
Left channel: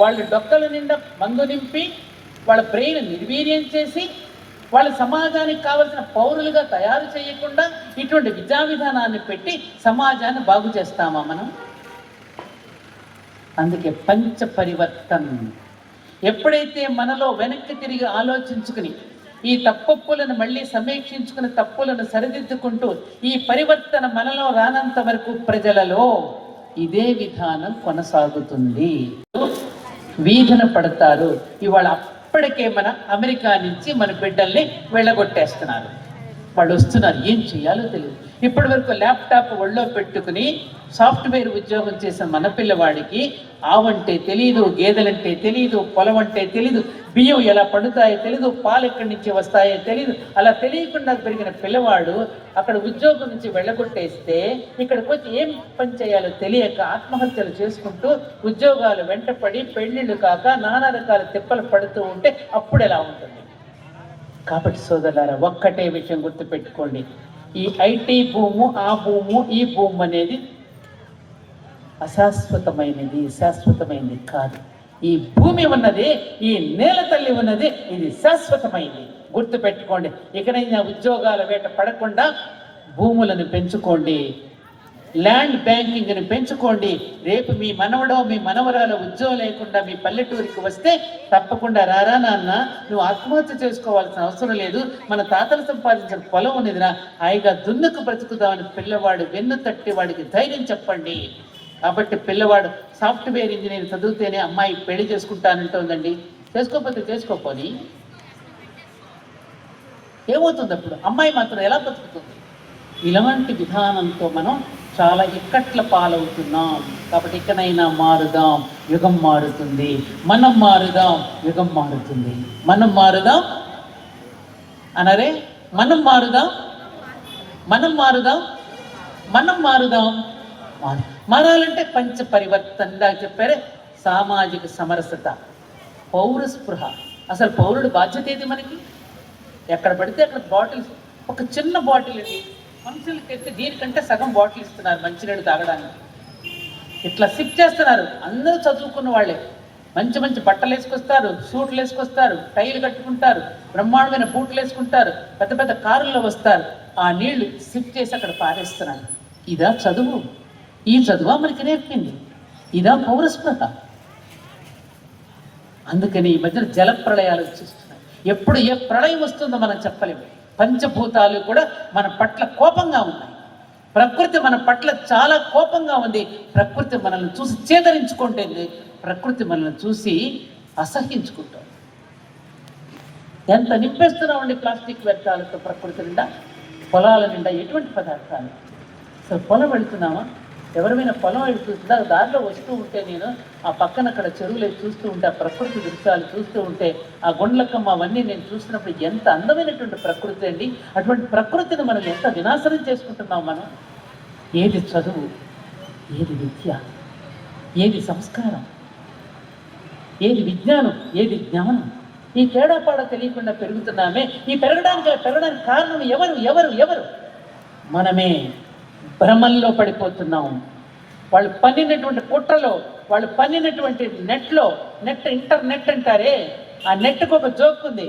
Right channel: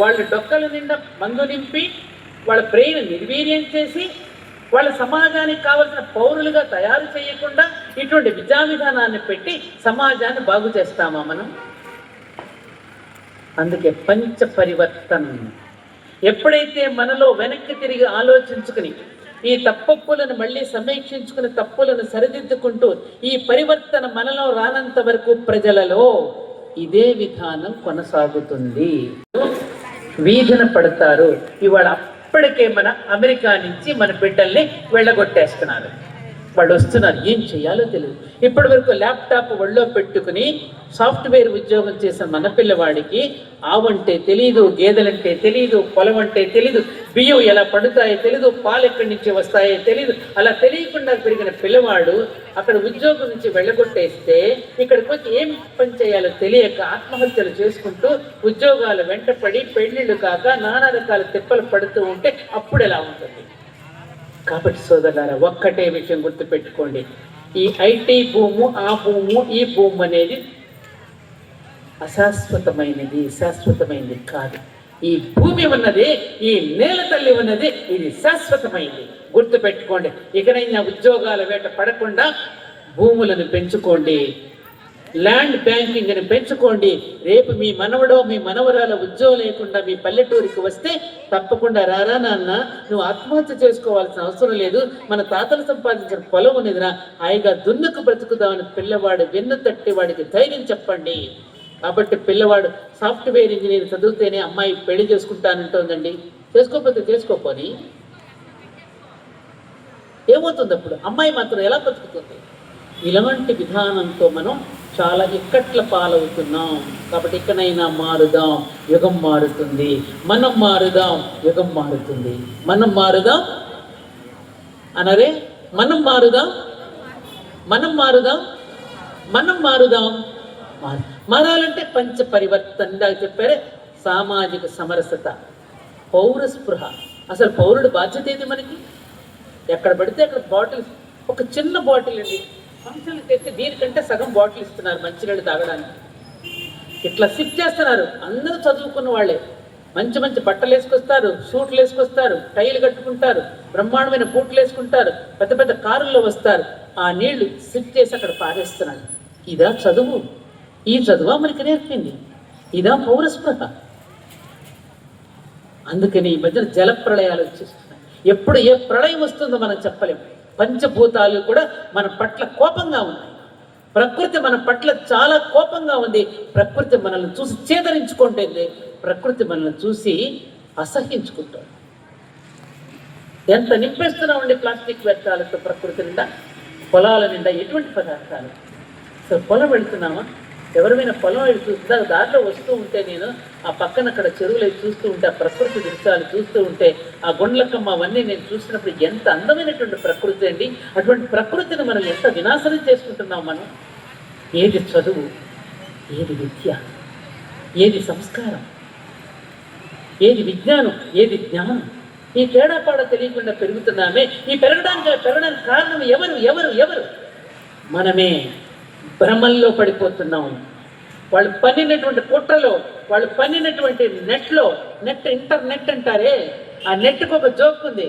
వాళ్ళ డొక్కల నిండా మందు నింపి వాళ్ళ బ్రెయిన్ నిర్వీర్యం చేసి వాళ్ళ సమాజానికి కావలసిన పౌరులుగా తయారు చేయకుండా ఇటువంటి విద్యా విధానాన్ని పెట్టి సమాజాన్ని బాగు చేస్తామా మనం? అందుకే పంచ పరివర్తన్. ఎప్పుడైతే మనలో వెనక్కి తిరిగి ఆలోచించుకుని ఈ తప్పొప్పులను మళ్ళీ సమీక్షించుకుని తప్పులను సరిదిద్దుకుంటూ ఈ పరివర్తన మనలో రానంత వరకు ప్రజలలో ఇదే విధానం కొనసాగుతుంది. వీధిన పడతారు. ఇవాళ అప్పటికే మన అమెరికా నుంచి మన బిడ్డల్ని వెళ్ళగొట్టేస్తున్నారు. వాళ్ళు వస్తున్నారు, ఏం చేయాలో తెలియదు. ఇప్పటి వరకు ల్యాప్టాప్ ఒళ్ళో పెట్టుకుని సాఫ్ట్వేర్ ఉద్యోగం చేసిన మన పిల్లవాడికి ఆవంటే తెలీదు, గేదెలంటే తెలీదు, పొలం అంటే తెలీదు, బియ్యం ఎలా పడుతాయో తెలీదు, పాలు ఎక్కడి నుంచి వస్తాయో తెలీదు. అలా తెలియకుండా పెరిగిన పిల్లవాడు అక్కడ ఉద్యోగం నుంచి వెళ్ళగొట్టేస్తే ఇక్కడికి వచ్చి ఏం పని చేయాలో తెలియక ఆత్మహత్యలు చేసుకుంటూ ఉద్యోగాలు వెంటపడి పెళ్లిళ్ళు కాక నానా రకాల తిప్పలు పడుతూ ఉంటే అప్పుడు ఎలా ఉంటుంది? కాబట్టి సోదరులారా, ఒక్కటే విషయం గుర్తుపెట్టుకోండి, ఈ ఐటీ భూము, ఆ భూము, ఈ భూము అనేది అశాశ్వతమైనది, శాశ్వతమైనది కాదు. ఈ భూమి ఉన్నది, ఈ నేల తల్లి ఉన్నది, ఇది శాశ్వతమైనది. గుర్తుపెట్టుకోండి. ఇకనైనా ఉద్యోగాల వేట పడకుండా భూములను పెంచుకోండి, ల్యాండ్ బ్యాంకింగ్ అని పెంచుకోండి. రేపు మీ మనవడో మీ మనవరాల ఉద్యోగం లేకుండా మీ పల్లెటూరికి వస్తే తప్పకుండా రారా నాన్న, నువ్వు ఆత్మహత్య చేసుకోవాల్సిన అవసరం లేదు, మన తాతలు సంపాదించిన పొలం ఉన్నదిరా, హాయిగా దున్నుకు బ్రతుకుదామని పిల్లవాడు వెన్ను తట్టి వాడికి ధైర్యం చెప్పండి. కాబట్టి పిల్లవాడు సాఫ్ట్వేర్ ఇంజనీర్ చదివితేనే అమ్మాయి పెళ్లి చేసుకుంటానంటోందండి. చేసుకోకపోతే చేసుకోపోని ఏమవుతుంది? అప్పుడు అమ్మాయి మాత్రం ఎలా బతుకుతుంది? ఇలాంటి విధానంతో మనం చాలా ఇక్కట్ల పాలవుతున్నాం. కాబట్టి ఇకనైనా మారుదాం, యుగం మారుతుంది. మనం మారుదాం, యుగం మారుతుంది. మనం మారుదాం అనరే, మనం మారుదాం, మనం మారుదాం, మనం మారుదాం. మారాలంటే పంచ పరివర్తన. ఇందాక చెప్పారే, సామాజిక సమరసత, పౌర స్పృహ. అసలు పౌరుడు బాధ్యత ఏది మనకి? ఎక్కడ పడితే అక్కడ బాటిల్స్, ఒక చిన్న బాటిల్ అండి ఫంక్షన్కి తెస్తే దీనికంటే సగం బాటిల్ ఇస్తున్నారు మంచినీళ్ళు తాగడానికి. ఇట్లా సిప్ చేస్తున్నారు. అందరూ చదువుకున్న వాళ్ళే, మంచి మంచి బట్టలు వేసుకొస్తారు, సూట్లు వేసుకొస్తారు, టైలు కట్టుకుంటారు, బ్రహ్మాండమైన బూట్లు వేసుకుంటారు, పెద్ద పెద్ద కారుల్లో వస్తారు. ఆ నీళ్లు సిప్ చేసి అక్కడ పారేస్తున్నారు. ఇదా చదువు? ఈ చదువా మనకి నేర్పింది? ఇదా పౌరస్పృహ? అందుకని ఈ మధ్యన జల ప్రళయాలు వచ్చేస్తున్నాయి. ఎప్పుడు ఏ ప్రళయం వస్తుందో మనం చెప్పలేము. పంచభూతాలు కూడా మన పట్ల కోపంగా ఉన్నాయి. ప్రకృతి మన పట్ల చాలా కోపంగా ఉంది. ప్రకృతి మనల్ని చూసి చేదరించుకుంటుంది, ప్రకృతి మనల్ని చూసి అసహించుకుంటుంది. ఎంత నింపేస్తున్నామండి ప్లాస్టిక్ వ్యర్థాలతో ప్రకృతి నిండా, పొలాల నిండా ఎటువంటి పదార్థాలు. అసలు పొలం వెళుతున్నామా? ఎవరైనా పొలం వెళ్ళి చూస్తా, దారిలో వస్తూ ఉంటే నేను ఆ పక్కన అక్కడ చెరువులు చూస్తూ ఉంటే, ఆ ప్రకృతి దృశ్యాలు చూస్తూ ఉంటే, ఆ గుండ్లకమ్మ అవన్నీ నేను చూసినప్పుడు ఎంత అందమైనటువంటి ప్రకృతి అండి. అటువంటి ప్రకృతిని మనం ఎంత వినాశనం చేసుకుంటున్నాం మనం. ఏది చదువు, ఏది విద్య, ఏది సంస్కారం, ఏది విజ్ఞానం, ఏది జ్ఞానం? ఈ తేడాపాడ తెలియకుండా పెరుగుతున్నామే. ఈ పెరగడానికి కారణం ఎవరు? ఎవరు ఎవరు? మనమే. భ్రమంలో పడిపోతున్నాం. వాళ్ళు పన్నినటువంటి పుట్టలో, వాళ్ళు పన్నినటువంటి నెట్లో, ఇంటర్నెట్ అంటారే, ఆ నెట్కు ఒక జోక్ ఉంది.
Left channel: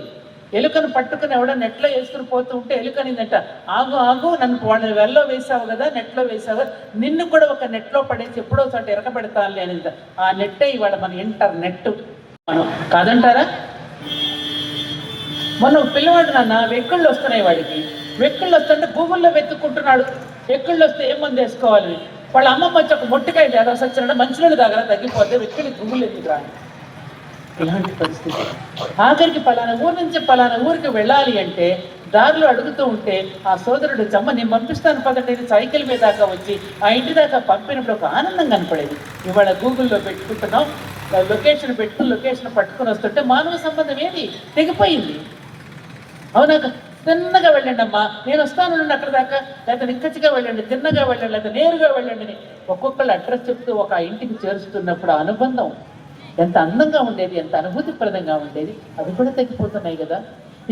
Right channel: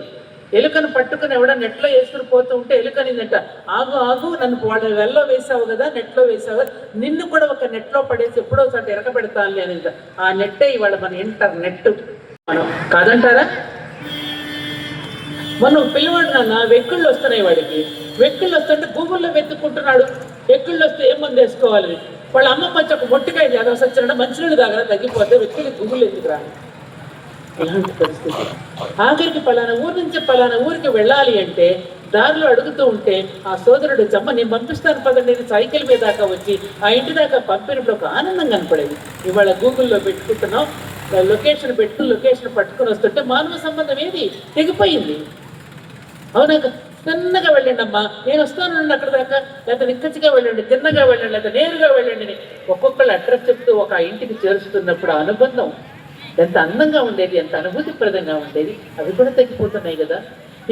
ఎలుకను పట్టుకుని ఎవడో నెట్లో వేసుకుని పోతూ ఉంటే ఎలుకనిందట, ఆగు ఆగు, నన్ను వాళ్ళని వెల్లో వేసావు కదా, నెట్లో వేసావు కదా, నిన్ను కూడా ఒక నెట్లో పడేసి ఎప్పుడో చోట ఎరగబెడతానులే అనేది. ఆ నెట్టే ఇవాళ మన ఇంటర్నెట్. మనం కాదంటారా? మొన్న పిల్లవాడు నాన్న వెక్కుళ్ళు వస్తున్నాయి వాడికి. వెక్కుళ్ళు వస్తుంటే గూగుల్లో వెతుక్కుంటున్నాడు. వెక్కుళ్ళు వస్తే ఏం మంది వేసుకోవాలి? వాళ్ళ అమ్మ కొంచెం ఒక మొట్టికాయ జాగ్రత్త వచ్చినట్టు మంచినీళ్ళు తాగడం తగ్గిపోతే వెక్కులు గూగుల్ ఎందుకు రాని? ఇలాంటి పరిస్థితి. ఆఖరికి పలానా ఊరు నుంచి పలానా ఊరికి వెళ్ళాలి అంటే దారిలో అడుగుతూ ఉంటే ఆ సోదరుడు చమ్మ నేను పంపిస్తాను పదండి, నేను సైకిల్ మీద దాకా వచ్చి ఆ ఇంటి దాకా పంపినప్పుడు ఒక ఆనందం కనపడేది. ఇవాళ గూగుల్లో పెట్టుకుంటున్నాం, లొకేషన్ పట్టుకుని వస్తుంటే మానవ సంబంధం ఏది తెగిపోయింది. అవునా? తిన్నగా వెళ్ళండి అమ్మా, నేను వస్తాను అక్కడ దాకా, లేకపోతే నిక్కచ్చిగా వెళ్ళండి, తిన్నగా వెళ్ళండి, లేకపోతే నేరుగా వెళ్ళండి అని ఒక్కొక్కళ్ళు అడ్రస్ చెప్తూ ఒక ఇంటికి చేరుస్తున్నప్పుడు ఆ అనుబంధం ఎంత అందంగా ఉండేది, ఎంత అనుభూతిప్రదంగా ఉండేది. అవి కూడా తగ్గిపోతున్నాయి కదా.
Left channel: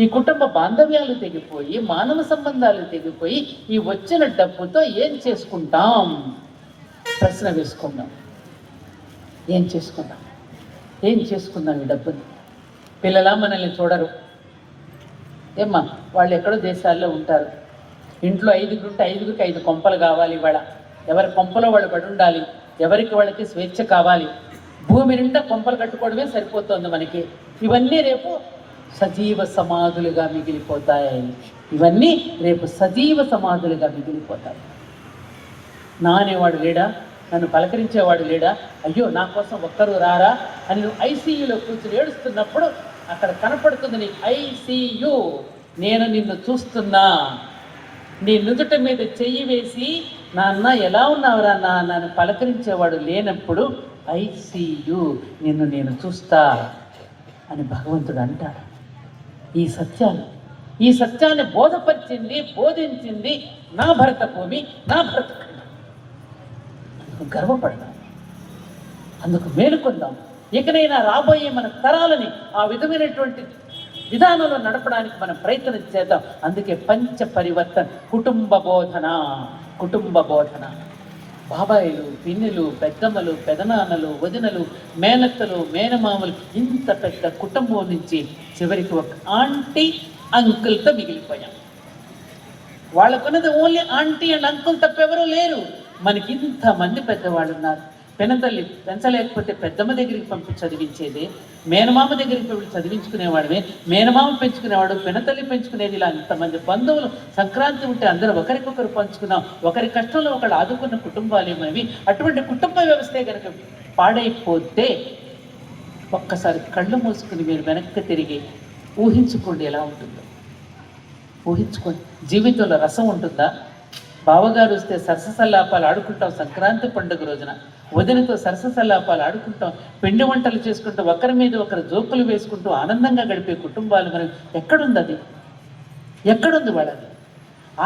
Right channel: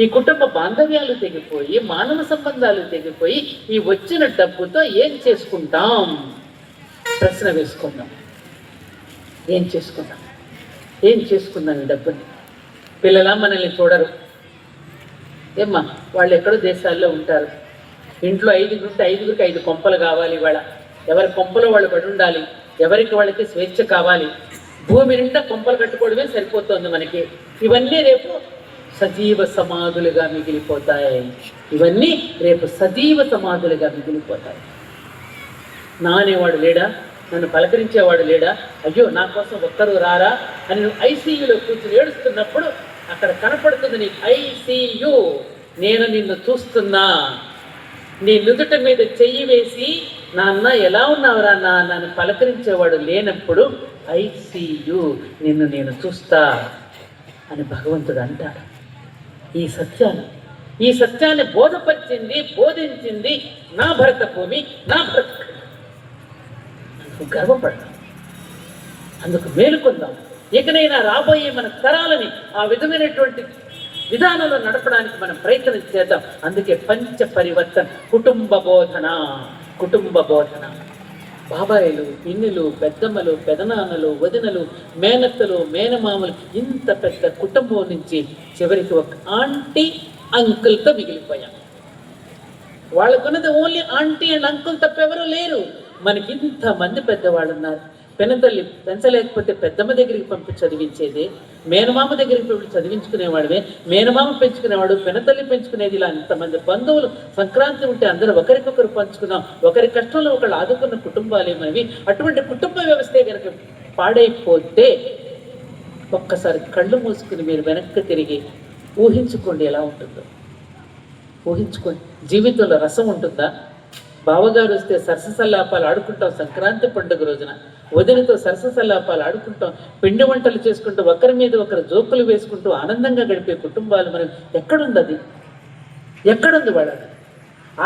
ఈ కుటుంబ బాంధవ్యాలు తెగిపోయి, మానవ సంబంధాలు తెగిపోయి, ఈ వచ్చిన డబ్బుతో ఏం చేసుకుంటాం? ప్రశ్న వేసుకుందాం. ఏం చేసుకుందాం? ఏం చేసుకుందాం ఈ డబ్బుని? పిల్లలా మనల్ని చూడరు. ఏమ్మా, వాళ్ళు ఎక్కడో దేశాల్లో ఉంటారు. ఇంట్లో 5 ఉంటే 5కి 5 కొంపలు కావాలి. ఇవాళ ఎవరి కొంపలో వాళ్ళు పడి ఉండాలి. ఎవరికి వాళ్ళకి స్వేచ్ఛ కావాలి. భూమి నిండా కొంపలు కట్టుకోవడమే సరిపోతుంది మనకి. ఇవన్నీ రేపు సజీవ సమాధులుగా మిగిలిపోతాయి. ఇవన్నీ రేపు సజీవ సమాధులుగా మిగిలిపోతాయి. నా అనేవాడు లేడా? నన్ను పలకరించేవాడు లేడా? అయ్యో నా కోసం ఒక్కరు రారా అని నువ్వు ఐసీయూలో కూర్చుని ఏడుస్తున్నప్పుడు అక్కడ కనపడుతుంది నీకు ఐసీయూ. నేను నిన్ను చూస్తున్నా. నీ నుదుట మీద చెయ్యి వేసి నాన్న ఎలా ఉన్నావురా నన్ను పలకరించేవాడు లేనప్పుడు ఐసీయూ, నిన్ను నేను చూస్తా అని భగవంతుడు అంటాడు. ఈ సత్యాన్ని బోధించింది నా భరత భూమి, నా భరత గర్వపడతాం. అందుకు మేలుకొందాం. ఇకనైనా రాబోయే మన తరాలని ఆ విధమైనటువంటి విధానంలో నడపడానికి మనం ప్రయత్నం చేద్దాం. అందుకే పంచ పరివర్తన, కుటుంబ బోధన. బాబాయిలు, పిన్నులు, పెద్దమ్మలు, పెదనాన్నలు, వదినలు, మేనత్తలు, మేనమామలు, ఇంత పెద్ద కుటుంబం నుంచి చివరికి ఒక ఆంటీ అంకుల్తో మిగిలిపోయాం. వాళ్ళకున్నది ఓన్లీ ఆంటీ అండ్ అంకుల్ తప్పెవరూ లేరు. మనకి ఇంతమంది పెద్దవాళ్ళు ఉన్నారు. పెనతల్లి పెంచలేకపోతే పెద్దమ్మ దగ్గరికి పంపి చదివించేది, మేనమామ దగ్గరికి పంపి చదివించుకునేవాడివే, మేనమామ పెంచుకునేవాడు, పెనతల్లి పెంచుకునేది. ఇలా ఇంతమంది బంధువులు సంక్రాంతి ఉంటే అందరూ ఒకరికొకరు పంచుకున్నాం. ఒకరి కష్టంలో ఒకళ్ళు ఆదుకున్న కుటుంబాలు ఏమవి. అటువంటి కుటుంబ వ్యవస్థే కనుక పాడైపోతే ఒక్కసారి కళ్ళు మూసుకుని మీరు వెనక్కి తిరిగి ఊహించుకోండి ఎలా ఉంటుందో. ఊహించుకోండి. జీవితంలో రసం ఉంటుందా? బావగారు వస్తే సరససల్లాపాలు ఆడుకుంటాం సంక్రాంతి పండుగ రోజున. వదినతో సరససల్లాపాలు ఆడుకుంటాం, పిండి వంటలు చేసుకుంటూ ఒకరి మీద ఒకరు జోకులు వేసుకుంటూ ఆనందంగా గడిపే కుటుంబాలు మనం ఎక్కడుంది? అది ఎక్కడుంది వాళ్ళది?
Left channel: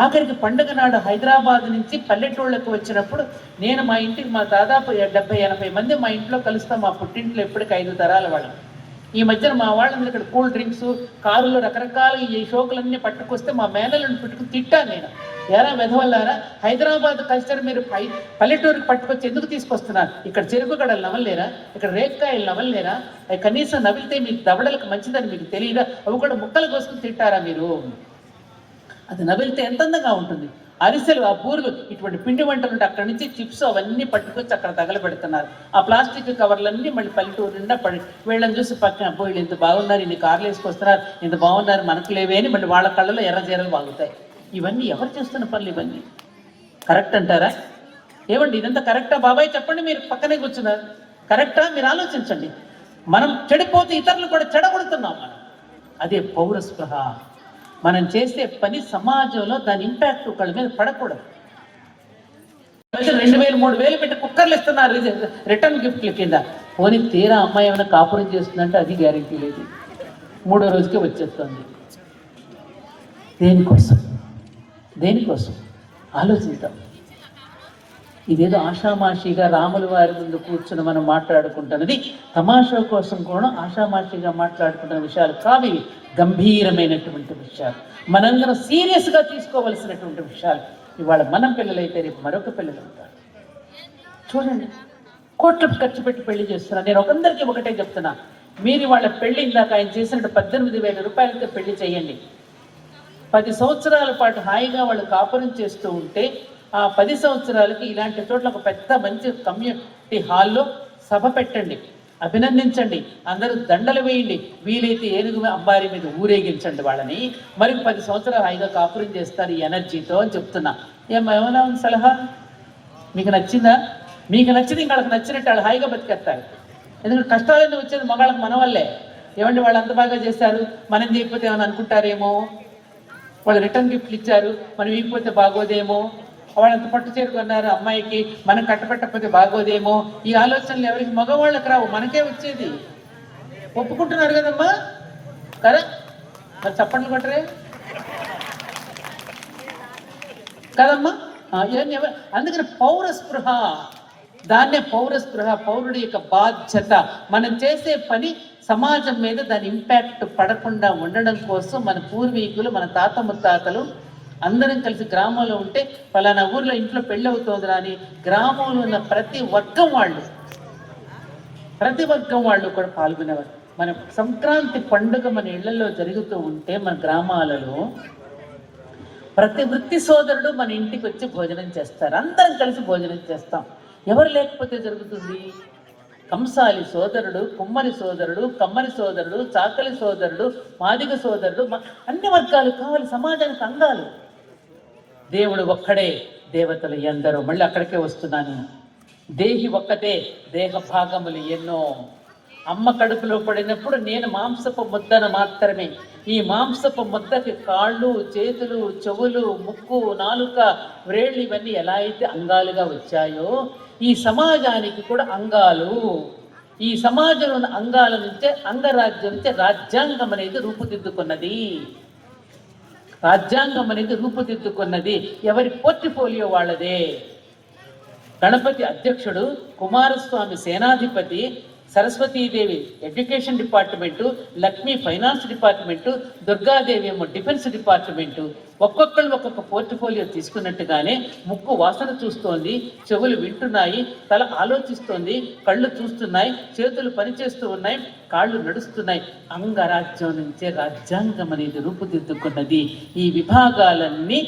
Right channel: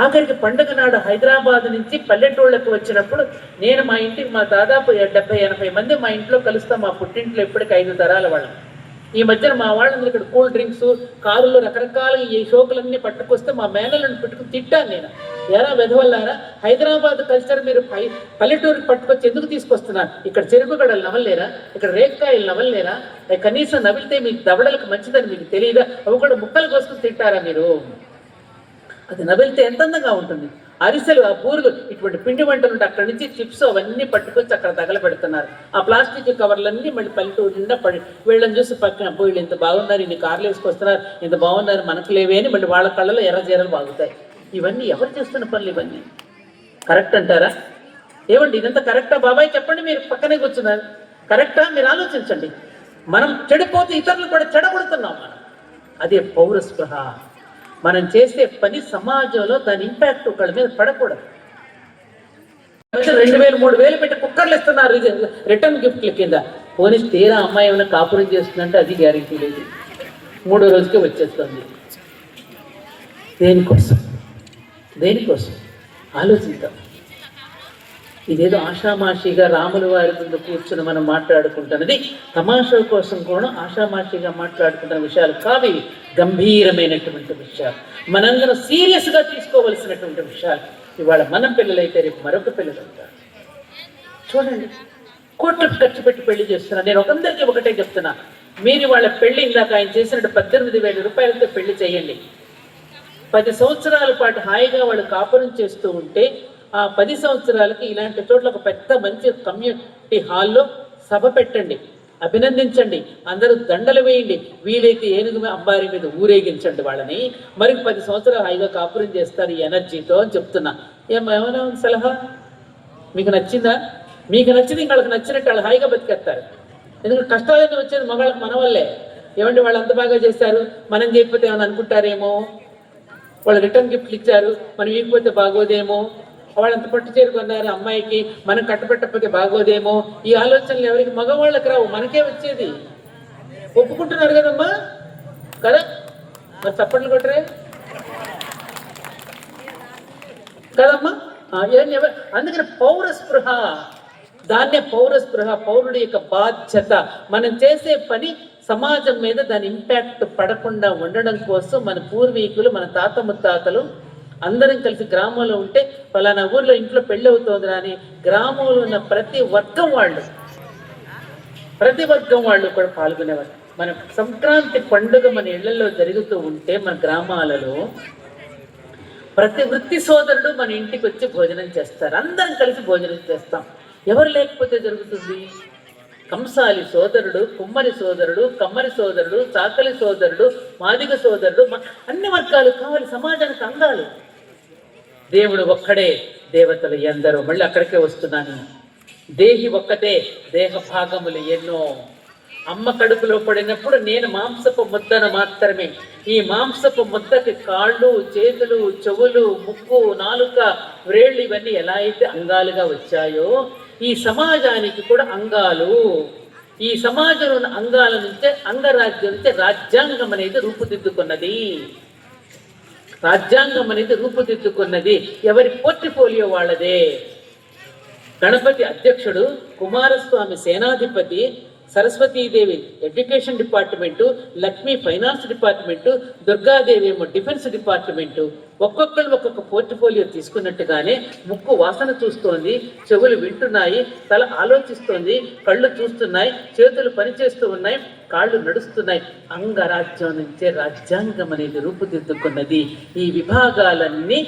ఆఖరికి పండుగ నాడు హైదరాబాద్ నుంచి పల్లెటూళ్ళకి వచ్చినప్పుడు నేను మా ఇంటికి దాదాపు 70-80 మంది మా ఇంట్లో కలుస్తాం. మా పుట్టింట్లో ఎప్పటికీ 5 తరాల వాళ్ళం. ఈ మధ్యన మా వాళ్ళందరూ ఇక్కడ కూల్ డ్రింక్స్, కారులు, రకరకాల ఈ షోకులన్నీ పట్టుకొస్తే మా మేనలను పెట్టుకుని తిట్టాను నేను. ఎరా వెధవల్లారా, హైదరాబాద్ కల్చర్ మీరు పల్లెటూరికి పట్టుకొచ్చి ఎందుకు తీసుకొస్తున్నారు? ఇక్కడ చెరుకు గడలు నవ్వలేరా? ఇక్కడ రేక్కాయలు నవ్వలేరా? కనీసం నవ్వితే మీకు దవడలకు మంచిదని మీకు తెలియదా? అవి కూడా ముక్కలు కోసుకుని తింటారా మీరు? అది నవ్వితే ఎంత అందంగా ఉంటుంది. అరిసెలు, ఆ బూరులు, ఇటువంటి పిండి వంటలు ఉంటే అక్కడి నుంచి చిప్స్ అవన్నీ పట్టుకొచ్చి అక్కడ తగలబెడుతున్నారు. ఆ ప్లాస్టిక్ కవర్లన్నీ మళ్ళీ పల్లెటూరు నిండా పడి వీళ్ళని చూసి పక్కన వీళ్ళు ఇంత బాగున్నారు, ఇన్ని కార్లు వేసుకొస్తున్నారు, ఇంత బాగున్నారు, మనకు లేవే అని మళ్ళీ వాళ్ళ కళ్ళలో ఎర్రజీరలు బాగుతాయి. ఇవన్నీ ఎవరు చేస్తున్న పనులు? ఇవన్నీ కరెక్ట్ అంటారా? ఏమండి ఇదంతా కరెక్టా? బాబాయ్ చెప్పండి, మీరు పక్కనే కూర్చున్నారు. కరెక్టా? మీరు ఆలోచించండి. మనం చెడిపోతే ఇతరులు కూడా చెడగొడుతున్నాం. మనం అదే పౌరస్పృహ. మనం చేసే పని సమాజంలో దాని ఇంపాక్ట్ ఒకళ్ళ మీద పడకూడదు. 2000-3000 పెట్టి కుక్కర్లు ఇస్తున్నారు రిటర్న్ గిఫ్ట్ల కింద. పోనీ తీరా అమ్మాయి ఏమైనా కాపురం చేస్తుందంటే అది గ్యారెంటీ లేదు. 3వ రోజుకే వచ్చేస్తుంది. దేనికోసం ఆలోచిద్దాం. ఇదేదో ఆషామాషిగా రాముల వారి ముందు కూర్చుని మనం మాట్లాడుకుంటున్నది తమాషా కోసం కూడా ఆషామాషిగా మాట్లాడుకుంటున్న విషయాలు కావి. గంభీరమైనటువంటి విషయాలు, మనందరం సీరియస్గా తీసుకోవలసినటువంటి విషయాలు. ఇవాళ మన పిల్లలైతే రేపు మరొక పిల్లలు ఉంటారు. చూడండి, కోట్లు ఖర్చు పెట్టి పెళ్లి చేస్తున్నారు. నేను ఒకందరికీ ఒకటే చెప్తున్నా, మీరు వాళ్ళ పెళ్లి ఇందాక ఆయన చేసినట్టు 18,000 రూపాయలతో పెళ్లి చేయండి. 10 సంవత్సరాల పాటు హాయిగా వాళ్ళు కాపురం చేస్తూ ఉంటే ఆ 10 సంవత్సరాలకి ఇలాంటి చోట్ల ఒక పెద్ద మంచి కమ్యూనిటీ హాల్లో సభ పెట్టండి, అభినందించండి, అందరూ దండలు వేయండి, వీలైతే ఏనుగు అంబారి మీద ఊరేగించండి వాళ్ళని. మరి 10 సంవత్సరాలు హాయిగా కాపురం చేస్తారు ఈ ఎనర్జీతో అని చెప్తున్నా. ఏమైనా ఉంది సలహా? మీకు నచ్చిందా? మీకు నచ్చింది ఇంకొకళ్ళకి నచ్చినట్టు వాళ్ళు హాయిగా బతికేస్తారు. ఎందుకంటే కష్టాలన్నీ వచ్చేది మగాళ్ళకి మన వల్లే. ఏమంటే వాళ్ళు అంత బాగా చేస్తారు, మనం చేయకపోతే ఏమైనా అనుకుంటారేమో, వాళ్ళు రిటర్న్ గిఫ్ట్లు ఇచ్చారు, మనం ఇవ్వకపోతే బాగోదేమో, వాళ్ళంత పట్టు చేరుకున్నారు అమ్మాయికి, మనం కట్టబెట్టకపోతే బాగోదేమో, ఈ ఆలోచనలు ఎవరికి? మగవాళ్ళకి రావు, మనకే వచ్చేది. ఒప్పుకుంటున్నారు కదమ్మా, కదా? మరి చప్పట్లు కొట్టరే కదమ్మా? అందుకని పౌరస్పృహ, దాన్నే పౌరస్పృహ, పౌరుడి యొక్క బాధ్యత. మనం చేసే పని సమాజం మీద దాని ఇంపాక్ట్ పడకుండా ఉండడం కోసం మన పూర్వీకులు, మన తాత ముత్తాతలు అందరం కలిసి గ్రామంలో ఉంటే పలానా ఊర్లో ఇంట్లో పెళ్ళి అవుతుంది అని గ్రామంలో ఉన్న ప్రతి వర్గం వాళ్ళు కూడా పాల్గొనేవారు. మన సంక్రాంతి పండుగ మన ఇళ్లలో జరుగుతూ ఉంటే మన గ్రామాలలో ప్రతి వృత్తి సోదరుడు మన ఇంటికి వచ్చి భోజనం చేస్తారు. అందరం కలిసి భోజనం చేస్తాం. ఎవరు లేకపోతే జరుగుతుంది? కంసాలి సోదరుడు, కుమ్మరి సోదరుడు, కమ్మరి సోదరుడు, చాకలి సోదరుడు, మాదిగ సోదరుడు, అన్ని వర్గాలు కావాలి, సమాజానికి అందాలి. దేవుడు ఒక్కడే, దేవతలు ఎందరో. మళ్ళీ అక్కడికే వస్తున్నాను. దేహి ఒక్కటే, దేహ భాగములు ఎన్నో. అమ్మ కడుపులో పడినప్పుడు నేను మాంసపు ముద్దను మాత్రమే. ఈ మాంసపు ముద్దకి కాళ్ళు, చేతులు, చెవులు, ముక్కు, నాలుక, వ్రేళ్ళు ఇవన్నీ ఎలా అయితే అంగాలుగా వచ్చాయో ఈ సమాజానికి కూడా అంగాలు. ఈ సమాజంలో ఉన్న అంగాల నుంచే, అంగరాజ్యం నుంచే రాజ్యాంగం అనేది రూపుదిద్దుకున్నది. ఎవరి పోర్ట్ఫోలియో వాళ్ళదే. గణపతి అధ్యక్షుడు, కుమారస్వామి సేనాధిపతి, Saraswatidevi education department, Lakshmi finance department, Durgadevi ఏమో డిఫెన్స్ డిపార్ట్మెంటు. ఒక్కొక్కరు ఒక్కొక్క పోర్ట్ఫోలియో తీసుకున్నట్టుగానే ముక్కు వాసన చూస్తోంది, చెవులు వింటున్నాయి, తల ఆలోచిస్తోంది, కళ్ళు చూస్తున్నాయి, చేతులు పనిచేస్తూ ఉన్నాయి, కాళ్ళు నడుస్తున్నాయి. అంగరాజ్యం నుంచే రాజ్యాంగం అనేది రూపుదిద్దుకున్నది. ఈ విభాగాలన్నీ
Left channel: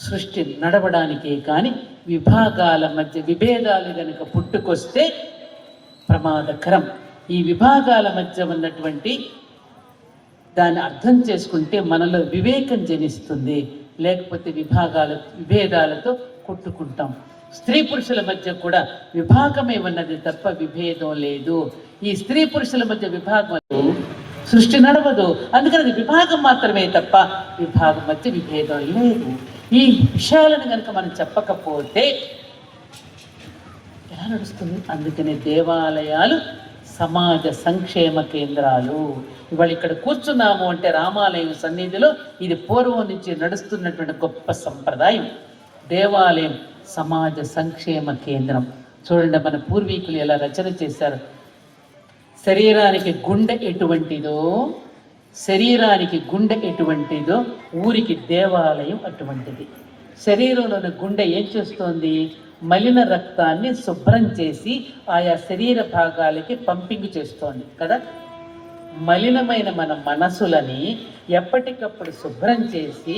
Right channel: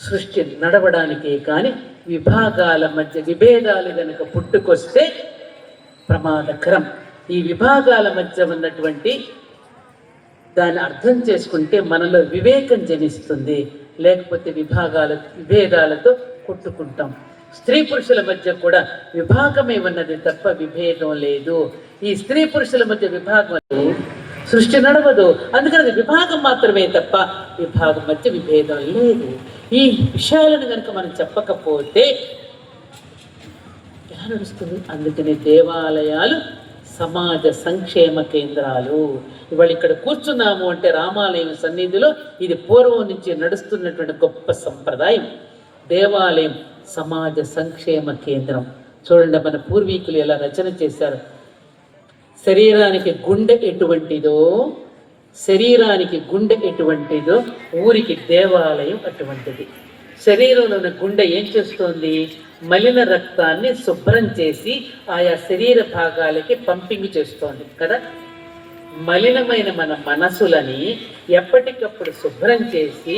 సృష్టి నడవడానికే కానీ విభాగాల మధ్య విభేదాలు కనుక పుట్టుకొస్తే ప్రమాదకరం. ఈ విభాగాల మధ్య ఉన్నటువంటి దాన్ని అర్థం చేసుకుంటే మనలో వివేకం జనిస్తుంది. లేకపోతే విభేదాలతో కొట్టుకుంటాం. స్త్రీ పురుషుల మధ్య కూడా విభాగమే ఉన్నది తప్ప విభేదం లేదు. ఈ స్త్రీ పురుషుల మధ్య విభాగం సృష్టి నడవదు. అందుకని అది విభాగం మాత్రమే తప్ప విభాగం మధ్య విభేదం లేదు. ఈ విషయాలను కనుక మనం చెప్పకపోతే ఎలా నడుస్తుంది? అందుకనే దేవాలయాలు సమాజ సంక్షేమ కేంద్రాలు. ఇవాళ ఇక్కడ కూర్చున్నాము అంటే రామాలయం సన్నిధిలో ఇది పూర్వం నుంచి నడుస్తున్నటువంటి గొప్ప సంప్రదాయం. దేవాలయం సమాజ సంక్షేమ కేంద్రం. చూడండి, మన పూర్వీకులు ఎలా రచన చేశారు. శరీరానికి గుండె ఎటువంటిదో ఊరికి దేవాలయం అటువంటిది. శరీరంలో ఉన్న గుండె ఏం చేస్తోంది? మలిన రక్తాన్ని శుభ్రం చేసి ఆయా శరీర భాగాలకి పంపింగ్ చేస్తోంది కదా. మలినమైన మన మనసులని ఎప్పటికప్పుడు శుభ్రం చేసి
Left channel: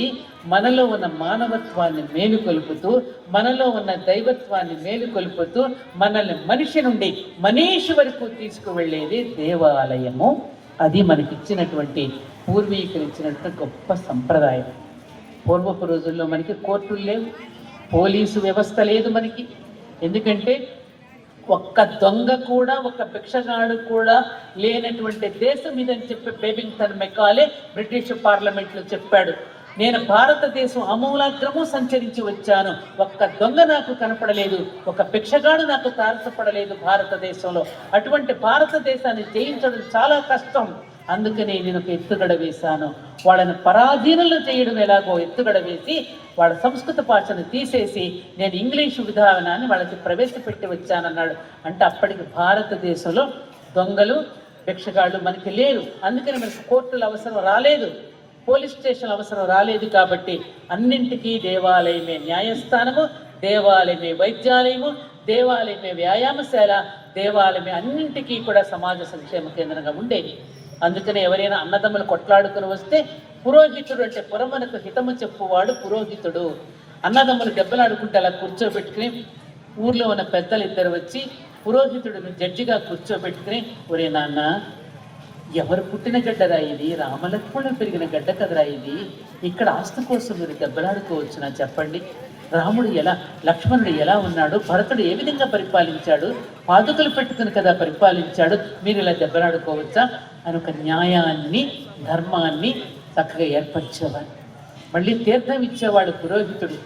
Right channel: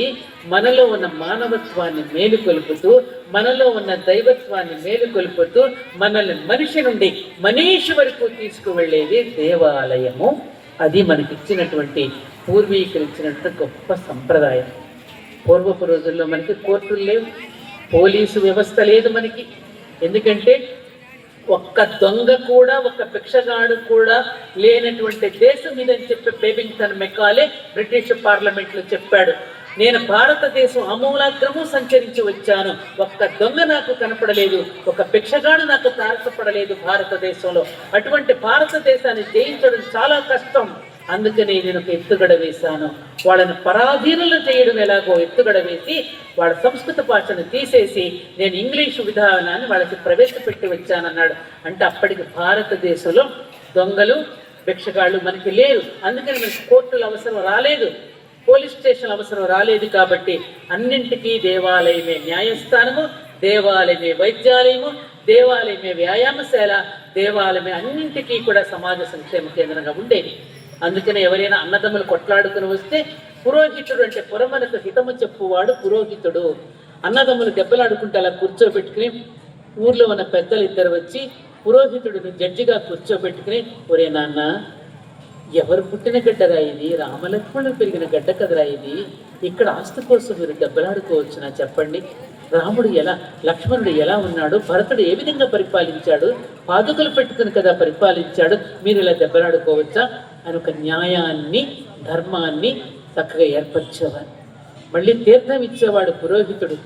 మనలో ఉన్న మానవత్వాన్ని మేలుకొలుపుతూ, మనలో ఉన్న దైవత్వాన్ని మేలుకొలుపుతూ మనల్ని మనిషి నుండి మనీషి వరకు తీసుకువెళ్ళేది దేవాలయము. అది మనకిచ్చినటువంటి పూర్వీకులు ఇచ్చినటువంటి గొప్ప సంప్రదాయం. పూర్వపు రోజుల్లో మనకి కోర్టులు లేవు, పోలీసు వ్యవస్థ లేదు మనకి. ఎందుకంటే ఒక్క దొంగ కూడా, ఒక్క భిక్షగాడు కూడా లేనటువంటి దేశం ఇదని చెప్పి బేబింగ్టన్ మెకాలే బ్రిటిష్ పార్లమెంట్లో చెప్పాడు. నేను భారతదేశం అమూలాగ్రము సంచరించి వచ్చాను, ఒక్క దొంగ నాకు కనపడలేదు, ఒక భిక్షగాడు నాకు తారసపడలేదు భారతదేశంలో. అటువంటి భారతదేశాన్ని జయించడం చాలా కష్టం. అందుకని నేను ఒక ఎత్తుగడ వేశాను. వాళ్ళని పరాధీనులు చేయడం ఎలాగో ఎత్తుగడ వేసి వాళ్ళ సంస్కృత భాషను తీసేసి నేను ఇంగ్లీషు విధానాన్ని వాళ్ళకి ప్రవేశపెట్టి వచ్చానన్నాడు. అంటే అప్పటికి భారతదేశంలో దొంగలు, భిక్షగాళ్ళు మనకి లేరు. అందుకని మనకి కోర్టుల అవసరం రాలేదు, పోలీస్ స్టేషన్ అవసరం రాలేదు. కాబట్టి అన్నింటికీ దేవాలయమే న్యాయస్థానము, దేవాలయమే వైద్యాలయము, దేవాలయమే వ్యాయామశాల, దేవాలయమే అన్నింటికీ కూడా సమాజ సంక్షేమ కేంద్రంగా ఉండేది. అందుకనే ఎవరైనా అన్నదమ్ములు కొట్లాడుకుని వస్తే పురోహితుడు అంటే పురమనకు హితము చెప్పువాడు పురోహితుడు. అన్నదమ్ములు దెబ్బలాడుకుంటే అలా కూర్చోబెట్టుకుని ఊర్లో ఉన్న పెద్దలు ఇద్దరు వచ్చి పురోహితుడిని జడ్జిగా కూర్చోబెట్టుకుని, ఒరే నాన్న, ఎవరు పుట్టిన గడ్డరా ఇది? రామలక్ష్మణుడు పెరిగిన గడ్డ కదరా ఇది. ఇక్కడ ఆస్తి కోసం మీరు దెబ్బలాడుకోవచ్చునా చెప్పండి? రాముడు ఎలా, లక్ష్మణుడు ఎలా ఉన్నాడు, భరతుడు ఏ విధంగా పరిపాలించాడు, పాదుకలు పెట్టుకుని కదా పరిపాలించాడు, మీరు ఇలా దెబ్బలాడుకోవచ్చా అని ఒక న్యాయాన్ని, ధర్మాన్ని చక్కగా ఏర్పరిచేవాడు. మళ్ళీ తీర్థం ఇచ్చేవాడు పురోహితుడు.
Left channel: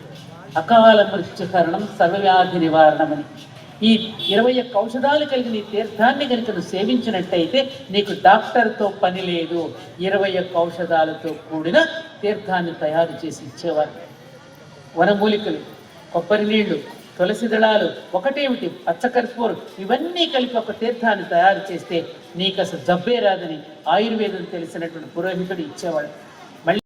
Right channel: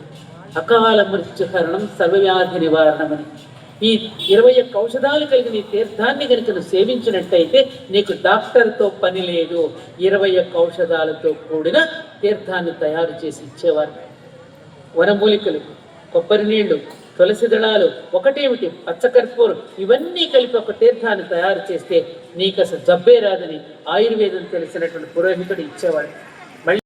అకాల మృత్యుహరణం, సర్వవ్యాధి నివారణమని. ఈ 21 ఔషధాలు కలిగిన ఈ తీర్థాన్ని కనుక నువ్వు సేవించినట్టయితే నీకు డాక్టర్తో పని లేదు. 21 ఔషధాలతో కూడిన తీర్థాన్ని తయారు చేసి ఇచ్చేవారు. వనమూలికలు, కొబ్బరి నీళ్లు, తులసి దళాలు, ఒకటేమిటి పచ్చకర్పూరం, ఇవన్నీ కలిపి ఒక తీర్థాన్ని తయారు చేస్తే నీకు అసలు జబ్బే రాదని ఆయుర్వేదం తెలిసినటువంటి పురోహితుడు ఇచ్చేవాడు. మళ్ళీ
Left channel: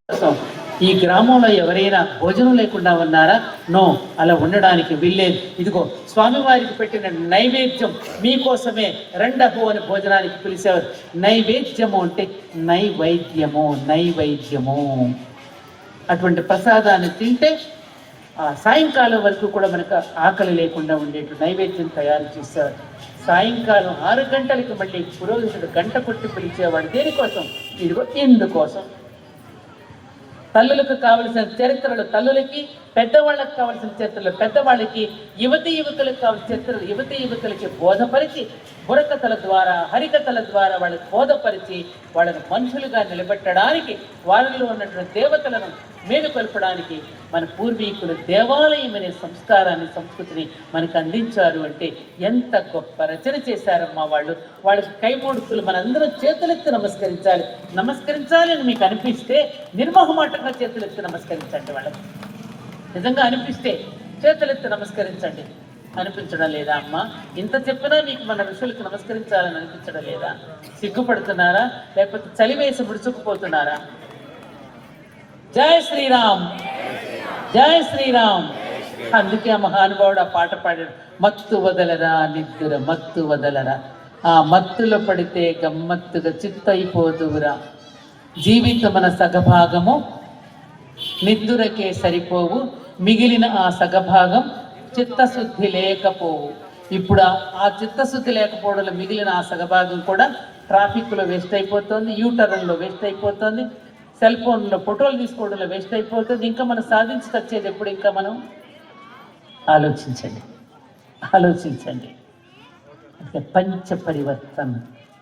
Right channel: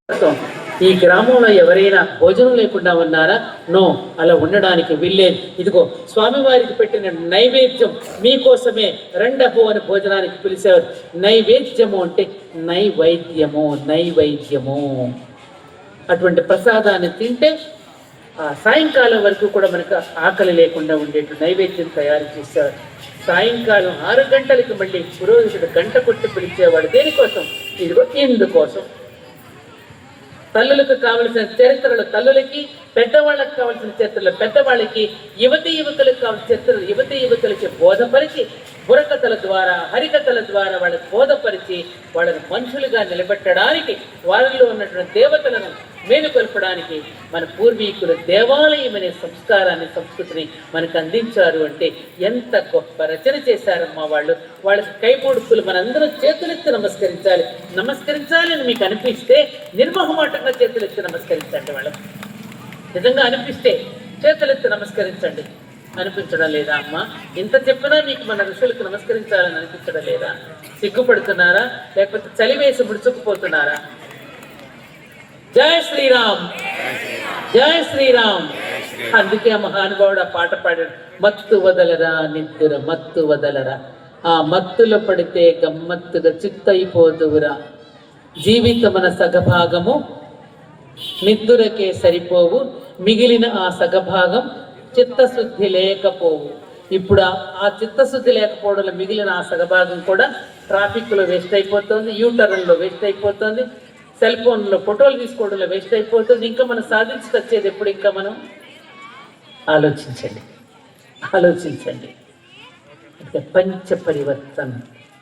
ఈ గ్రామంలో ఎవరైనా భోజనం లేకుండా ఉన్నారా? నో, అలా ఉండడానికి వీల్లేదు. ఇదిగో స్వామివారికి పెట్టిన నైవేద్యం మీకోసమే, రెండపు అని భోజనానికి పిలిచేవారు. నైవేద్యము అంటే నైవేద్యము, నైవేద్యము. అటువంటి ప్రసాదాన్ని తింటే సాయంకాలం వరకు కూడా మనకు ఆకలి లేకుండా ఉండేట్టు నైవేద్యం తయారు చేసేవారు. సాయంకాలం 6 గంటలకి మళ్ళీ పురోహితుడు గంట కొట్టి పిలిచేవాడు. దేనికోసం? ఇదిగో ఇందుకోసం. తల్లులకు కావలసిన చరిత్రలు తల్లులకి, పెద్దవాళ్ళకి కావలసిన చరిత్రలు పెద్దవాళ్ళకి, యువతులకు కావలసిన చరిత్రలు యువతులకి బోధపరిచి, బుర్రకథల ద్వారా, హరికథల ద్వారా వాళ్ళకి బోధపరిచి, వాళ్ళని మనుషులుగా నిలబెట్టడానికి, వారిలో ఉన్నటువంటి దేవతలను మేలుకొల్పడానికి మన పూర్వీకులు దేవాలయం అనే సంస్కారాన్ని, సంస్కృతిని మనకు అందించారు. అంటే ఎంత గొప్ప రచన చేశారమ్మా వాళ్ళు. వాళ్ళకి కైమోడుకులు మనందరం చేతులెత్తి నమస్కరించాలని మీకు అనిపిస్తే నిర్మోహమాటంగా చేతులెత్తి నమస్కరించండి. వాళ్ళకి నిజంగా అనిపిస్తే చేతులెత్తి నమస్కరించండి. అనిపించడం లేదా అమ్మ? ఇంత చెప్పినా మీకు మన ఋషులకు నమస్కరించాలని అనిపించడం లేదా? సిగ్గుపడుతున్నారా? లేకపోతే చలివేసి ముడుచుకుపోతున్నారా? జై శ్రీరామ్, జై శ్రీరామ్. అందుకే ఆ మహానుభావుడు ఆ పాట పాడాడు. మత్తు వదలరా నిద్దుర మత్తు వదలరా, ఆ మత్తులో పడితే గమ్మత్తుగా చిత్తయిపోదువురా. జీవితమన సగభాగము నిద్దురకే సరిపోవు, మిగిలిన ఆ సగభాగం చిత్తశుద్ధి లేకపోవు. ఇప్పుడు ఆ చిత్తశుద్ధి లేకపోవడంలో మిగిలిన ఆ సగభాగం కూడా ట్రాఫిక్లో వేస్ట్ అయిపోతుంది, యూటర్న్లో వేస్ట్ అయిపోతుంది, సెల్ ఫోన్లో ఫోటోలు తీసుకోవడంలో వేస్ట్ అయిపోతుంది. ఇంకా మనం సాధించుకొచ్చేది ఎప్పుడు? ఇంకా మనం ఆలోచించండి. అంటే పంచ పరివర్తన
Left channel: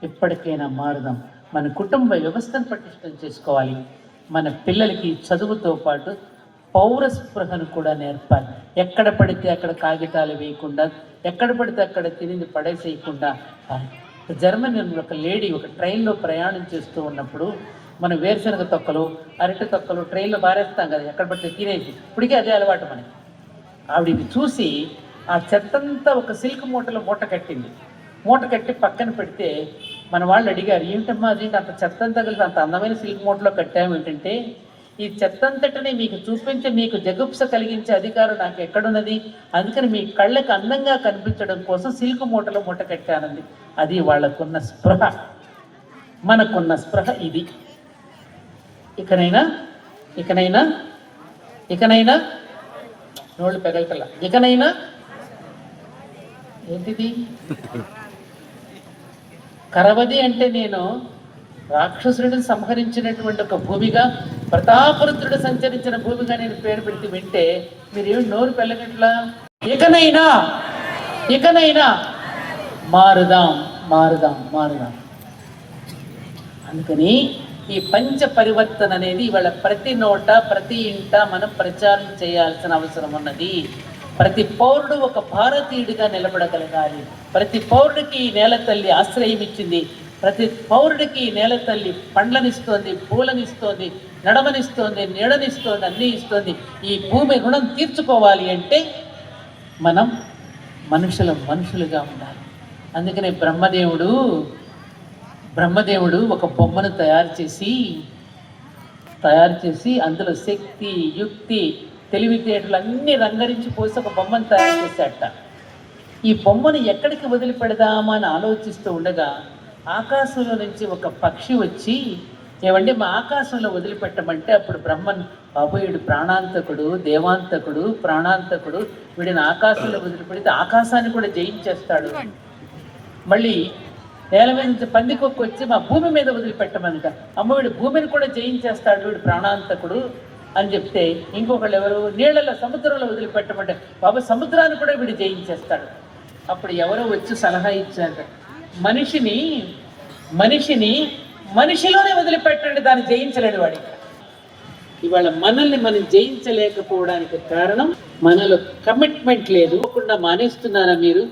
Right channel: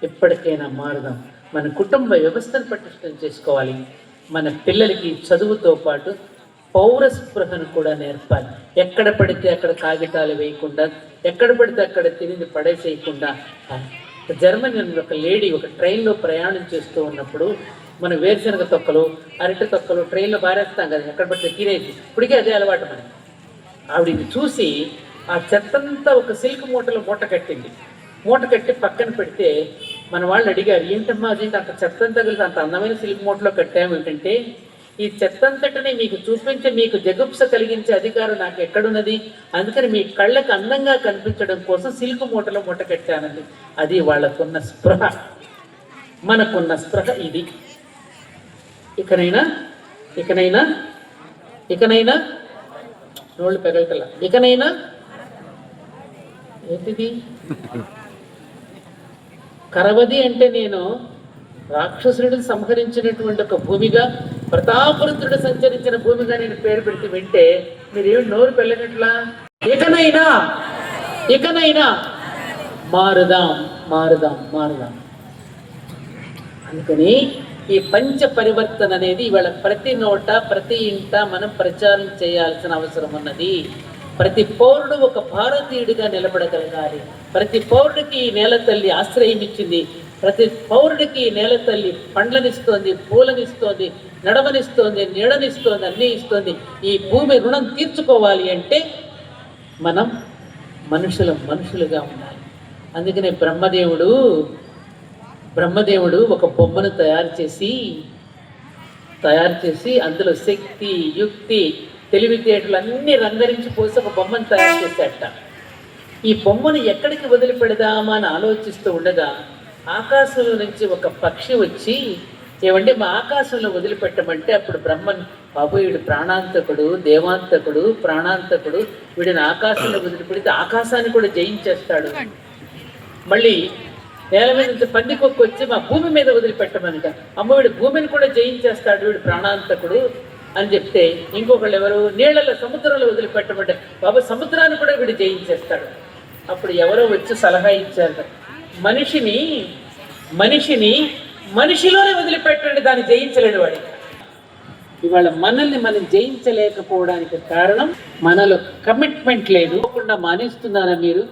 ఎప్పటికైనా మారుదాం. మన కుటుంబ వ్యవస్థను పటిష్టం చేసుకోవాలి. మన పిల్లలకి చదువుతో పాటు పౌరస్పృహను కూడా నేర్పాలి. ఎక్కడ పడితే అక్కడ కాగితాలు వేయకుండా, ఎక్కడ పడితే అక్కడ తిరిగి పడేసేయకుండా. జర్మనీ ఒక లేడీ ఒక ట్రైన్లో ప్రయాణం చేస్తూ ఉన్నప్పుడు మన వేరుశనగ తొక్కలు, అరటి తొక్కలు ట్రైన్లో బారేస్తాం కదా, ఎక్కడ పడితే తినేది. ఇప్పటికే అదే అలవాటు మనకి. ఆవిడ చూసి ఆ చెత్తంతా ఒక సిల్క్ మూటలో మూట కట్టి పక్కన పెడితే మన వాళ్ళు అడిగారు, ఏంటమ్మా అదేంటి అంత చెత్తంతా కలిసి అంత అందమైన సిల్క్ మూటలో కట్టాము ఏంటంటే, ఈ చెత్తంతటిని మీకు చూపించి మీకు జగుప్స కలిగించే అధికారం నాకు ఎక్కడున్నది, అందుకని మీ కళ్ళకు అందంగా కనిపించడం కోసం సిల్క్ మూటలో మూట కట్టానండి. అది వాళ్ళకున్న స్పృహ. మనకున్న స్పృహ ఇది. ఇకనైనా నోళ్ళు పెగలటలా. ఇకనైనా ఏంటిది? కరవది అంటే నేను రాక్షసుడిని సంహరించినటువంటి ఒక భూమిగా, ప్రతాపరుద్రుడు సంచరించిన భూమిగా నేను పేరు పెడితే వింటే మీరేమి నోరు పెళ్ళనట్లా? ఇకనైనా మారుదాం. అందుకని ఈ పంచ పరివర్తన అనేది ఇవాళ ప్రతి నోట, ప్రతి ఇంట మనం ప్రచారం చేయాల్సిన అవసరం ఉన్నది. ప్రతి పౌరుడు ఒక భారతీయుడిగా నిలబడగలగాలి. ప్రతి పౌరుడికి ఈ నేల తల్లి ఆశ్రయం ఇచ్చింది. ప్రతి పౌరుడికి ఈ నేల తల్లి పండ్లనిస్తోంది, పూలనిస్తోంది, నడవనిస్తోంది, నీడనిస్తోంది, అన్నీ ఇస్తోంది. ఈ భూమి రుణం తీర్చుకోవాలి అంటే మనం మనుషులుగా ఉండాలి. అందుకనే బ్రహ్మదేవుడు ఒక బొమ్మను తయారు చేసి అందులో శక్తి, యుక్తి, తెలివితేటలు అన్నీ రంగరించి పోసి ఒక బొమ్మను తయారు చేశాట. ఈ బొమ్మను ఎక్కడికి వదిలిపెడదామా అని ఆలోచిస్తూ ఉండగా ఆకాశంలో నుంచి ఒక పక్షి వచ్చి, ఏమంటే మా ఆకాశంలో వదిలిపెట్టమంటే అప్పుడు బ్రహ్మన్, బాబు వీడు ప్రాణాంతకుడు, దేవాంతకుడు, ప్రాణాంతకుడు, వీడిని ఆకాశంలో వదిలిపెడితే ఆకాశాన్ని కూడా జయించేస్తాడు. మళ్ళీ నేల మీద నుంచి పందికొక్కు వచ్చి మా భూమి మీద వదిలిపెట్టమనిట, అమ్మ వీడు భూమిని కూడా జయించేస్తాడు, వీడు ప్రాణాంతకుడు అని చెప్తే ఇంకొకళ్ళు ఎవరు, నీళ్ళలో సముద్రంలో వదిలిపెట్టమంటే బాబా సముద్రాన్ని కూడా వీడు జయించేస్తాడు. అప్పుడు ఎవరో వచ్చి సలహా ఇచ్చారు, మనిషిలోనే వదిలిపెట్టండి, దాన్ని జయించలేడు వాడికి. ఇవాళ మనల్ని మనం జయించలేకపోవడానికి కారణం మనలో కమిట్మెంట్ లేదు. మానేస్తున్నారా మీరు?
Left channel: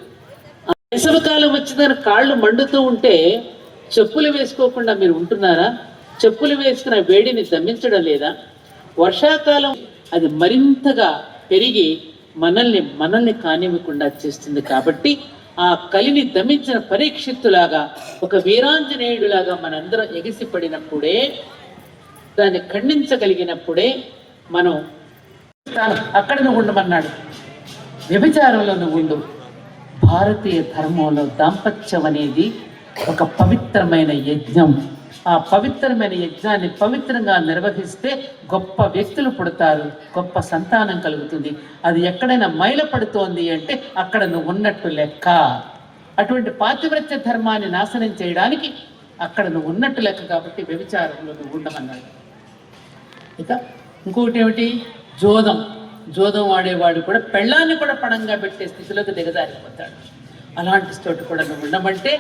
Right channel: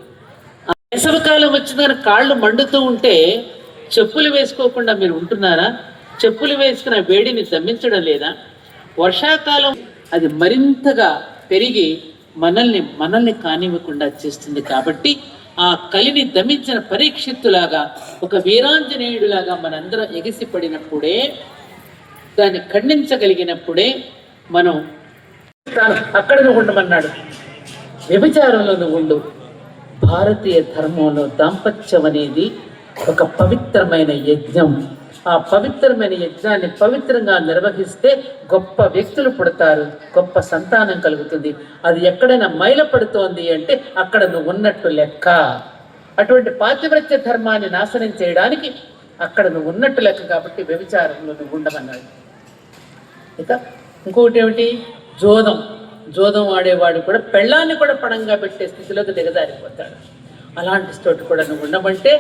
వేసవికాలం వచ్చిందని కాళ్ళు మండుతూ ఉంటే చెప్పులు వేసుకోకుండా మీరు ఉంటున్నారా? చెప్పులు వేసుకున్న వేడిని దమ్మించడం లేదా? వర్షాకాలం అది మరింతగా పెరిగి మనల్ని కానివ్వకుండా చేస్తుంది. కాబట్టి ఆ కలిని దమించిన పరీక్షిత్తులాగా, ఒక వీరాంజనేయుడిలాగా మనందరం ఎగిసిపడినప్పుడే, దాన్ని ఖండించగలిగినప్పుడే మనం అక్కడ నువ్వు ఉండమన్నాడు. వ్యభిచారంలో నువ్వు ఉండు. భారతీయ ధర్మంలో దాంపత్యం అనేది ఒక పవిత్రమైన యజ్ఞం. ఆ పవిత్రమైన యజ్ఞాన్ని పవిత్రంగా నిర్వహిస్తే గొప్ప వ్యక్తులు పుడతారు, గొప్ప సంతానం కలుగుతుంది. అది ఎక్కడైనా మైలపడుతోంది అంటే అక్కడ నువ్వు ఉన్నట్టు లెక్క. అటువంటి పాతివ్రత్య ధర్మాన్ని నాశనం చేయడానికి అక్కడ నువ్వు ఉన్నట్టు లెక్క. కాబట్టి వ్యభిచారంలో నువ్వు ఉండమన్నాడు. ఇక ఇంకొకటి ఏమిటి? జోదం ఆడేవాడు కూడా పెళ్ళాన్ని కూడా పణంగా పెట్టే స్థితిలోకి దిగజారిపోతాడు. అలాంటి చోటు కూడా నువ్వు ఉండమంటే,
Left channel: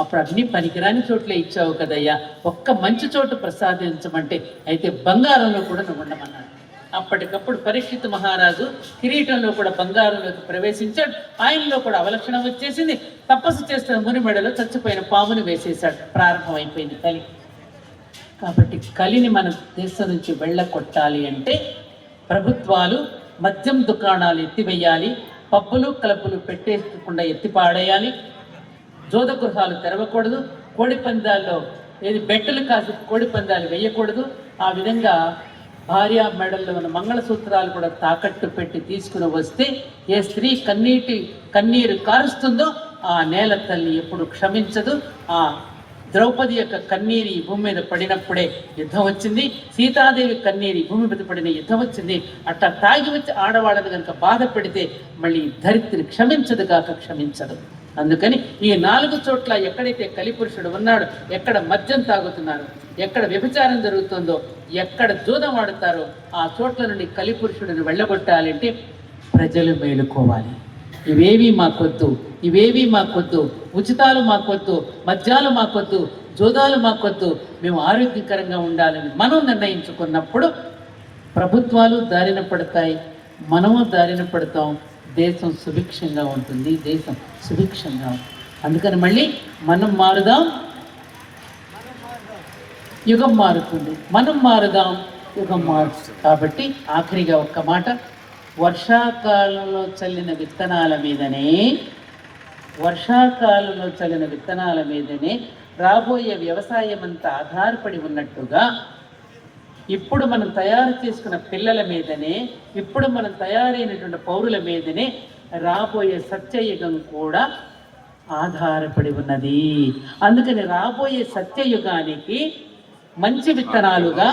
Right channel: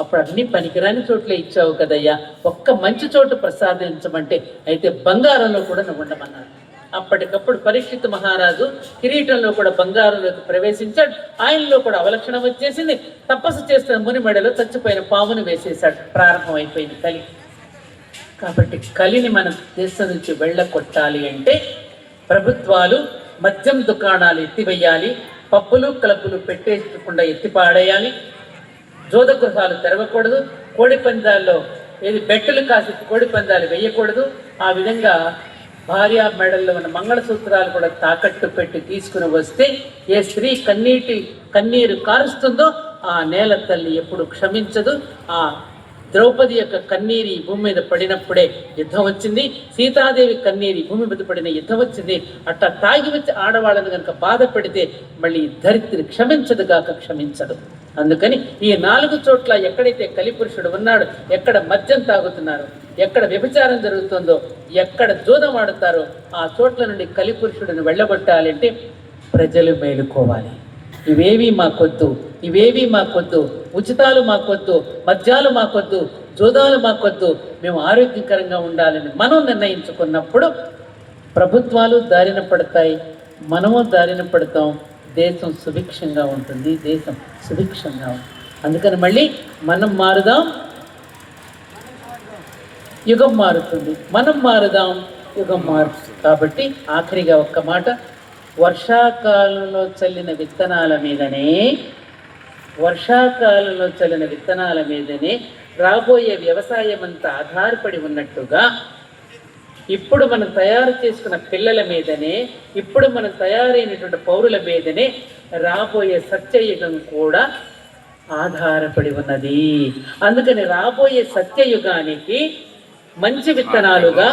అప్పుడు అన్ని పనికిరాని చోట్లే ఇచ్చావు కదయ్యా, ఒక్క మంచి చోటు ప్రసాదించమంటే అయితే బంగారంలో కూడా నువ్వు ఉండమన్నాడు. అప్పటికప్పుడు పరీక్షిత్ మహారాజు కిరీటంలో కూడా బంగారంలోకి ప్రవేశించాడు. ఆయనలో కూడా అవలక్షణం వచ్చేసింది. తపస్సు చేస్తున్న ముని మెడలో చచ్చిపోయిన పామును వేసేశాడు. ప్రారంభమైపోయింది కలి. కాబట్టి కలిని మన దేశం నుంచి వెళ్ళగొట్టాలి అంటే ప్రభుత్వాలు మద్యం దుకాణాలు ఎత్తివేయాలి, పబ్బులు క్లబ్బులు పెట్టేయకుండా ఎత్తిపాడేయాలి, జోద గృహాలు తెరవకూడదు, కోడి పందాల్లో బెట్టలు కాసి కోడి పందాలు వేయకూడదు. ఆ విధంగా భార్య మెడల్లో ఉన్న మంగళసూత్రాలు కూడా తాకట్టు పెట్టి తీసుకుని వస్తే ఏ స్త్రీ కన్నీరు కారుస్తుందో ఆ నేల తల్లి ఎప్పుడు క్షమించదు. ఆ ద్రౌపది యొక్క కన్నీరు ఈ భూమి మీద పడినప్పుడే యుద్ధం వచ్చింది. సీతాదేవి కన్నీరు ఈ భూమి మీద పడిన యుద్ధం వచ్చింది. అట్లా తాగి వచ్చి ఆడవాళ్ళని కనుక బాధ పెడితే మళ్ళీ ధరిత్రి క్షమించదు. అందుకని ఈ 4 చోట్ల ఎక్కడైతే కలిపురుషుడు ఉన్నాడో, ఎక్కడ మద్యం తాగుతున్నారో, ఎక్కడ వ్యభిచారం జరుగుతుందో, ఎక్కడ జూదం ఆడుతారో ఆ చోట్ల నుండి కలిపురుషుడిని వెళ్ళగొట్టాలంటే ప్రజలు మేలుకోవాలి. ఇవేవి మాకొద్దు, ఉచితాలు మాకొద్దు, మద్యాలు మాకొద్దు, జోదాలు మాకొద్దు, మేము ఆరోగ్యకరంగా ఉండాలని మనం నిర్ణయించుకున్నప్పుడు ప్రభుత్వాలు దారిన పడతాయి, మనము దారిన పడతాం, దేశం సుభిక్షంగా ఉంటుంది. అందుకని మళ్ళీ మనం మారుదాం, యుగం మారుతుంది. మనం మారుదాం, యుగం మారుతుంది. కాబట్టి ఆఖరిగా ఒక్క మాట, వర్షాకాలంలో చల్లిన విత్తనాల మీదనే రాబోయే వ్యవసాయం అంతా ఆధారపడి ఉన్నట్టుగా ఇప్పుడు మనం తయారు చేసుకున్న పిల్లల మీదనే, ఇప్పుడు మనం తయారైనటువంటి పౌరుల మీదనే రాబోయే సత్యయుగం కూడా ఆధారపడి ఉన్నది. అందుకని రాబోయే సత్యయుగానికి మంచి విత్తనాలుగా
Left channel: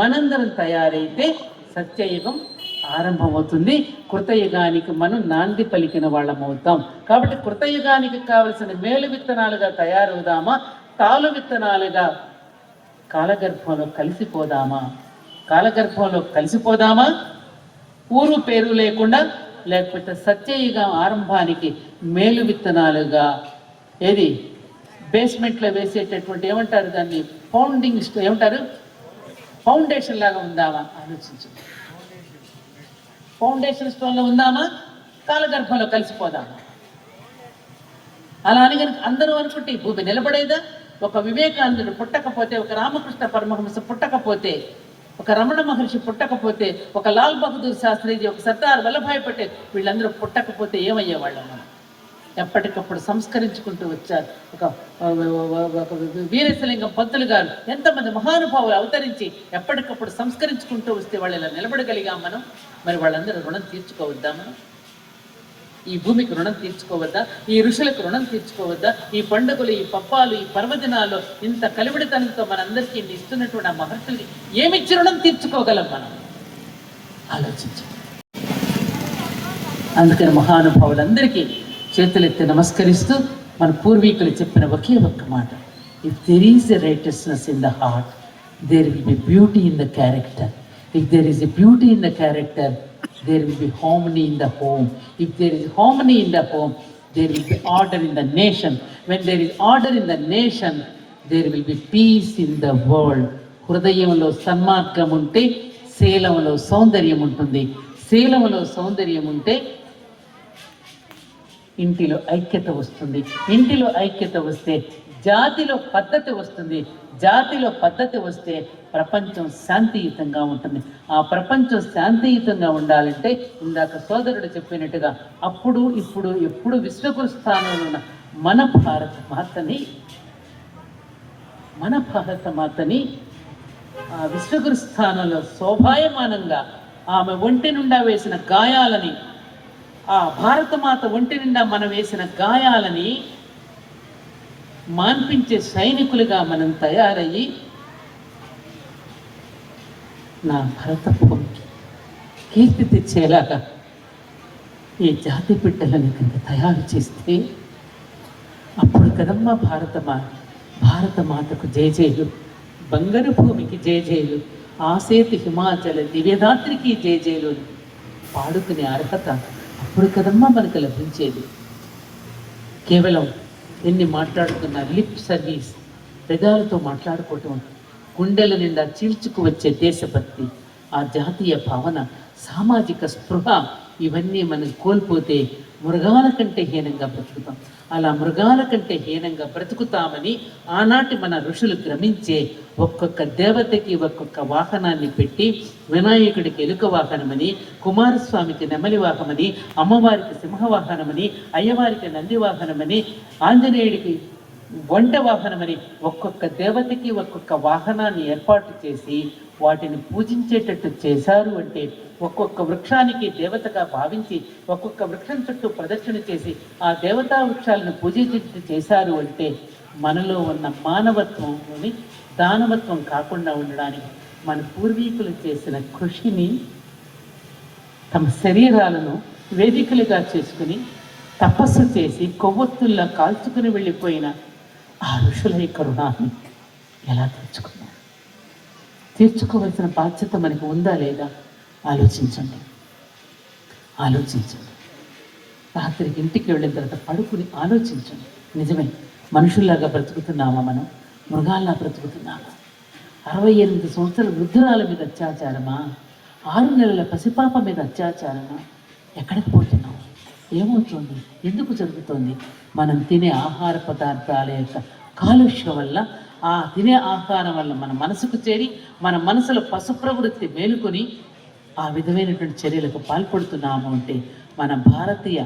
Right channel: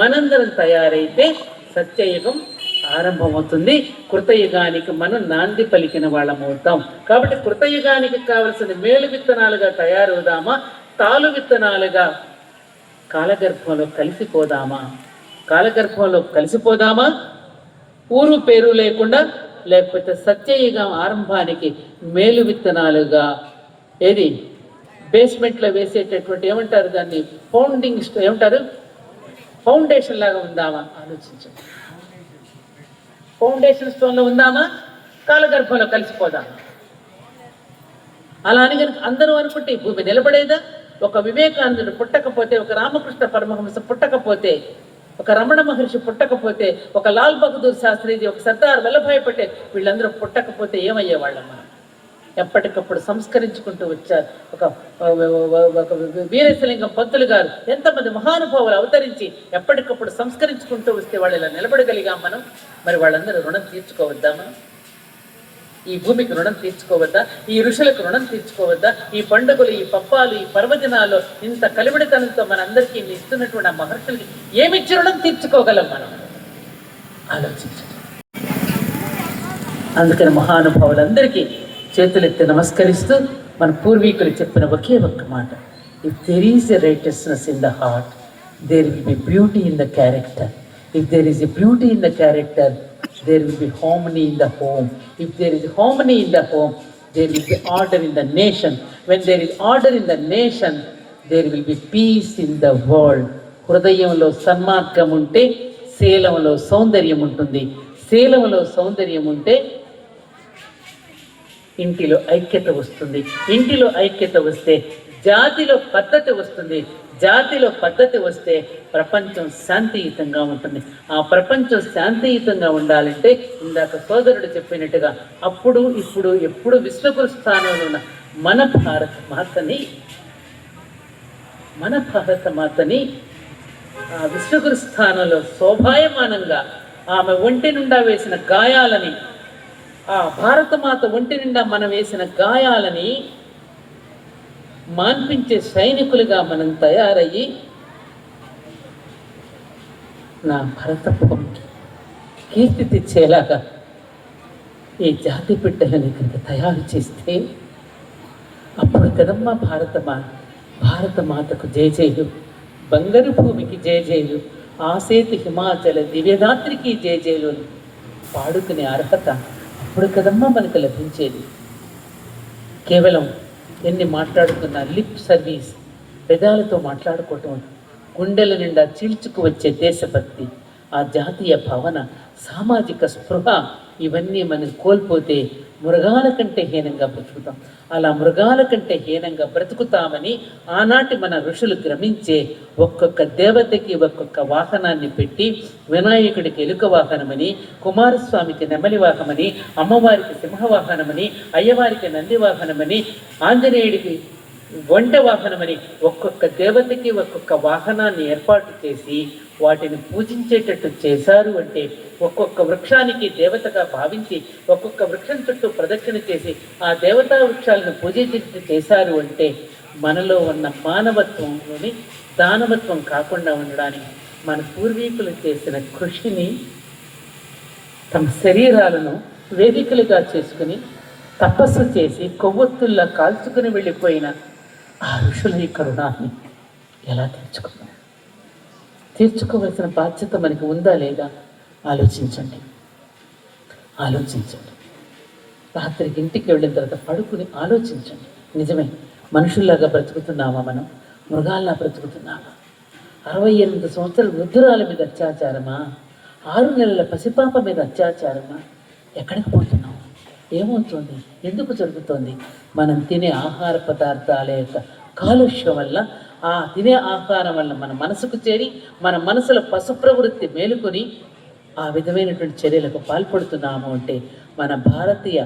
మనందరం తయారైతే సత్యయుగం ఆరంభమవుతుంది. కృతయుగానికి మనం నాంది పలికిన వాళ్ళం అవుతాం. కాబట్టి కృతయుగానికి కావలసిన మేలు విత్తనాలుగా తయారవుదామా, తాలు విత్తనాలుగా కాలగర్భంలో కలిసిపోదామా, ఊరు పేరు లేకుండా, లేకపోతే సత్యయుగం ఆరంభానికి మేలు విత్తనాలుగా బేస్మెంట్లో వేసేటటువంటి ఏమంటారు దాన్ని, ఫౌండేషన్ లాగా ఉందామా ఆలోచించండి. ఫౌండేషన్ స్టోన్లో ఉందామా, కాలగర్భంలో కలిసిపోదామా? అలా అని కనుక అందరూ అనుకుంటే ఈ భూమి నిలబడేదా? ఒక వివేకానందుడు పుట్టకపోతే, ఒక రామకృష్ణ పరమహంస పుట్టకపోతే, ఒక రమణ మహర్షి పుట్టకపోతే, ఒక లాల్ బహదూర్ శాస్త్రిజీ, ఒక సర్దార్ వల్లభాయ్ పటేల్, వీళ్ళందరూ పుట్టకపోతే ఏమయ్యేవాళ్ళం మనం? ఎప్పటికప్పుడు సంస్కరించుకుంటూ వచ్చారు. ఒక వీరేశలింగం పంతులు గారు, ఎంతమంది మహానుభావులు అవతరించి ఎప్పటికప్పుడు సంస్కరించుకుంటూ వస్తే వాళ్ళు ఇలా నిలబడగలిగాం మనం. మరి వాళ్ళందరూ రుణం తీర్చుకోవద్దా మనం? ఈ భూమికి రుణం తీర్చుకోవద్దా? ఈ ఋషులకు రుణం తీర్చుకోవద్దా? ఈ పండుగలు, ఈ పబ్బాలు, ఈ పర్వదినాలు ఇంత కలివిడితనంతో మనందరికీ ఇస్తున్నటువంటి ఆ మహర్షులకి ఏమిచ్చి రుణం తీర్చుకోగలం మనం? ఆలోచించండి. అందుకని మహానుభావులందరికీ చేతులెత్తి నమస్కరిస్తూ మన పూర్వీకులు చెప్పిన ఒకే ఒక్క మాట, if there is a righteousness in the heart, there will be beauty in the character. If there is a beauty in the character, there will be harmony in the home. If there is harmony in the home, there will be order in the nation. When there is order in the nation, there will be peace in the world. హృదయంలో సన్మార్గం ఉంటే శీలంలో సౌందర్యం ఉంటుంది. శీలంలో సౌందర్యం ఉంటే ఇంటిలో ఐక్యత వస్తుంది. ఇంటిలో ఐక్యత వస్తే జాతిలో పద్ధతి వస్తుంది. జాతిలో పద్ధతి వస్తే ప్రపంచం శాంతియుతంగా ఉంటుంది. ఆ ప్రపంచం శాంతియుతంగా ఉండాలంటే ఇందాక సోదరుడు చెప్పినట్టుగా అప్పుడు ఇప్పుడు ఎప్పుడు విశ్వగురు స్థానంలో ఉన్న మన భారత మాతని ఆ విశ్వగురు స్థానంలో శోభాయమానంగా ఆమె ఒంటి నిండా వేసిన గాయాలని, ఆ భారతమాత ఒంటి నిండా మనం వేసిన గాయాలని మాన్పించే సైనికులుగా మనం తయారయ్యి నా భరతత్వం కీర్తి తెచ్చేలాగా ఈ జాతి బిడ్డలని కనుక తయారు చేస్తే అప్పుడు కదమ్మా భారతమాతకు జయజయులు, బంగారు భూమికి జయజయులు, ఆసేతు హిమాచల దివ్యదాత్రికి జయజయులు అని పాడుకునే అర్హత అప్పుడు కదమ్మా మనకు లభించేది. కేవలం ఎన్ని మాట్లాడుతున్న లిప్ సర్వీస్, పెదాలతో మాట్లాడుకోవటం, గుండెల నిండా చీల్చుకు వచ్చే దేశభక్తి, ఆ జాతీయ భావన, సామాజిక స్పృహ ఇవన్నీ మనం కోల్పోతే మృగాల కంటే హీనంగా బ్రతుకుతాం. అలా మృగాల కంటే హీనంగా బ్రతుకుతామని ఆనాటి మన ఋషులు గ్రమించే ఒక్కొక్క దేవతకి ఒక్కొక్క వాహనాన్ని పెట్టి, వినాయకుడికి ఎలుక వాహనమని, కుమారస్వామికి నెమలి వాహనమని, అమ్మవారికి సింహవాహనమని, అయ్యవారికి నంది వాహనమని, ఆంజనేయుడికి వంట వాహనమని ఒక్కొక్క దేవతకి ఒక్కొక్క వాహనాన్ని ఏర్పాటు చేసి వాటిని పూజించేటట్టు చేశారు. అంటే ఒక్కొక్క వృక్షానికి దేవతగా భావించి ఒక్కొక్క వృక్షం చుట్టూ ప్రదక్షిణ చేసి ఆ దేవతా వృక్షాలను పూజించేటట్టు చేశారు. అంటే మనలో ఉన్న మానవత్వంలోని దానవత్వం కాకుండా ఉండడానికి మన పూర్వీకులు చేసిన కృషిని తమ శరీరాలను వేదికలుగా చేసుకుని తపస్సు చేసి కొవ్వొత్తుల్లా కాల్చుకుని వెళ్ళిపోయిన ఆ ఋషుల కరుణాన్ని ఎలా తీర్చుకోవలసిన బాధ్యత మనకి ఉందా లేదా ఆలోచించండి. రాత్రికి ఇంటికి వెళ్ళిన తర్వాత పడుకుని ఆలోచించండి. నిజమే, మనుషుల్లాగా బ్రతుకుతున్నామా, మనం మృగాల్లా బ్రతుకుతున్నామా? 68 సంవత్సరాల వృద్ధురాల మీద అత్యాచారమా? 6 నెలల పసిపాప మీద అత్యాచారమా? ఎక్కడికి పోతున్నాం? ఏమవుతుంది? ఎందుకు జరుగుతోంది? మనం తినే ఆహార పదార్థాల యొక్క కాలుష్యం వల్ల, ఆ తినే ఆహారం వల్ల మన మనసుకు చేరి మన మనసులో పశు ప్రవృత్తి మేలుకొని ఆ విధమైనటువంటి చర్యలకు పాల్పడుతున్నాము. అంటే మన భారతీయ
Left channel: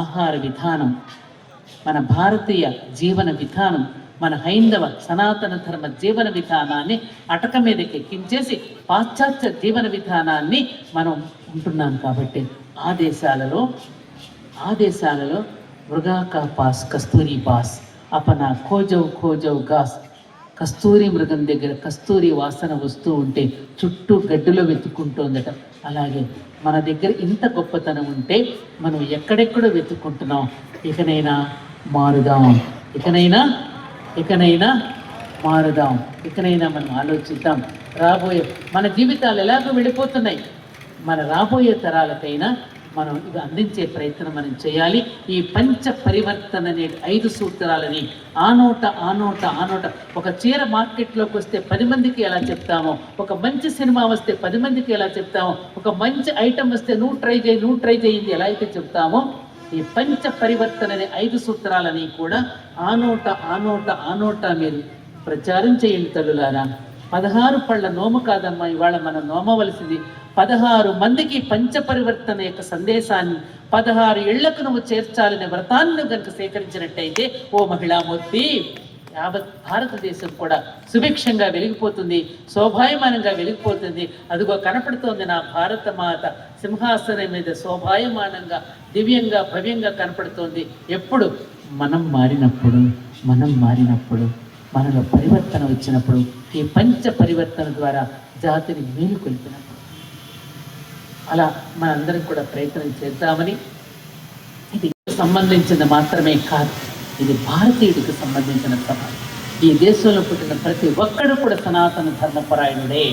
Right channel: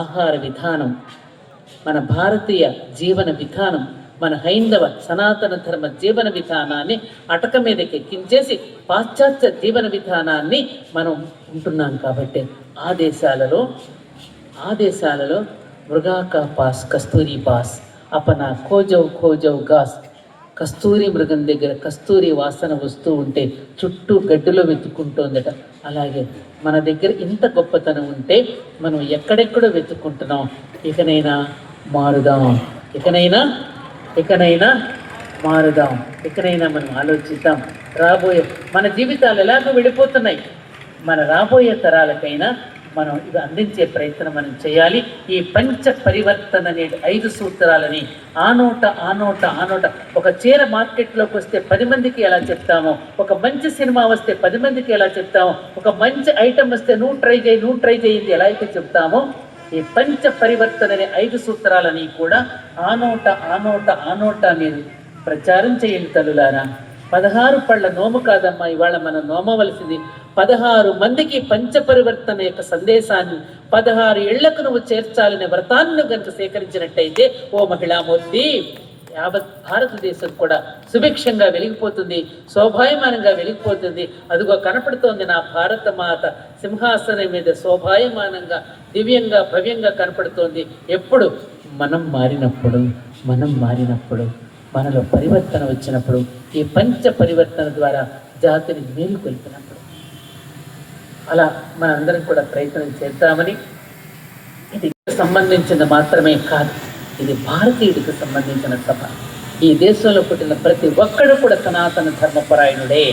ఆహార విధానం, మన భారతీయ జీవన విధానం, మన హైందవ సనాతన ధర్మ జీవన విధానాన్ని అటక మీదకి ఎక్కించేసి పాశ్చాత్య జీవన విధానాన్ని మనం ఉంటున్నాం. కాబట్టి ఆ దేశాలలో మృగా కా పాస్ కస్తూరి పాస్ అపనా ఖోజౌ గాస్, కస్తూరి మృగం దగ్గర కస్తూరి వాసన వస్తూ ఉంటే చుట్టూ గడ్డిలో వెతుక్కుంటోందట. అలాగే మన దగ్గర ఇంత గొప్పతనం ఉంటే మనం ఎక్కడెక్కడో వెతుక్కుంటున్నాం. ఇకనైనా మారుదాం, ఇకనైనా మారుదాం, ఇకనైనా మనం ఆలోచిద్దాం. మన జీవితాలు ఎలాగో వెళ్ళిపోతున్నాయి, మన రాబోయే తరాలకైనా మనం ఇది అందించే ప్రయత్నం మనం చేయాలి. ఈ పంచ పరివర్తన అనే 5 సూత్రాలని ఆనోట ఒక చీర మార్కెట్లోకి వస్తే 10 మందికి ఎలా చెప్తామో, ఒక మంచి సినిమా వస్తే 10 మందికి ఎలా చెప్తామో, ఒక మంచి ఐటమ్ వస్తే నువ్వు ట్రై చేయింది ఎలా అయితే చెప్తామో, ఈ పంచ పరివర్తన అనే 5 సూత్రాలని కూడా ఆనోట మీరు ప్రచారం చేయండి తల్లులారా. 16 పళ్ళ నోము కాదమ్మా ఇవాళ మనం నోమవలసింది. 16 మందికి పంచపరివర్తన యొక్క సందేశాన్ని 16 ఏళ్లకు నువ్వు చేర్చాలనే వ్రతాన్ని కనుక సేకరించినట్టయితే ఓ మహిళామూర్తి, యావత్ భారతదేశం కూడా సుభిక్షంగా వెలిగిపోతుంది, శోభాయమానంగా వెలిగిపోతుంది. అదిగో కనపడుతోంది నా భారత మాత సింహాసనం మీద శోభాయమానంగా దివ్యంగా భవ్యంగా కనపడుతోంది. ఎప్పుడు మనం మారినప్పుడు మనలో పరివర్తన వచ్చినప్పుడు, ఈ పంచ పరివర్తన ద్వారా జాతిని మేలుకొల్పినప్పుడు. అలా మనందరం కూడా ప్రయత్నం చేద్దామని. ఇది సంబంధించిన మాత్రమే కాదు, ఇది భారతీయుడికి సంబంధించిన సభ. ఈ దేశంలో పుట్టిన ప్రతి ఒక్కడు కూడా సనాతన ధర్మపరాయణుడే.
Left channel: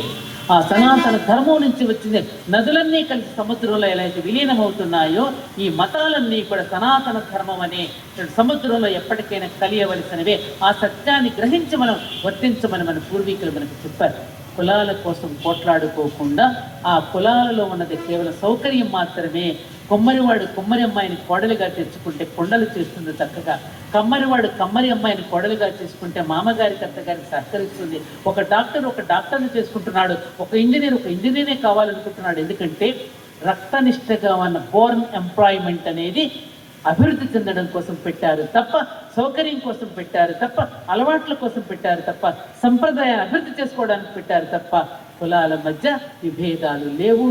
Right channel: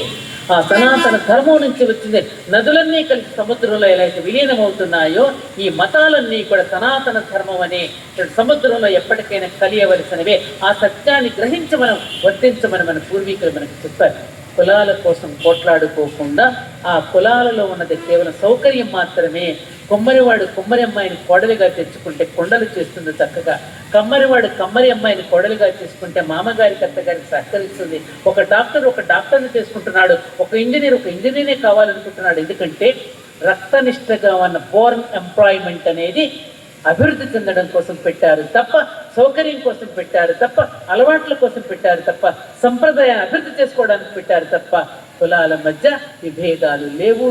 ఆ సనాతన ధర్మం నుంచి వచ్చిందే నదులన్నీ కలిసి సముద్రంలో ఎలా అయితే విలీనమవుతున్నాయో, ఈ మతాలన్నీ కూడా సనాతన ధర్మం అనే సముద్రంలో ఎప్పటికైనా కలియవలసినవే. ఆ సత్యాన్ని గ్రహించి మనం వర్తించమని మన పూర్వీకులు మనకు చెప్పారు. కులాల కోసం పోట్లాడుకోకుండా ఆ కులాలలో ఉన్నది కేవలం సౌకర్యం మాత్రమే. కొమ్మరివాడు కొమ్మరి అమ్మాయిని కోడలిగా తెచ్చుకుంటే కొండలు చేస్తుంది చక్కగా, కమ్మరివాడు కమ్మరి అమ్మాయిని కోడలిగా చేసుకుంటే మామగారికి అత్తగారికి సహకరిస్తుంది. ఒక డాక్టర్ని చేసుకుంటున్నాడు, ఒక ఇంజనీరే కావాలనుకుంటున్నాడు. ఎందుకంటే రక్తనిష్టగా ఉన్న బోర్న్ ఎంప్లాయ్మెంట్ అనేది అభివృద్ధి చెందడం కోసం పెట్టారు తప్ప, సౌకర్యం కోసం పెట్టారు తప్ప, అలవాట్ల కోసం పెట్టారు తప్ప, సంప్రదాయాన్ని అభివృద్ధి చేసుకోవడానికి పెట్టారు తప్ప కులాల మధ్య విభేదాలు లేవు.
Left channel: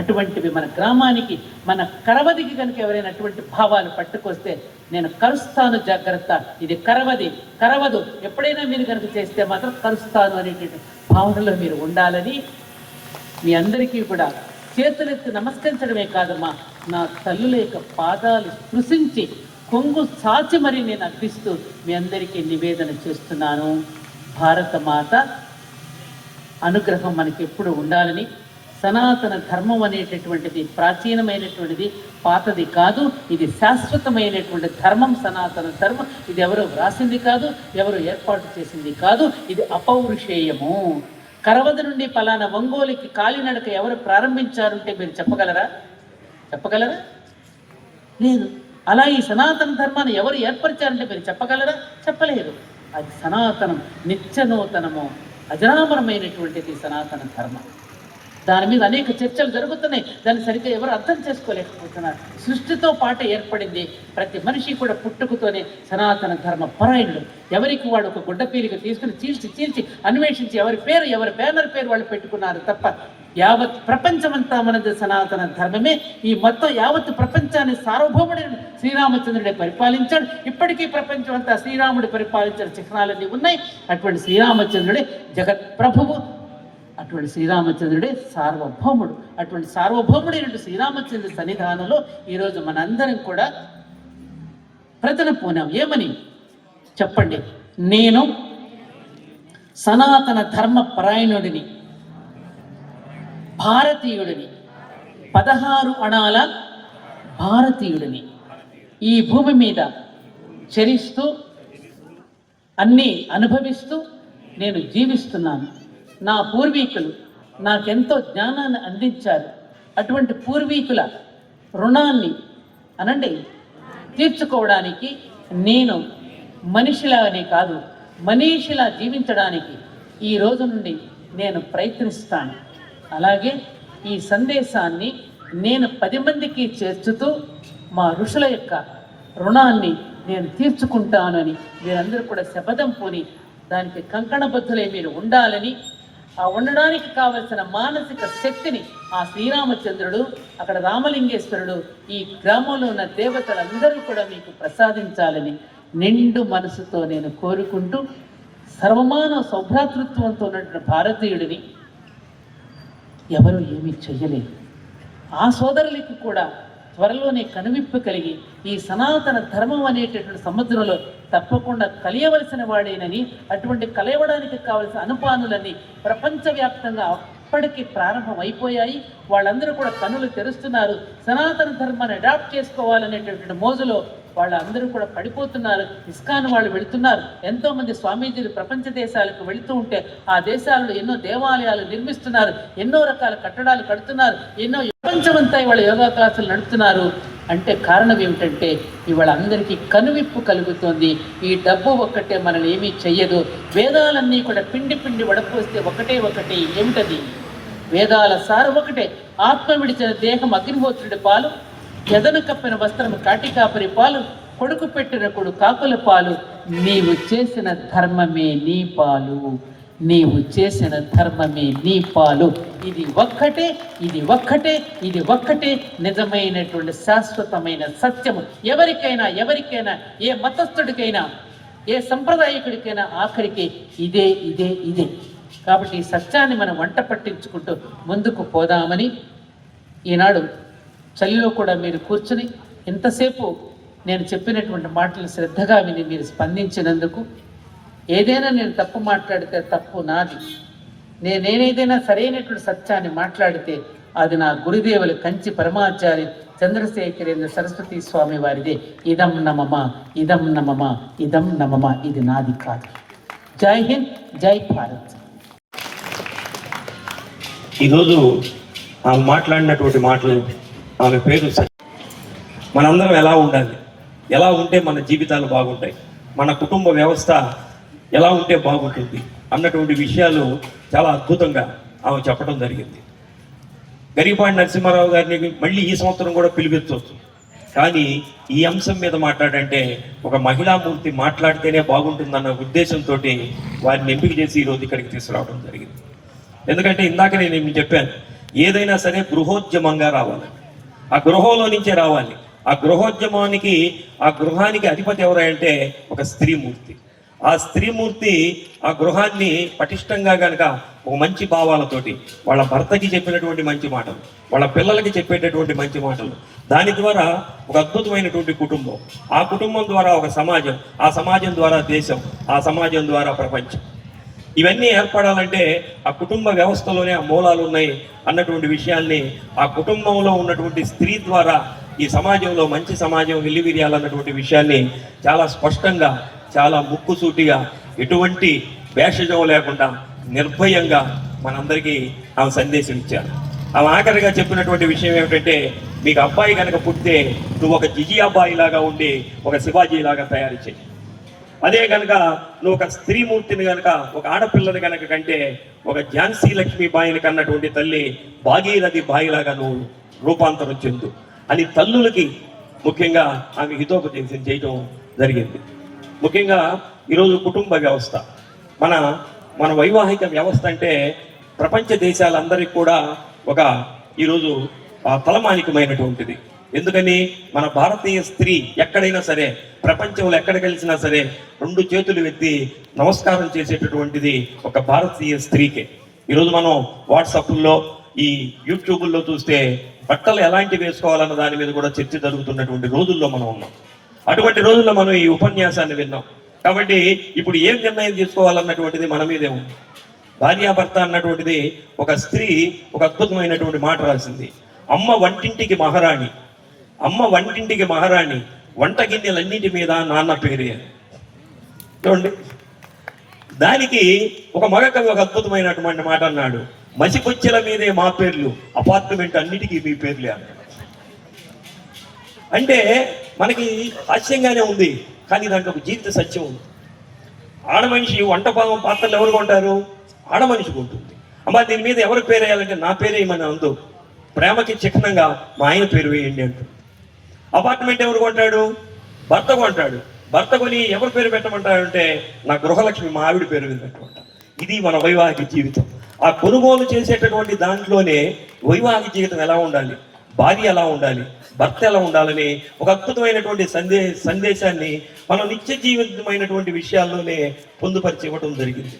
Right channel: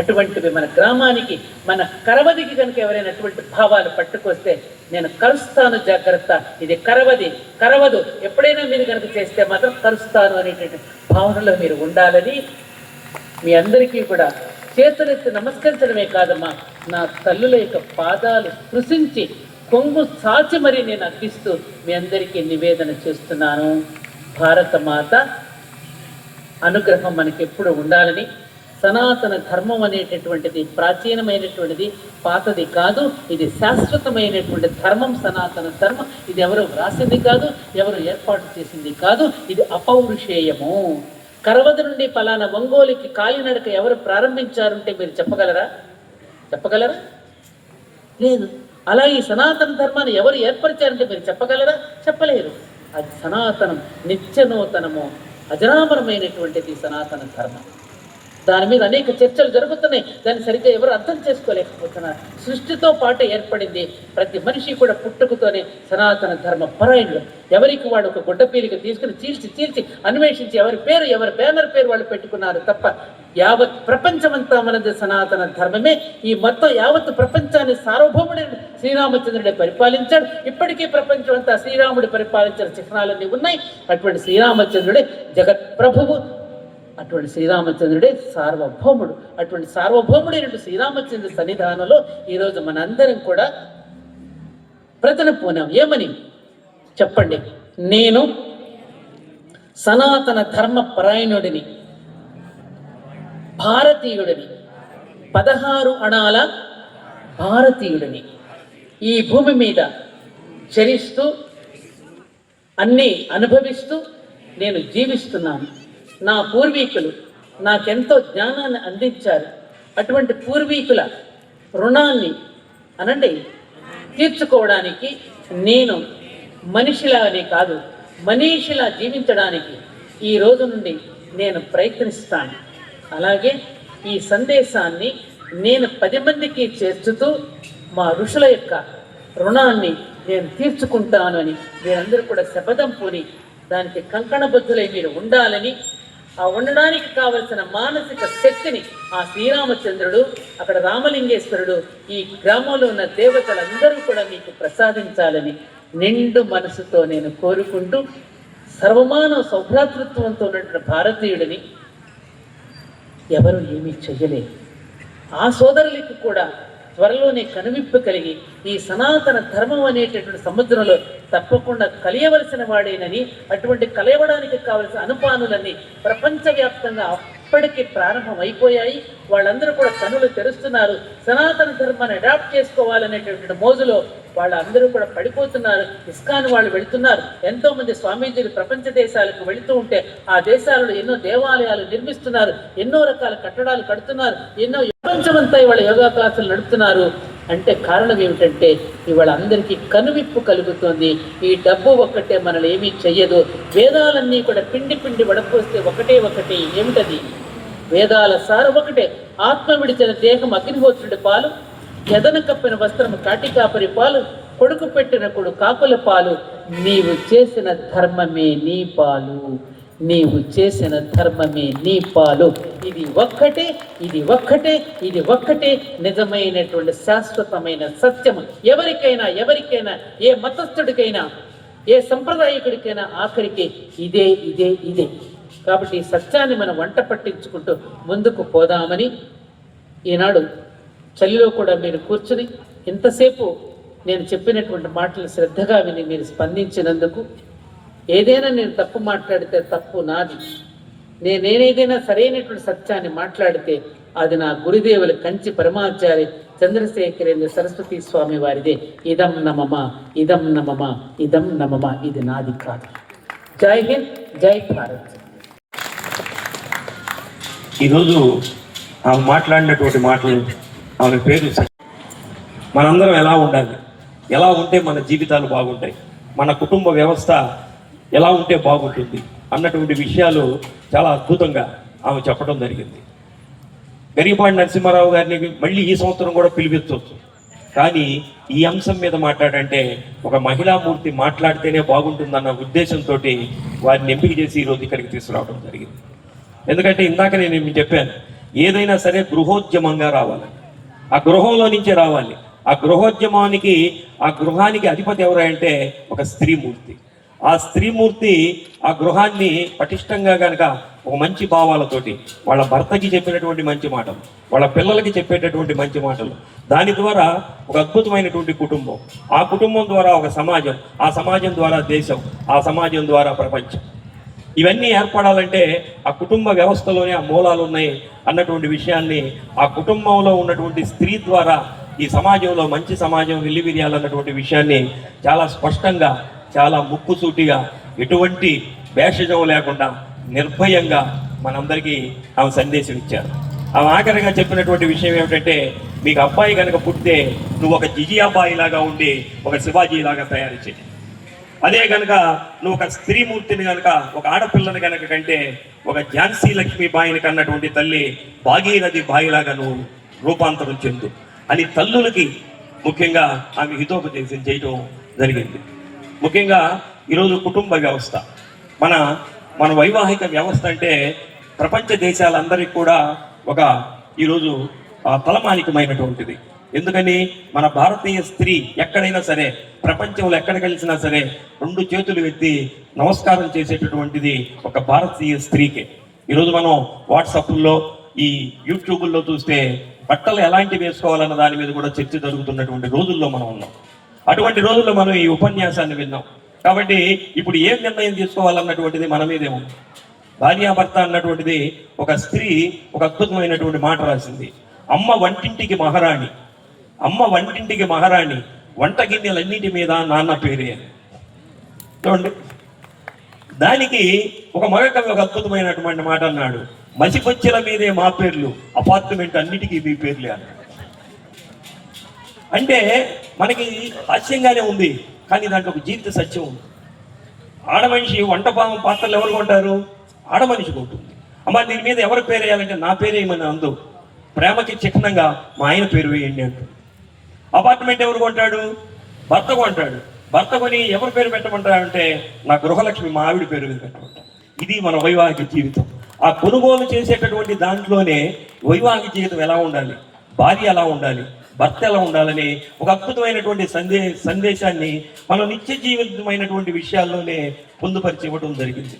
అటువంటివి మన గ్రామానికి, మన కరవదికి కనుక ఎవరైనా అటువంటి భావాలు పట్టుకొస్తే నేను కరుస్తాను, జాగ్రత్త, ఇది కరవదు, ఎప్పుడైనా మీరు కనుక చేస్తే మాత్రం కరుస్తాను అనేటువంటి భావనలో మీరు ఉండాలని మీ అందరికీ కూడా చేతులెత్తి నమస్కరించడమే కాదమ్మా, నా తల్లుల యొక్క పాదాలు స్పృశించి కొంగు సాచి మరీ నేను అర్పిస్తూ మీ అందరికీ నివేదన చేస్తున్నాను. భారత మాత అనుగ్రహం మనకి ఎప్పుడు ఉండాలని, సనాతన ధర్మం అనేటటువంటిది ప్రాచీనమైనటువంటిది, పాతది కాదు, ఇది శాశ్వతమైనటువంటి ధర్మం. సనాతన ధర్మం ఇది ఎవరు వ్రాసింది కాదు, ఎవరు ఏర్పాటు చేసింది కాదు, ఇది అపౌరుషేయము. కరవది నుండి పలానా ఒంగోలుకి కాలినడక ఎవరు ప్రారంభించారంటే మీరు చెప్పగలరా? లేదు. అలా ఈ సనాతన ధర్మాన్ని ఎవరు ఏర్పరిచారంటే మీరు చెప్పగలరా? చెప్పలేరు. అది సనాతనం, నిత్యనూతనము, అజరామరమైనటువంటిది సనాతన ధర్మం. దాని మీద అనేక చర్చలు జరుగుతున్నాయి. దాన్ని సరిగ్గా ఎవరు అర్థం చేసుకోలేకపోతున్నారు. సృష్టితో పాటు ఏర్పడింది. ప్రతి మనిషి కూడా పుట్టుకతోనే సనాతన ధర్మ పరాయణుడు. ఎవరికి వాడు ఒక గుడ్డ పీలిక తీసుకుని చీల్చి అన్వేషించి ఎవరి బ్యానర్ పేరు వాళ్ళు పెట్టుకున్నారు తప్ప యావత్ ప్రపంచమంతా మనది సనాతన ధర్మమే. ఈ మొత్తం యావత్ ప్రపంచాన్ని సార్వభౌముడి శ్రీరామచంద్రుడే పరిపాలించాడు. ఇప్పటికీ ప్రపంచం అంతా శ్రీరాముడు పరిపాలించిన చిహ్నాలన్నీ ఉన్నాయి. అటువంటి శ్రీరామచంద్రుడే జగత్ ప్రభువు, అటువంటి శ్రీరామచంద్రుడే సార్వభౌముడు. అటువంటి సార్వభౌముడైనటువంటి శ్రీరామచంద్రుడి సన్నిధానంలో ఈరోజు మనందరం కూడా ప్రజలు పోనాం. ఏమని చెప్పండి? నేను సనాతన ధర్మ పరాయణుడిని, భారతీయుడిని, 16 అణాల భారతీయుడిని, ఈ భూమి మీద చరిస్తూ అన్నీ అనుభవిస్తూ నేను జీవిస్తున్నాను. నా పూర్వీకులు నాకెంతో జ్ఞానాన్ని అందించారు. అటువంటి పూర్వీకుల రుణాన్ని తీర్చుకోవడానికి నేను మనిషిలానే కాదు, మనీషిలా జీవించడానికి ఈ రోజు నుండి నేను ప్రయత్నిస్తాను. అలాగే ఈ సందేశాన్ని నేను 10 మందికి చేర్చుతూ మా ఋషుల యొక్క రుణాన్ని నేను తీర్చుకుంటాను అని మీరందరూ కూడా శపథం పూని దానికి కంకణబద్ధులై మీరు ఉండాలని, ఆ ఉండడానికి కావలసిన మానసిక శక్తిని ఆ శ్రీరామచంద్రుడు, అక్కడ రామలింగేశ్వరుడు, ఈ గ్రామంలో ఉన్న దేవతలందరూ కూడా మీకు ప్రసాదించాలని నిండు మనసుతో నేను కోరుకుంటూ, సర్వమానవ సౌభ్రాతృత్వంతో ఉన్నటువంటి భారతీయుడిని ఎవరు ఏమీ చెయ్యలేదు. ఆ సోదరులకు కూడా త్వరలోనే కనువిప్పు కలిగి ఈ సనాతన ధర్మం అనేటటువంటి సముద్రంలో తప్పకుండా కలియవలసిన వాడేనని, అటువంటి కలయవడానికి కావలసిన అనుపానులన్నీ ప్రపంచవ్యాప్తంగా అప్పటికి ప్రారంభమైపోయాయి. వాళ్ళందరూ కూడా కనులు తెరుస్తున్నారు. సనాతన ధర్మాన్ని అడాప్ట్ చేసుకోవాలనేటటువంటి మోజులో వాళ్ళందరూ కూడా పడిపోతున్నారు. ఇస్కాన్ వాళ్ళు వెళుతున్నారు. ఎంతోమంది స్వామీజీలు ప్రపంచ దేశాలకు వెళుతూ ఉంటే ఆ దేశాలలో ఎన్నో దేవాలయాలు నిర్మిస్తున్నారు, ఎన్నో రకాల కట్టడాలు కడుతున్నారు, ఎన్నో ప్రపంచమంతా ఇవాళ యోగా క్లాసులు నడుపుతున్నారు. అంటే కారణం ఏమిటంటే ఇవాళ అందరికీ కనువిప్పు కలుగుతుంది. ఈ డబ్బు ఒక్కటే మనల్ని ఏమీ చెయ్యదు. వేదాలన్నీ కూడా పిండి వడపోస్తే ఒకటే ఏమిటది? వేదాల సారం ఒకటే. ఆత్మ విడిచిన దేహం అగ్నిహోత్రుడి పాలు, ఎదను కప్పిన వస్త్రం కాటికాపరి పాలు, కొడుకు పెట్టిన కొడు కాకుల పాలు, నీవు చేసిన ధర్మమే నీ పాలు, నీవు చేసిన ధర్మమే నీ పాలు. ఇది ఒక్కటే నిజమైనటువంటి శాశ్వతమైన సత్యము. ఎవరికైనా ఏ మతస్థుడికైనా ఏ సంప్రదాయకుడికైనా ఆఖరికి ఇదే. కాబట్టి ఈ సత్యాన్ని మనం వంట పట్టించుకుంటూ ముందుకు పోదామని ఈనాడు చలిలో కూడా మీరు కూర్చుని ఇంతసేపు నేను చెప్పినటువంటి మాటలు శ్రద్ధగా విని మీరు స్పందించినందుకు, ఏదైనా నేను తప్పు మాట్లాడితే తప్పు నాది, నేనేదైనా సరైనటువంటి సత్యాన్ని మాట్లాడితే అది నా గురుదేవులు కంచి పరమాచార్య చంద్రశేఖరేంద్ర సరస్వతి స్వామి వారిదే. ఇదం నమమ, ఇది నాది కాదు. జై హింద్, జై భారత్. ఈరోజు ఆమె మాట్లాడినటువంటి మాటలు, ఆమె పేరు మనందరం ఎలా ఉండాలి, ఎలా ఉంటే మన జీవితాలు బాగుంటాయి, మన కుటుంబ వ్యవస్థ ఎలా ఉంటే బాగుంటుంది అన్నటువంటి విషయాలు చాలా అద్భుతంగా ఆమె చెప్పడం జరిగింది. గరికపాటి నరసింహారావు గారిని మళ్ళీ ఈ సంవత్సరం కూడా పిలిపించవచ్చు, కానీ ఈ అంశం మీద మాట్లాడంటే ఒక మహిళామూర్తి మాట్లాడితేనే బాగుంటుందన్న ఉద్దేశంతో వారిని ఎంపిక చేసి ఈరోజు ఇక్కడికి తీసుకురావడం జరిగింది. ఎందుకంటే ఇందాక నేను మీకు చెప్పాను, ఏదైనా సరే గృహోద్యమంగా రావాలి, ఆ గృహంలో నుంచే రావాలి. ఆ గృహోద్యమానికి, ఆ గృహానికి అధిపతి ఎవరంటే ఒక స్త్రీమూర్తి. ఆ స్త్రీమూర్తి ఆ గృహాన్ని పటిష్టంగా కనుక ఒక మంచి భావాలతోటి వాళ్ళ భర్తకి చెప్పినటువంటి మంచి మాటలు, వాళ్ళ పిల్లలకి చెప్పేటటువంటి మంచి మాటలు, దాని ద్వారా ఒక అద్భుతమైనటువంటి కుటుంబం, ఆ కుటుంబం ద్వారా ఒక సమాజం, ఆ సమాజం ద్వారా దేశం, ఆ సమాజం ద్వారా ప్రపంచం, ఇవన్నీ ఏర్పడాలంటే ఆ కుటుంబ వ్యవస్థలోనే ఆ మూలాలు ఉన్నాయి అన్నటువంటి విషయాల్ని ఆ కుటుంబంలో ఉన్నటువంటి స్త్రీ ద్వారా ఈ సమాజంలో మంచి సమాజం వెల్లివిరియాలన్నటువంటి విషయాన్ని చాలా స్పష్టంగా, చాలా ముక్కుసూటిగా, ఎటువంటి భేషజం లేకుండా నిర్భయంగా మనందరికీ ఆమె సందేశం ఇచ్చారు. ఆమె ఆఖరిగా చెప్పినటువంటి విషయం ఏమిటంటే, మీకు అబ్బాయి కనుక పుట్టితే నువ్వు ఒక జిజి అబ్బాయి లాగా ఉండి ఒక శివాజీ లాగా తయారు చేయి. అదే కనుక నువ్వు ఒక స్త్రీమూర్తిని కనుక, ఒక ఆడపిల్లని కనుక కంటే ఒక ఝాన్సీ లక్ష్మీబాయిని కన్నటువంటి తల్లి భాగీరథి బాయిలాగా నువ్వు రూపాంతరం చెందు అని తల్లులకి ముఖ్యంగా ఆమె హితోపదేశం చేయటం జరిగింది. ముఖ్యంగా ఈరోజు కుటుంబ వ్యవస్థ, మన వైవాహిక వ్యవస్థ అంటే ప్రపంచ దేశాలందరికీ కూడా ఒక ఈరోజు తలమానికమైనటువంటిది. ఎందుకని మన భారతీయ స్త్రీ ఎక్కడైనా సరే, ప్రపంచంలో ఎక్కడ కలిసినా సరే 2 చేతులు ఎత్తి నమస్కారం చేసేటటువంటిది ఒక భారతీయ స్త్రీకే. ఈరోజు మనం వాట్సాప్లో, ఈ యూట్యూబ్లో చూస్తే బట్టలు ఎలాంటివి వేసుకోవాలన్న దాని మీద కూడా చర్చ జరుగుతున్నటువంటి రోజుల్లో మనం ఉన్నాం. అటువంటి రోజుల్లో మనం ఈ ఉపన్యాసాన్ని విన్నాం. కాబట్టి ఇప్పుడు ఏం నిర్ణయం తీసుకోవాలన్నటువంటిది మన మీదే ఉంది. భార్యాభర్త అన్నటువంటిది ఒక స్త్రీ ఒక అద్భుతమైనటువంటి మాట రాసింది, అమ్మ వంటింటికి మహారాణి, అమ్మ వంటింటికి మహారాణి, వంట గిన్నెలన్నింటి మీద నాన్న పేరే. చూడండి, దానికి ఒక మరొక ఒక అద్భుతమైనటువంటి మాట అన్నాడు, మసిపొచ్చెల మీదే మా పేర్లు, అపార్ట్మెంట్ అన్నిటికీ మీ పేర్లే అన్నాడు. అంటే మనకి హాస్యంగానే ఉంది, కానీ దాంట్లో ఒక జీవిత సత్యం ఉంది. ఆడమనిషి వంట పాత్రలు ఎవరు కొంటారు? ఆడమనిషి కొంటుంది. అమ్మ దీని మీద ఎవరి పేరు వేయాలంటే నా పేరు వేయమని అందు, ప్రేమకి చిహ్నంగా మా ఆయన పేరు వేయండి అంటుంది. అపార్ట్మెంట్ ఎవరు కొంటాడు? భర్త కొంటాడు. భర్త కొని ఎవరి పేరు పెట్టమంటాడంటే నా గృహలక్ష్మి మా ఆవిడ పేరు మీద పెట్టమంటాడు. ఇది మన వైవాహిక జీవితం. ఆ కొనుగోలు చేసేటటువంటి దాంట్లోనే వైవాహిక జీవితం ఎలా ఉండాలి, భార్య ఎలా ఉండాలి, భర్త ఎలా ఉండాలని ఒక అద్భుతమైనటువంటి సందేశాన్ని మనం నిత్య జీవితమైనటువంటి విషయాల్లోనే పొందుపరిచి ఇవ్వడం జరిగింది.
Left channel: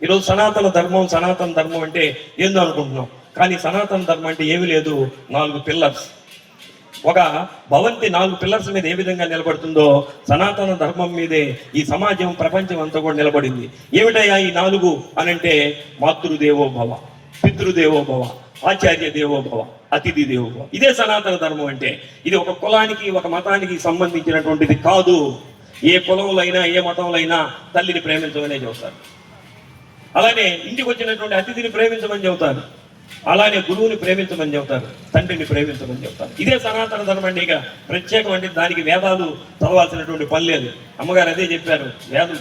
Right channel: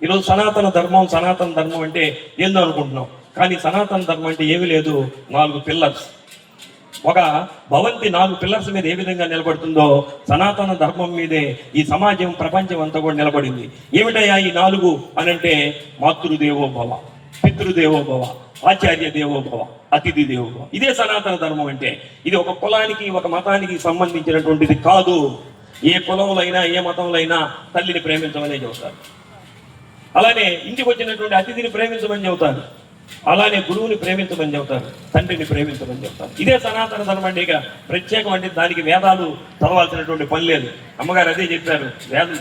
ఈరోజు సనాతన ధర్మం అంటే ఏందో అనుకుంటున్నాం, కానీ సనాతన ధర్మం అంటే ఏమీ లేదు, 4 పిల్లర్స్. ఒక భవంతి 4 పిల్లర్స్ మీద ఏ విధంగా నిలబడుతుందో సనాతన ధర్మం మీదే ఈ సమాజం, ప్రపంచం అంతా కూడా నిలబడింది. ఏమిటయ్యా ఈ 4 అనంటే, మాతృదేవో భవ, పితృదేవో భవ, ఆచార్య దేవో భవ, అతిథి దేవో భవ. ఇదే సనాతన ధర్మం అంటే. ఇది ఒక కులానికి, ఒక మతానికి సంబంధించినటువంటిది కాదు. ఏ కులంలో అయినా, ఏ మతంలో అయినా తల్లిని ప్రేమించమనే చెబుతారు. అలానే ఇంటికి వచ్చినటువంటి అతిథిని ప్రేమించమని చెబుతారు. అలానే గురువుని ప్రేమించమని చెబుతారు, తండ్రిని ప్రేమించమని చెబుతారు. ఇదే సనాతన ధర్మం అంటే. ఇక ప్రత్యేకం అంటే దానికి వేదాలు చదవాల్సినటువంటి పని లేదు. అమ్మగారు అదే చెప్పారు, వేదం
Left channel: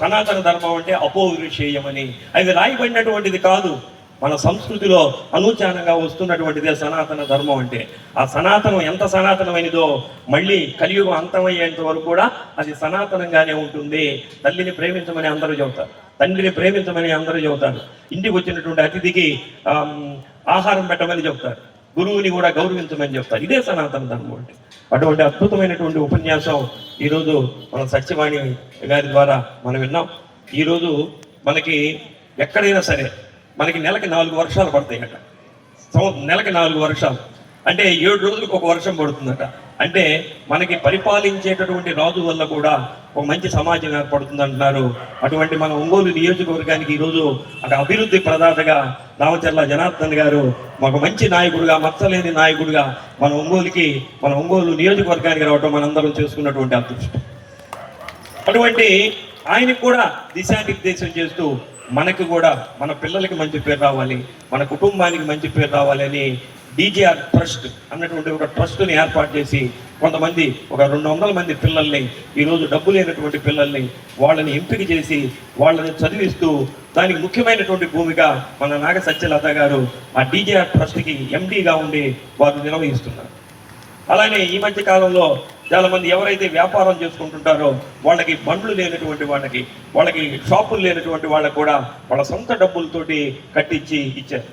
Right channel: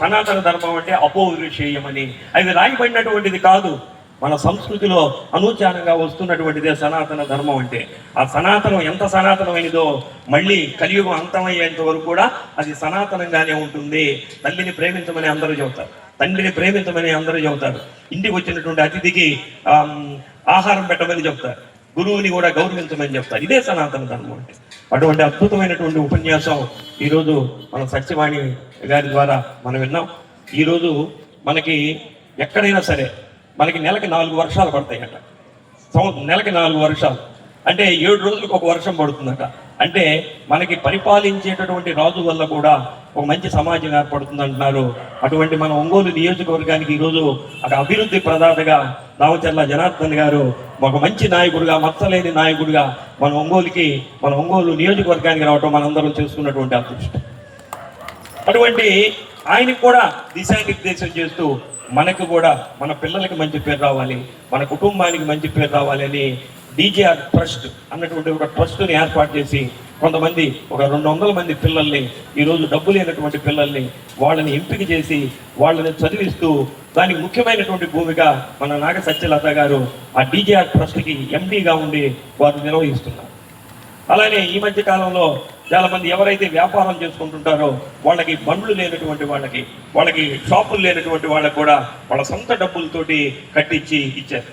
సనాతన ధర్మం అంటే అపౌరుషేయమని. అది రాయబడినటువంటిది కాదు, మన సంస్కృతిలో అనూచానంగా వస్తున్నటువంటిదే సనాతన ధర్మం అంటే. ఆ సనాతనం ఎంత సనాతనమైనదో మళ్ళీ కలియుగం అంతమయ్యేంత వరకు కూడా అది సనాతనంగానే ఉంటుంది. తల్లిని ప్రేమించమని అందరూ చెబుతారు, తండ్రిని ప్రేమించమని అందరూ చెబుతారు, ఇంటికి వచ్చినటువంటి అతిథికి ఆహారం పెట్టమని చెప్తారు, గురువుని కూడా గౌరవించమని చెప్తారు. ఇదే సనాతన ధర్మం అంటే. అటువంటి అద్భుతమైనటువంటి ఉపన్యాసం ఈరోజు మన సత్యవాణి గారి ద్వారా మనం విన్నాం. ఈరోజు మనకి ఎక్కడైనా సరే మనకి నెలకి 4 వర్షాలు పడతాయట. నెలకి 4 వర్షాలు అంటే 7 రోజులకు ఒక వర్షం పడుతుందట. అంటే మనకి పరిపాలించేటటువంటి రాజు వల్ల కూడా ఒక మంచి సమాజం ఏర్పడుతుంది అంటున్నారు. అటువంటి మన ఒంగోలు నియోజకవర్గానికి ఈరోజు ఒక అభివృద్ధి ప్రదాతగా దామచర్ల జనార్దన్ గారు ఒక మంచి నాయకుడిగా, మచ్చలేని నాయకుడిగా మన ఒంగోలు నియోజకవర్గానికి రావటం మనందరం చేసుకున్నటువంటి అదృష్టం. అటువంటి ఆయనకు కూడా దిశానిర్దేశం చేస్తూ మనకు కూడా మన పిల్లలకి మంచి పేరు రావాలి, మన కుటుంబానికి మంచి పేరు రావాలని డీజేఆర్ ట్రస్ట్ అన్నటువంటి ఒక ట్రస్ట్ని ఏర్పాటు చేసి కొంతమంది ఒక 200 మంది పిల్లల్ని, ఈరోజు డబ్బు లేనటువంటి పిల్లల్ని వాళ్ళని ఎంపిక చేసి వాళ్ళని చదివిస్తూ దానికి ముఖ్యమైనటువంటి భూమిక మన నాగ సత్యలత గారు ఆ డీజేఆర్ ట్రస్ట్కి ఎండీగా ఉండి వారు నిర్వహిస్తున్నారు. అలానే ఈ మధ్య కాలంలో చాలా మంది ఎవరైతే వ్యాపారం చేసుకుంటుంటారో వాళ్ళకి బండ్లు లేనటువంటి వాళ్ళకి షాపులు లేనటువంటి వాళ్ళకి కూడా వాళ్ళ సొంత డబ్బులతోటి కట్టించి ఇచ్చారు.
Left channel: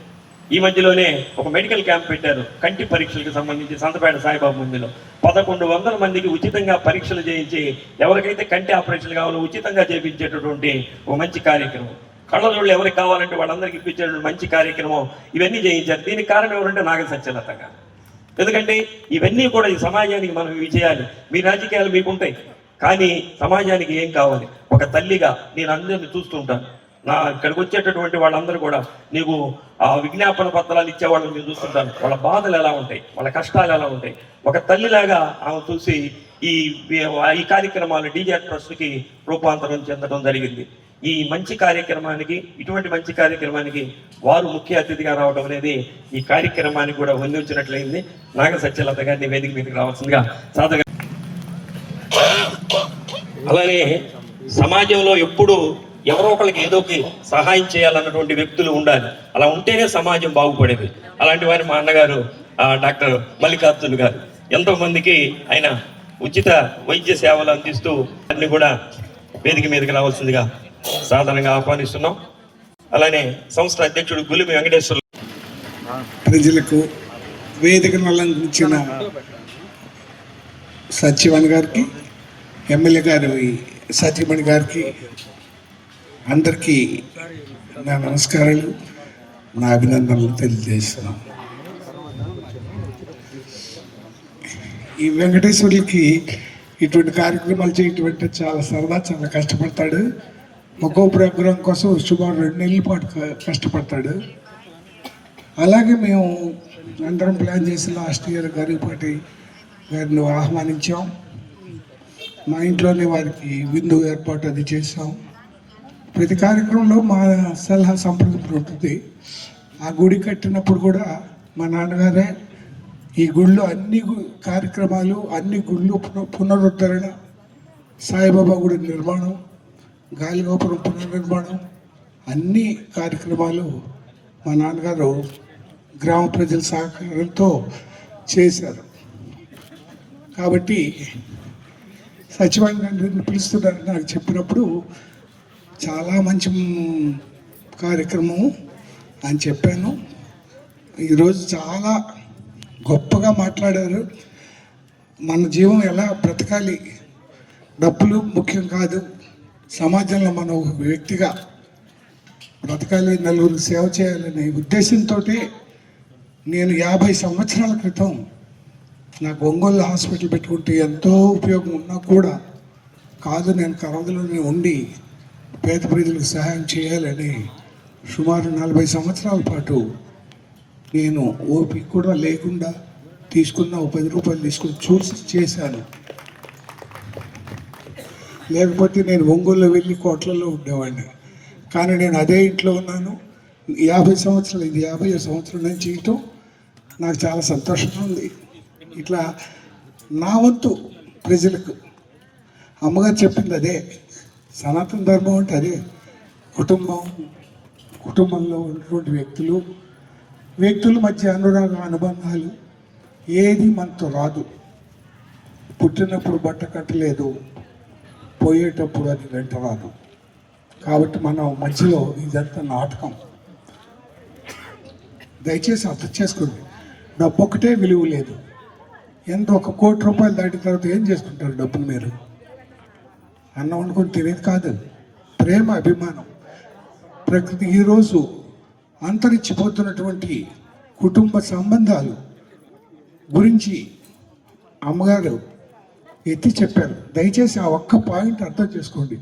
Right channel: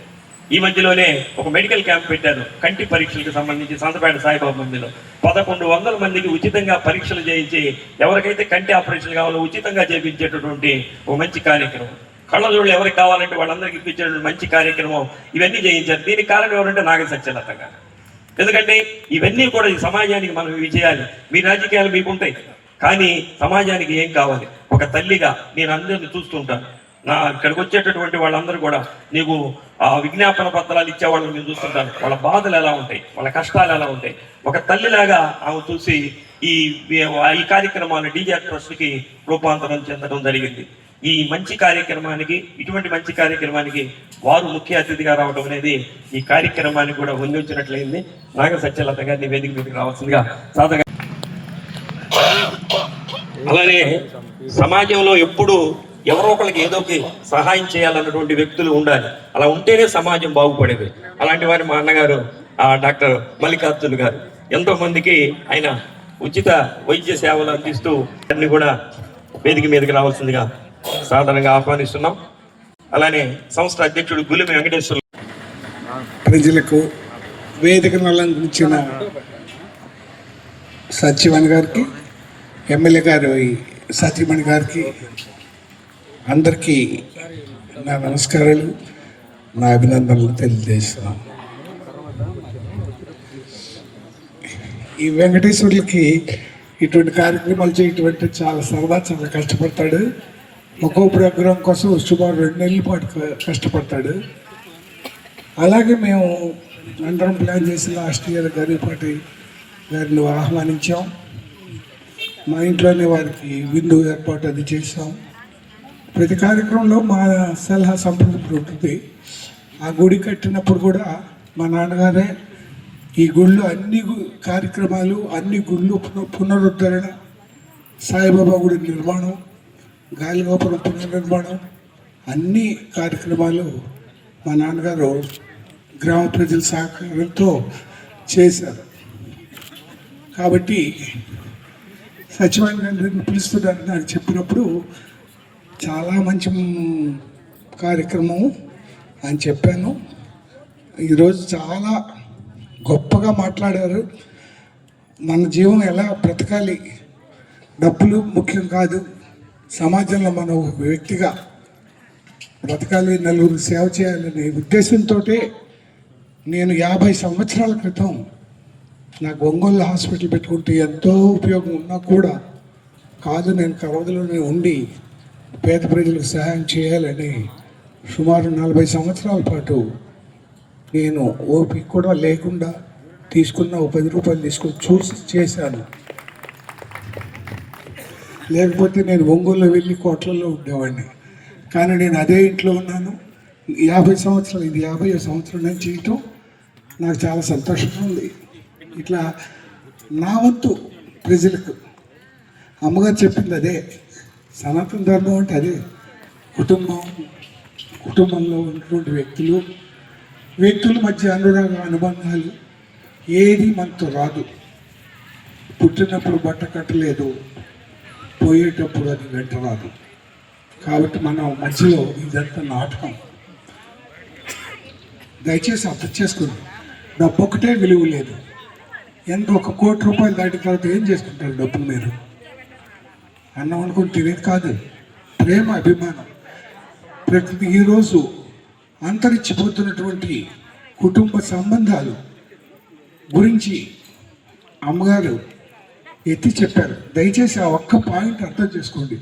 ఈ మధ్యలోనే ఒక మెడికల్ క్యాంప్ పెట్టారు కంటి పరీక్షలకు సంబంధించి సంతపేట సాయిబాబా మందిలో 1100 మందికి ఉచితంగా పరీక్షలు చేయించి ఎవరికైతే కంటి ఆపరేషన్ కావాలో ఉచితంగా చేయించేటటువంటి ఒక మంచి కార్యక్రమం. కళ్ళజోళ్ళు ఎవరికి కావాలంటే వాళ్ళందరికీ ఇప్పించేటువంటి మంచి కార్యక్రమం ఇవన్నీ చేయించారు. దీనికి కారణం ఎవరంటే నాగ సత్యలత గారు. ఎందుకంటే ఇవన్నీ కూడా ఈ సమాజానికి మనం ఇవి చేయాలి. మీ రాజకీయాలు మీకుంటాయి, కానీ సమాజానికి ఏం కావాలి? ఒక తల్లిగా నేను అందరిని చూస్తూ ఉంటాను. నా ఇక్కడికి వచ్చేటటువంటి వాళ్ళందరూ కూడా నీకు విజ్ఞాపన పత్రాలు ఇచ్చేవాళ్ళని నేను చూస్తుంటాను. వాళ్ళ బాధలు ఎలా ఉంటాయి, వాళ్ళ కష్టాలు ఎలా ఉంటాయి. ఒక తల్లిలాగా ఆమె చూసి ఈ కార్యక్రమాన్ని డీజేఆర్ ట్రస్ట్కి రూపాంతరం చెందడం జరిగింది. ఈ మంచి కార్యక్రమానికి, ఇటువంటి మంచి కార్యక్రమానికి వారు ముఖ్య అతిథిగా రావడం అనేది ఈ కార్యక్రమానికి కూడా అందించినట్లయింది. నాగ సత్యలత గారిని వేదిక మీదకి రావాల్సిందిగా సాధగా. అలానే సమాజంలో ఎప్పుడు ఎవరో ఒకరికి ఏదోకి సహాయం చేయాలన్నటువంటి వ్యక్తులు ఉండాలి. అలా ఉంటేనే సమాజం బాగుపడేది. అలాంటి వారి మా అన్నగారు డాక్టర్ మల్లికార్జున్ గారు ఎంతో మందికి ఆయన ఉచిత వైద్య సేవలు అందిస్తూ అన్ని కూడా వేదిక మీదకి రావాల్సిందిగా సాధారణంగా ఆహ్వానిస్తున్నాం. అలానే సంస్థ అధ్యక్షుడు గులిమి వెంకటేశ్వర ప్రజలకు వేదికను అలంకరించిన సత్యమణి గారికి, ఎమ్మెల్యే గారు సత్యమణి గారికి అందరికీ నా నమస్కారాలు, నా అభినందనలు తెలియజేస్తున్నాను. ఈ వెంకటేశ్వర్లకి ఇటువంటి కార్యక్రమాలు చేయటం చాలా సరదా, చాలా కష్టపడతాడు. ఒక్కో ప్రోగ్రాం కోసం సుమారు 2 నెలల పాటు కష్టపడతాడు. అలాగే మేము అందరం ప్లాన్ చేసి లాస్ట్ ఇయర్ గరిపాటి గారిని ఆహ్వానించాం. మా ఇంట్లోనే వారికి విందు ఏర్పాటు అది చేసాం. ప్రతి కార్యక్రమంలో మా సలహా సంప్రదింపు ఉంటుంది. ఆ గుడి కట్టినప్పుడు కూడా మా నాన్నగారే ఈ గుళ్ళు అన్ని కార్యక్రమాలు, అన్ని గుళ్ళు పునరుద్ధరణ, సాయిబాబా గుడి నిర్మాణం, గాలిగోపురం పునర్నిర్మాణం, అన్ని కార్యక్రమాలు మా నాన్నగారు గ్రామ ప్రజల సహకారంతో చేశారు. కాబట్టి సచివాలయాన్ని పిలుస్తున్నారని నాకు చెప్పినప్పుడు చాలా మంచి కార్యక్రమం అని చెప్పాను. ఈరోజు చాలా గొప్పగా మాట్లాడారు. మన జీవం ఎలా బ్రతకాలి, డబ్బులు ముఖ్యం కాదు, సమాజంలో మనం వ్యక్తిగా బ్రతకాలి, నలుగురికి సేవ చేయాలనే ఉద్దేశంతో నేను 50 సంవత్సరాల క్రితం నాకు ఒంగోలు హాస్పిటల్ పెట్టుకుంటే ఎంతో ఉపయోగం ఉన్నా కూడా కాదు, నేను కరవదలోనే ఉండి పేద ప్రజలకు సహాయం చేయాలని సుమారు 40 సంవత్సరాల పాటు నేను ఓపిక కూడా లేకుండా తీసుకున్న 10 రూపాయలు తీసుకొని చూసి చేశాను. లేకపోతే నేను ఒంగోలులో వెళ్ళి కోట్లలో ఉండేవాడిని. కానీ నేను అదే ఇంట్లో ఉన్నాను. 50 సంవత్సరాలు, ఇది 50 సంవత్సరం నేను చేయటం నాకు చాలా సంతోషంగా ఉంది. ఇట్లా నా వంతు ప్రజలకు అమ్మగారు చెప్పింది అదే. సనాతన ధర్మం అంటే అదే. కుటుంబంలో ఉన్నటువంటి వ్యక్తుల మధ్య అనురాగ అనుబంధాలు ఏది మనతో రాదు. పుట్టినప్పుడు బట్ట కట్టలేదు, పోయేటప్పుడు అది వెంట రాదు. కాబట్టి మనం మధ్యలో ఇదంతా నాటకం. దయచేసి అర్థం చేసుకుంది. డబ్బు ఒకటే విలువ లేదు. ఎంత 1 కోటి రూపాయలు దాటిన తర్వాత ఏం చేసుకుంటారు డబ్బులు? మీరు అన్నం అనుకుని తినేది కాదు. ప్రేమ, అభిమానం, ప్రకృతి. ఈరోజు అంతరించిపోతున్నటువంటి కుటుంబ సంబంధాలు గురించి అమ్మగారు ఎత్తి చెప్పారు. దయచేసి ఆ ఒక్క పాయింట్ అర్థం చేసుకోండి.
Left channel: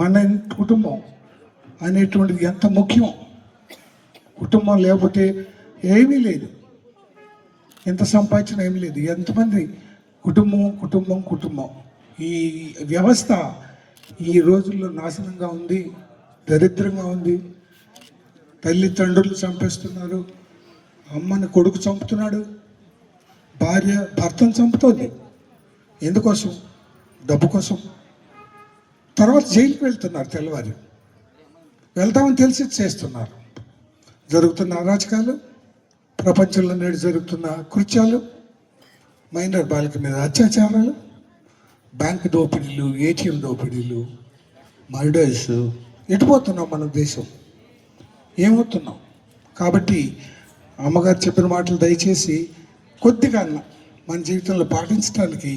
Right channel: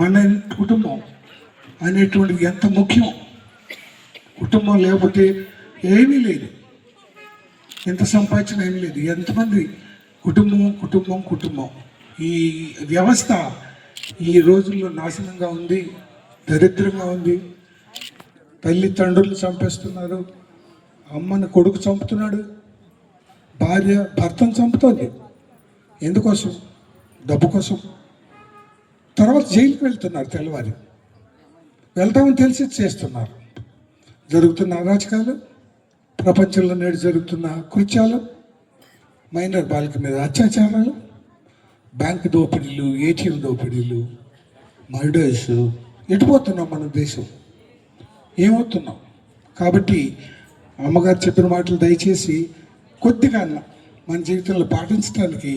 మన కుటుంబం అనేటువంటిది ఎంత ముఖ్యం. కుటుంబం లేకపోతే ఏమీ లేదు, ఎంత సంపాదించిన ఏమీ లేదు. ఎంతమంది కుటుంబం ఈ వ్యవస్థ ఈ రోజుల్లో నాశనంగా ఉంది. దరిద్రంగా ఉంది. తల్లిదండ్రులు చంపేస్తున్నారు, అమ్మని కొడుకు చంపుతున్నాడు, భార్య భర్తను చంపుతుంది. ఎందుకోసం? డబ్బు కోసం. తర్వాత జైలుకి వెళ్తున్నారు, తెల్లవారి వెళ్తామని తెలిసి చేస్తున్నారు. జరుగుతున్న అరాచకాలు, ప్రపంచంలో నేడు జరుగుతున్న కృత్యాలు, మైనర్ బాలిక మీద అత్యాచారాలు, బ్యాంకు దోపిడీలు, ఏటీఎం దోపిడీలు, మర్డర్స్. ఎటుపోతున్నాం మన దేశం? ఏమవుతున్నాం? కాబట్టి అమ్మగారు చెప్పిన మాటలు దయచేసి కొద్దిగా మన జీవితంలో పాటించడానికి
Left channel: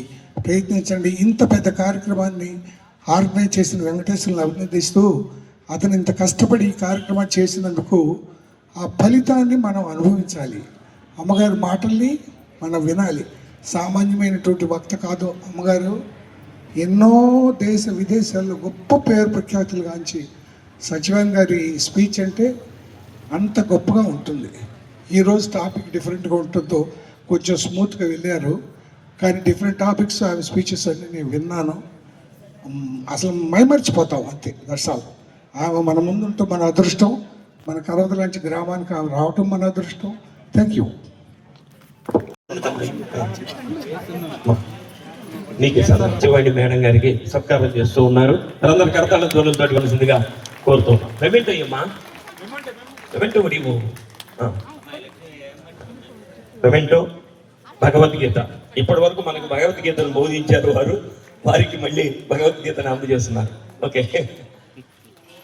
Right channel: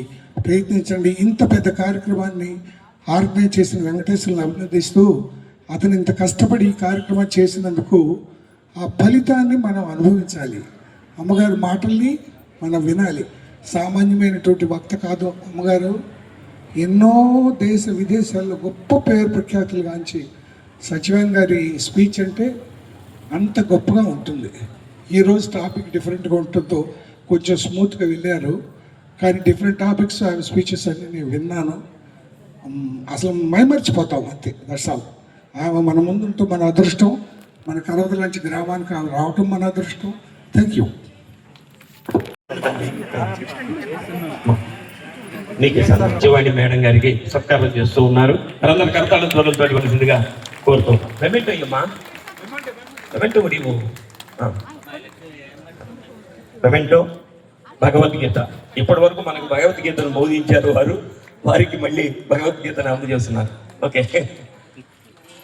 ప్రయత్నించండి. ఇంత పెద్ద కార్యక్రమాన్ని ఆర్గనైజ్ చేసిన వెంకటేశ్వరుని అభినందిస్తూ, అతను ఇంత కష్టపడి ఈ కార్యక్రమం చేసినందుకు ఆ ఫలితాన్ని మనం అనుభవించాలి. అమ్మగారి మాటల్ని మనం వినాలి. సామాన్యమైనటువంటి వక్త కాదు అమ్మగారు. ఎన్నో దేశ విదేశాల్లో గొప్ప పేరు ప్రఖ్యాతులు గాంచి సచివాన్ గారి స్పీచ్ అంటే అంత గొప్పగా ఉంటుంది. ఈరోజు టాపిక్ డిఫరెంట్గా ఉంటుందో కొంచెం స్మూత్గా వెళ్ళారు, కానీ డిఫరెంట్ టాపిక్స్ ఆమె స్పీచెస్ అన్నీ నేను విన్నాను. అసలు మైమర్చిపోతాం అంతే. That's all. ఆమె మన ముందుంటూ మన అదృష్టం. మన కరవద లాంటి గ్రామానికి ఆమె రావటం మన అదృష్టం. Thank you. నీకు సత్యవాణి మేడం గారికి సత్కారం చేస్తూ ఉన్నారు. అందరు కరతాళ ధ్వనులతో ఇవ్వాల్సిందిగా కోరుతూ. పెమెంట్ అయ్యమ్మా, పెమెంట్ ముడివు. పెమెంటో భగవద్గీత. ఇప్పటి వరకు మనకు భగవద్గీతను బోధించారు వారు, వారికి మళ్ళీ భగవద్గీతను అందజేస్తున్నారు. ఓకే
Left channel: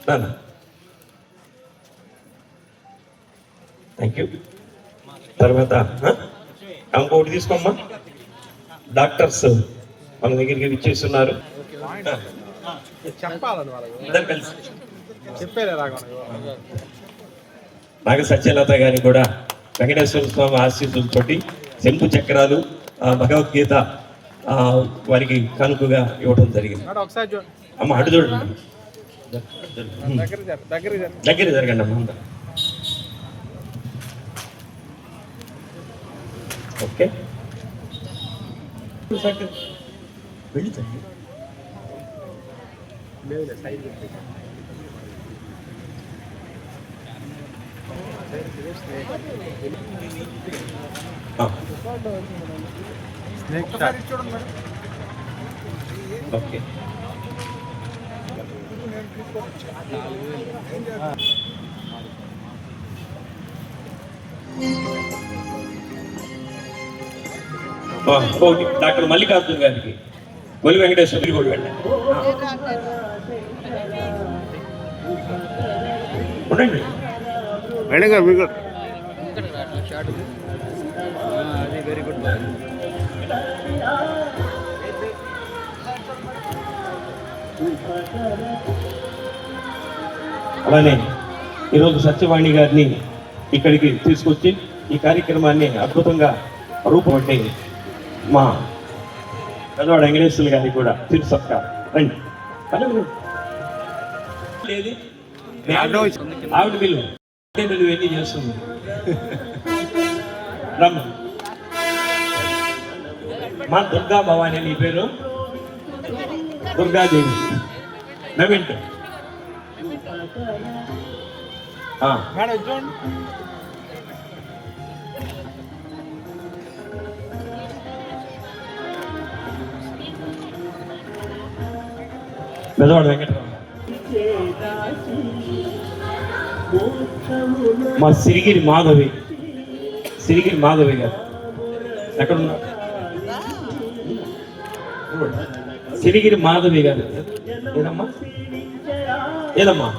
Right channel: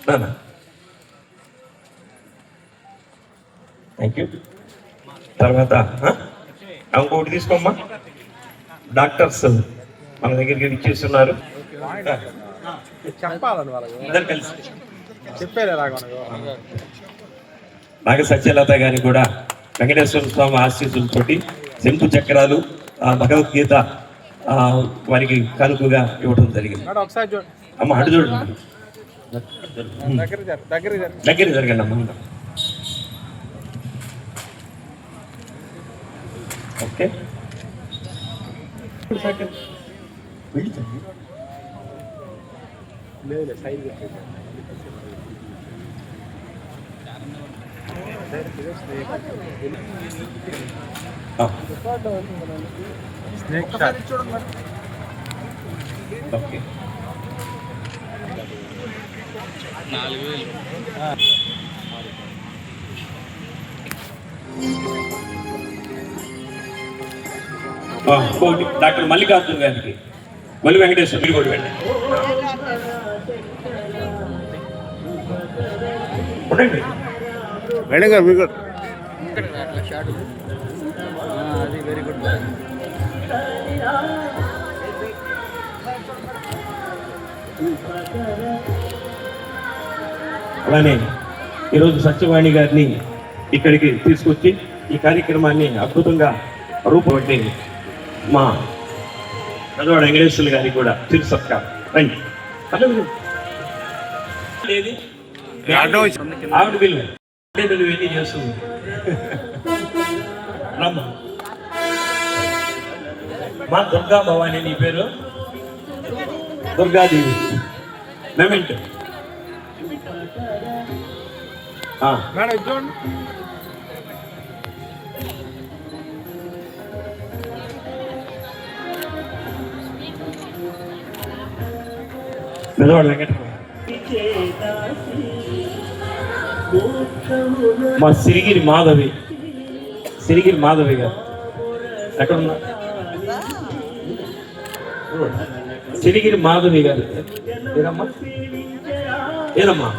నాన్న, థ్యాంక్ యూ. తర్వాత ఇంకొకటి తీసుకోమ్మా. డాక్టర్స్ మన దగ్గరికి ఇచ్చేస్తున్నారు. ఇద్దరు కలిసి నాగ సత్యలత గారిని కూడా వెంకటేశ్వర స్వామి ఆశీస్సులతోటి శంకు చక్రాలు, భగవద్గీత వారికి కానుకగా ఇవ్వడం జరిగింది. అమ్మ అటు చూడండి, దగ్గర జరగండి అమ్మ. Okay, okay. డాక్టర్ మల్లికార్జున గారికి ఒలి వెంకటేశ్వర కూడా వెళ్ళండి. ఉండండి మేడం గారు, మీకు అది వెరీ గుడ్. అలానే ఈరోజు సత్యవాణి గారిని ఇక్కడికి తీసుకొచ్చి ఈ కార్యక్రమాన్ని అద్భుతంగా రూపొంది మా పెద్దవాడు వెంకటేశ్వరులు గారికి కూడా తిరు సత్కారం. రండి. లేదు ఆవిడ పిలువ నువ్వెన్ని చేస్తుంది. రమ్మ. మా దుర్గా భవాని, నీ పేరు దుర్గాదేవి. మెమెంట్ పెద్దవాడు వెంకటరావు. మా సిరిగిరి మాధవి, సిరిగిరి మాధవి గారు ఎక్కడున్నా? సిరిగిరి మాధవి గారు ఏనమ్మా? ఏనమ్మా?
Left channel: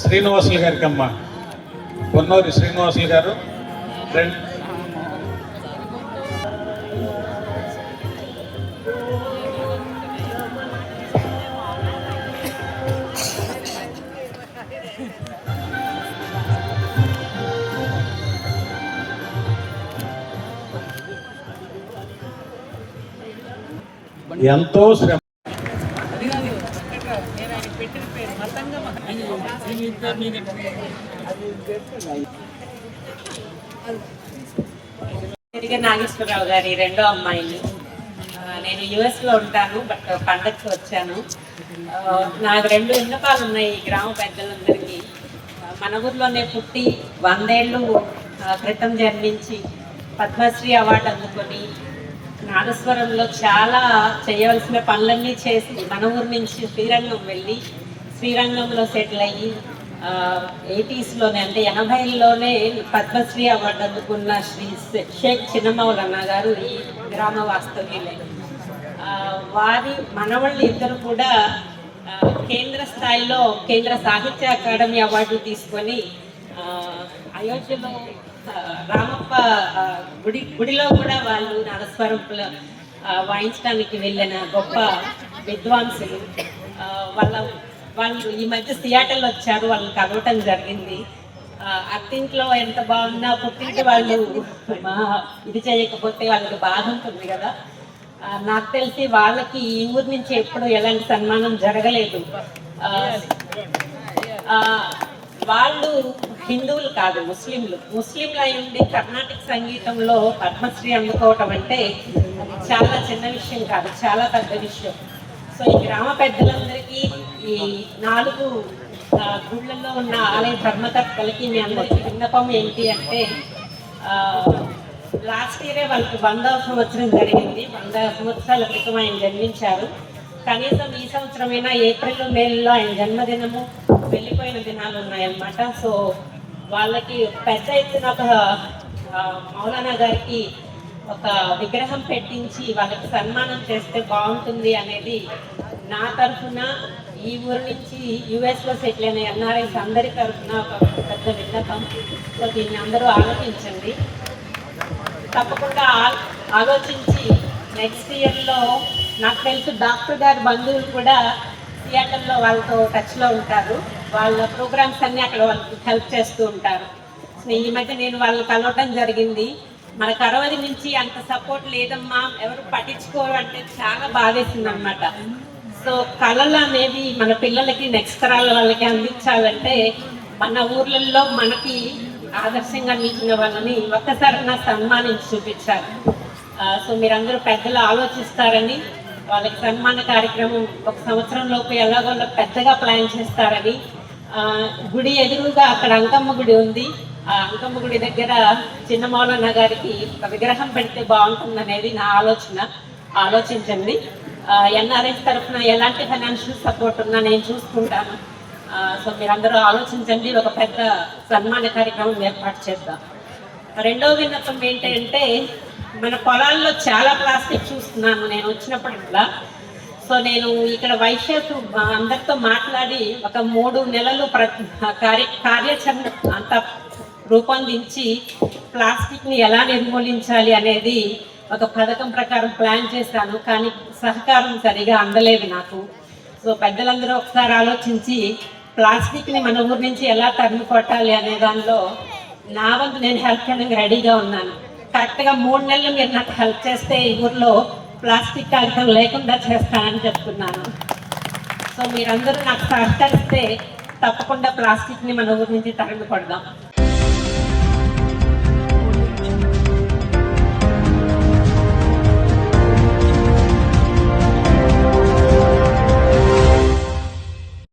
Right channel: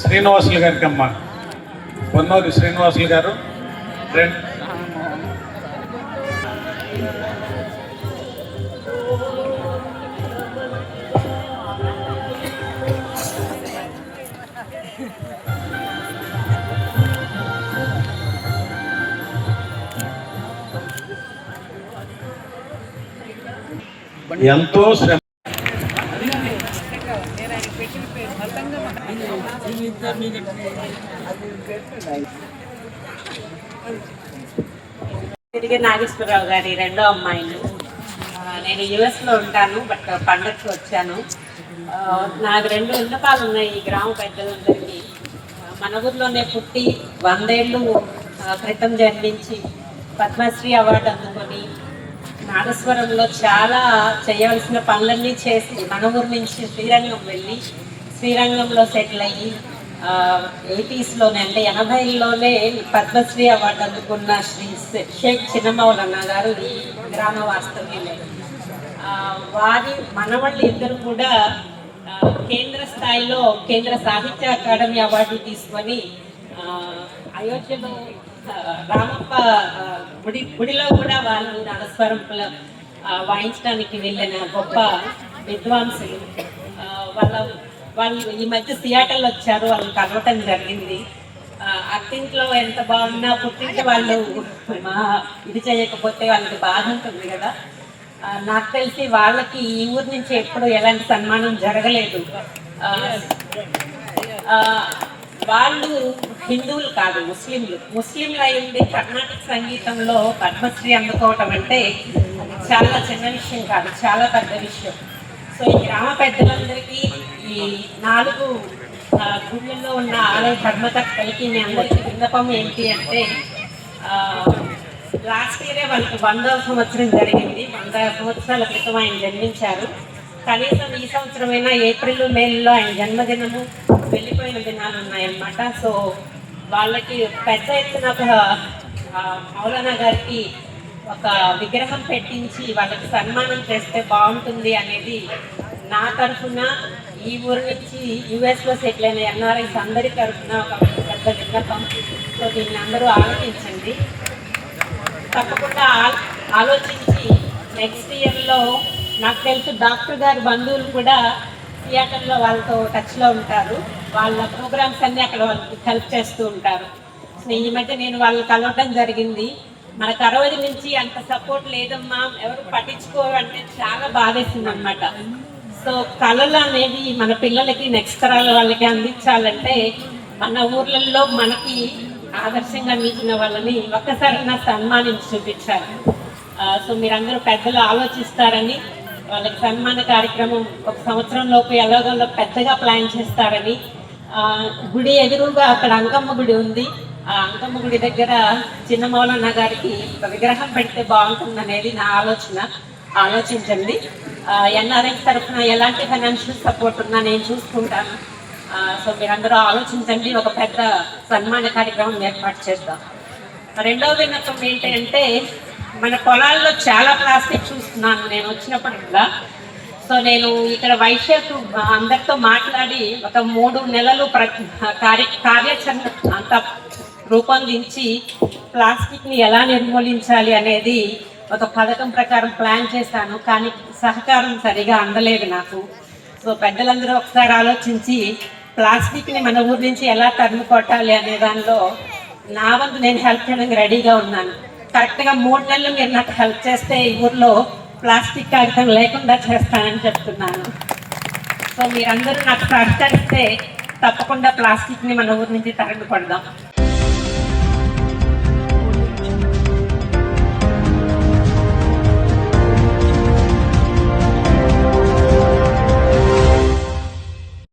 శ్రీనివాసులు గారికి అమ్మ పొన్నూరి శ్రీనివాసులు గారు ఎంతో శ్రమ తిరిగి నాగేశ్వరరావు గారి రెండో అమ్మాయిని. నేను యుఎస్లో ఉంటాను, బట్ పండగకి వచ్చాను. నాకు 2 విన్నపాలు ఉన్నాయి ఈ గ్రామ పెద్దలందరికీ. మన ఊర్లోనే పుట్టి 100 ఏళ్ళు క్రితం జన్మించి పద్మశ్రీ అవార్డు అందుకొని నాగేశ్వరంలో చాలా చేయవలసిన పనులన్నీ చేసి మన ఊరు నుంచి శ్రీరంగం వెళ్ళి శ్రీరంగంలో సెటిల్ అయ్యి 80s అంటే 80లోనే పద్మశ్రీ అవార్డు అందుకున్న శ్రీ షేక్ చిన్నమౌలన్న గారు ఈ గ్రామ వాస్తవ్యులు. వారి మనవాళ్ళు ఇద్దరు కూడా కేంద్ర స్థాయిలో కేంద్ర సాహిత్య అకాడమీ అవార్డు తీసుకొని అయోధ్యలో రామప్ప గుడిలో కూడా వాళ్ళు నాగస్వరం వాయించడానికి వెళ్ళిన గొప్ప విద్వాంసులు. వాళ్ళు ఈ మధ్య సియాటల్ వచ్చారు, వాళ్ళు కలవటం జరిగింది. అత్తింట్లో ఎంత బాగున్నా పుట్టింటి వాళ్ళు ఇది చేయకపోతే వాళ్ళకి బాధ ఉంటుంది కదా. నాకు తెలిసి వాళ్ళకి ఈ ఊరి నుంచి ఎప్పుడు ఎలాంటి సన్మానం జరగలేదు. వాళ్ళు హిందువులు కాదు, ముస్లింలు అయింది కర్ణాటక సంగీతంలో పద్మశ్రీ అందుకోవటం అంటే చాలా చిన్న విషయం కాదు, చాలా పెద్ద విషయం. సో ఈ గ్రామ పెద్దలందరికీ ఈ 4 గుళ్ళల్లో ఉన్న ఆలయ ధర్మకర్తలకి మీ అందరికీ విన్నపం ఏంటి అంటే, లాస్ట్ ఇయరే వాళ్ళకి 100వ సంవత్సరం జరిగింది. 100 సంవత్సరాల క్రితం ఆయన జన్మించారు. కనీసం ఈ సంవత్సరమైనా ఏప్రిల్ మేలో ఆయన జన్మదినము వెళ్ళిపోయిన దినాలు ఉన్నాయన్నమాట. సో వాళ్ళకి పెద్ద ఎత్తున మౌలానా గారికి ఒక విగ్రహం పెట్టించి వాళ్ళకి సన్మానం చేస్తే బాగుంటుంది అనేది నా తరఫున, ఈ ఊరి నుంచి యుఎస్లో సెటిల్ అయిన ఎన్ఆర్ఐస్ అందరి తరఫున ఒక పెద్ద విన్నపం. సో దీన్ని అందరూ ఆలోచించండి. తప్పకుండా ఆలోచించి నెక్స్ట్ ఇయర్లో నాకు తెలుసు డాక్టర్ గారి బంధువులు కూడా థియేటర్లో వాళ్ళతో టచ్లో ఉంటారు. వాళ్ళ ప్రోగ్రామ్స్ అన్నీ అక్కడ వాళ్ళకి హెల్ప్ చేస్తూ ఉంటారు. ఈ మధ్య నేను వాళ్ళు కలవటం జరిగింది. మన కరవది నుంచి అంత సపోర్ట్ లేదమ్మా, ఎవరు పట్టించుకోరు అంటే చాలా బాధేసింది అనమాట. సో కళలు అనేవి మన పిల్లలకి నెక్స్ట్ తరాల వాళ్ళకి అందించాలంటే మన ఊర్లలో మనకి ఆదర్శంగా నిలిచిన వాళ్ళని ఒక్కసారి సన్మానించి చూపించాలి. సో మీరందరూ పెద్దలు ఆలోచిస్తారని, వాళ్ళకి సన్మాన కార్యక్రమం 1 సంవత్సరం లోపు ఎలాగోలో పెద్దగా ప్లాన్ చేస్తారని. గుడి ఎదురుగా అక్కడ అంకమ్మ గుడి ఉంది. ఆ అంకమ్మ గుడి దగ్గర చిన్న మౌలన్న గారికి విగ్రహం పెడితే బాగుంటుందనేది నా ఆలోచన. ఆలోచించండి. ఎన్ఆర్ఎస్ తరఫున ఎలాంటి ఫైనాన్షియల్ సపోర్ట్ ఉన్నా నేను చూసుకుంటాను. సో మీరందరూ ఆలోచించండి, ఒక పెద్ద సన్మాన కార్యక్రమం ఏర్పాటు చేద్దాం. రెండవ విన్నపం ఏంటంటే, మన పొలాల్లో చాలా ప్లాస్టిక్ చూస్తున్నాను నేను వచ్చినప్పుడు కూడా. సో నేను ఇక్కడ వైశ్యకు అందరితో మాట్లాడి ఒక 3 నెలలు కార్యాచరణ అంతా రూపొందించి ప్లాస్టిక్ని ఎలా నిర్మూలించాలి అనేది ఒక పథకం ప్రకారం ప్లాన్ చేశాను. కానీ సహకారం సరిగా అందలేదు నాకు. సో పెద్దలందరూ ఒకసారి ఆలోచించి ప్లాస్టిక్ని మన ఊరి నుంచి ఎలా తరిమి కొట్టాలి అనే దానిలో నా వంతు నేను హెల్ప్ చేయడానికి రెడీగా ఉన్నాను. కరెక్ట్గా 3 నెలలు మీరు నాకు హెల్ప్ చేస్తే ఈ ఊర్లో ప్లాస్టిక్ కాగితం లేకుండా చేస్తానని చెప్తున్నాను. సో మీరందరూ నాకు సహకరిస్తే తప్పకుండా ప్లాస్టిక్ని మన ఊరి నుంచి తరిమి కొడదాం.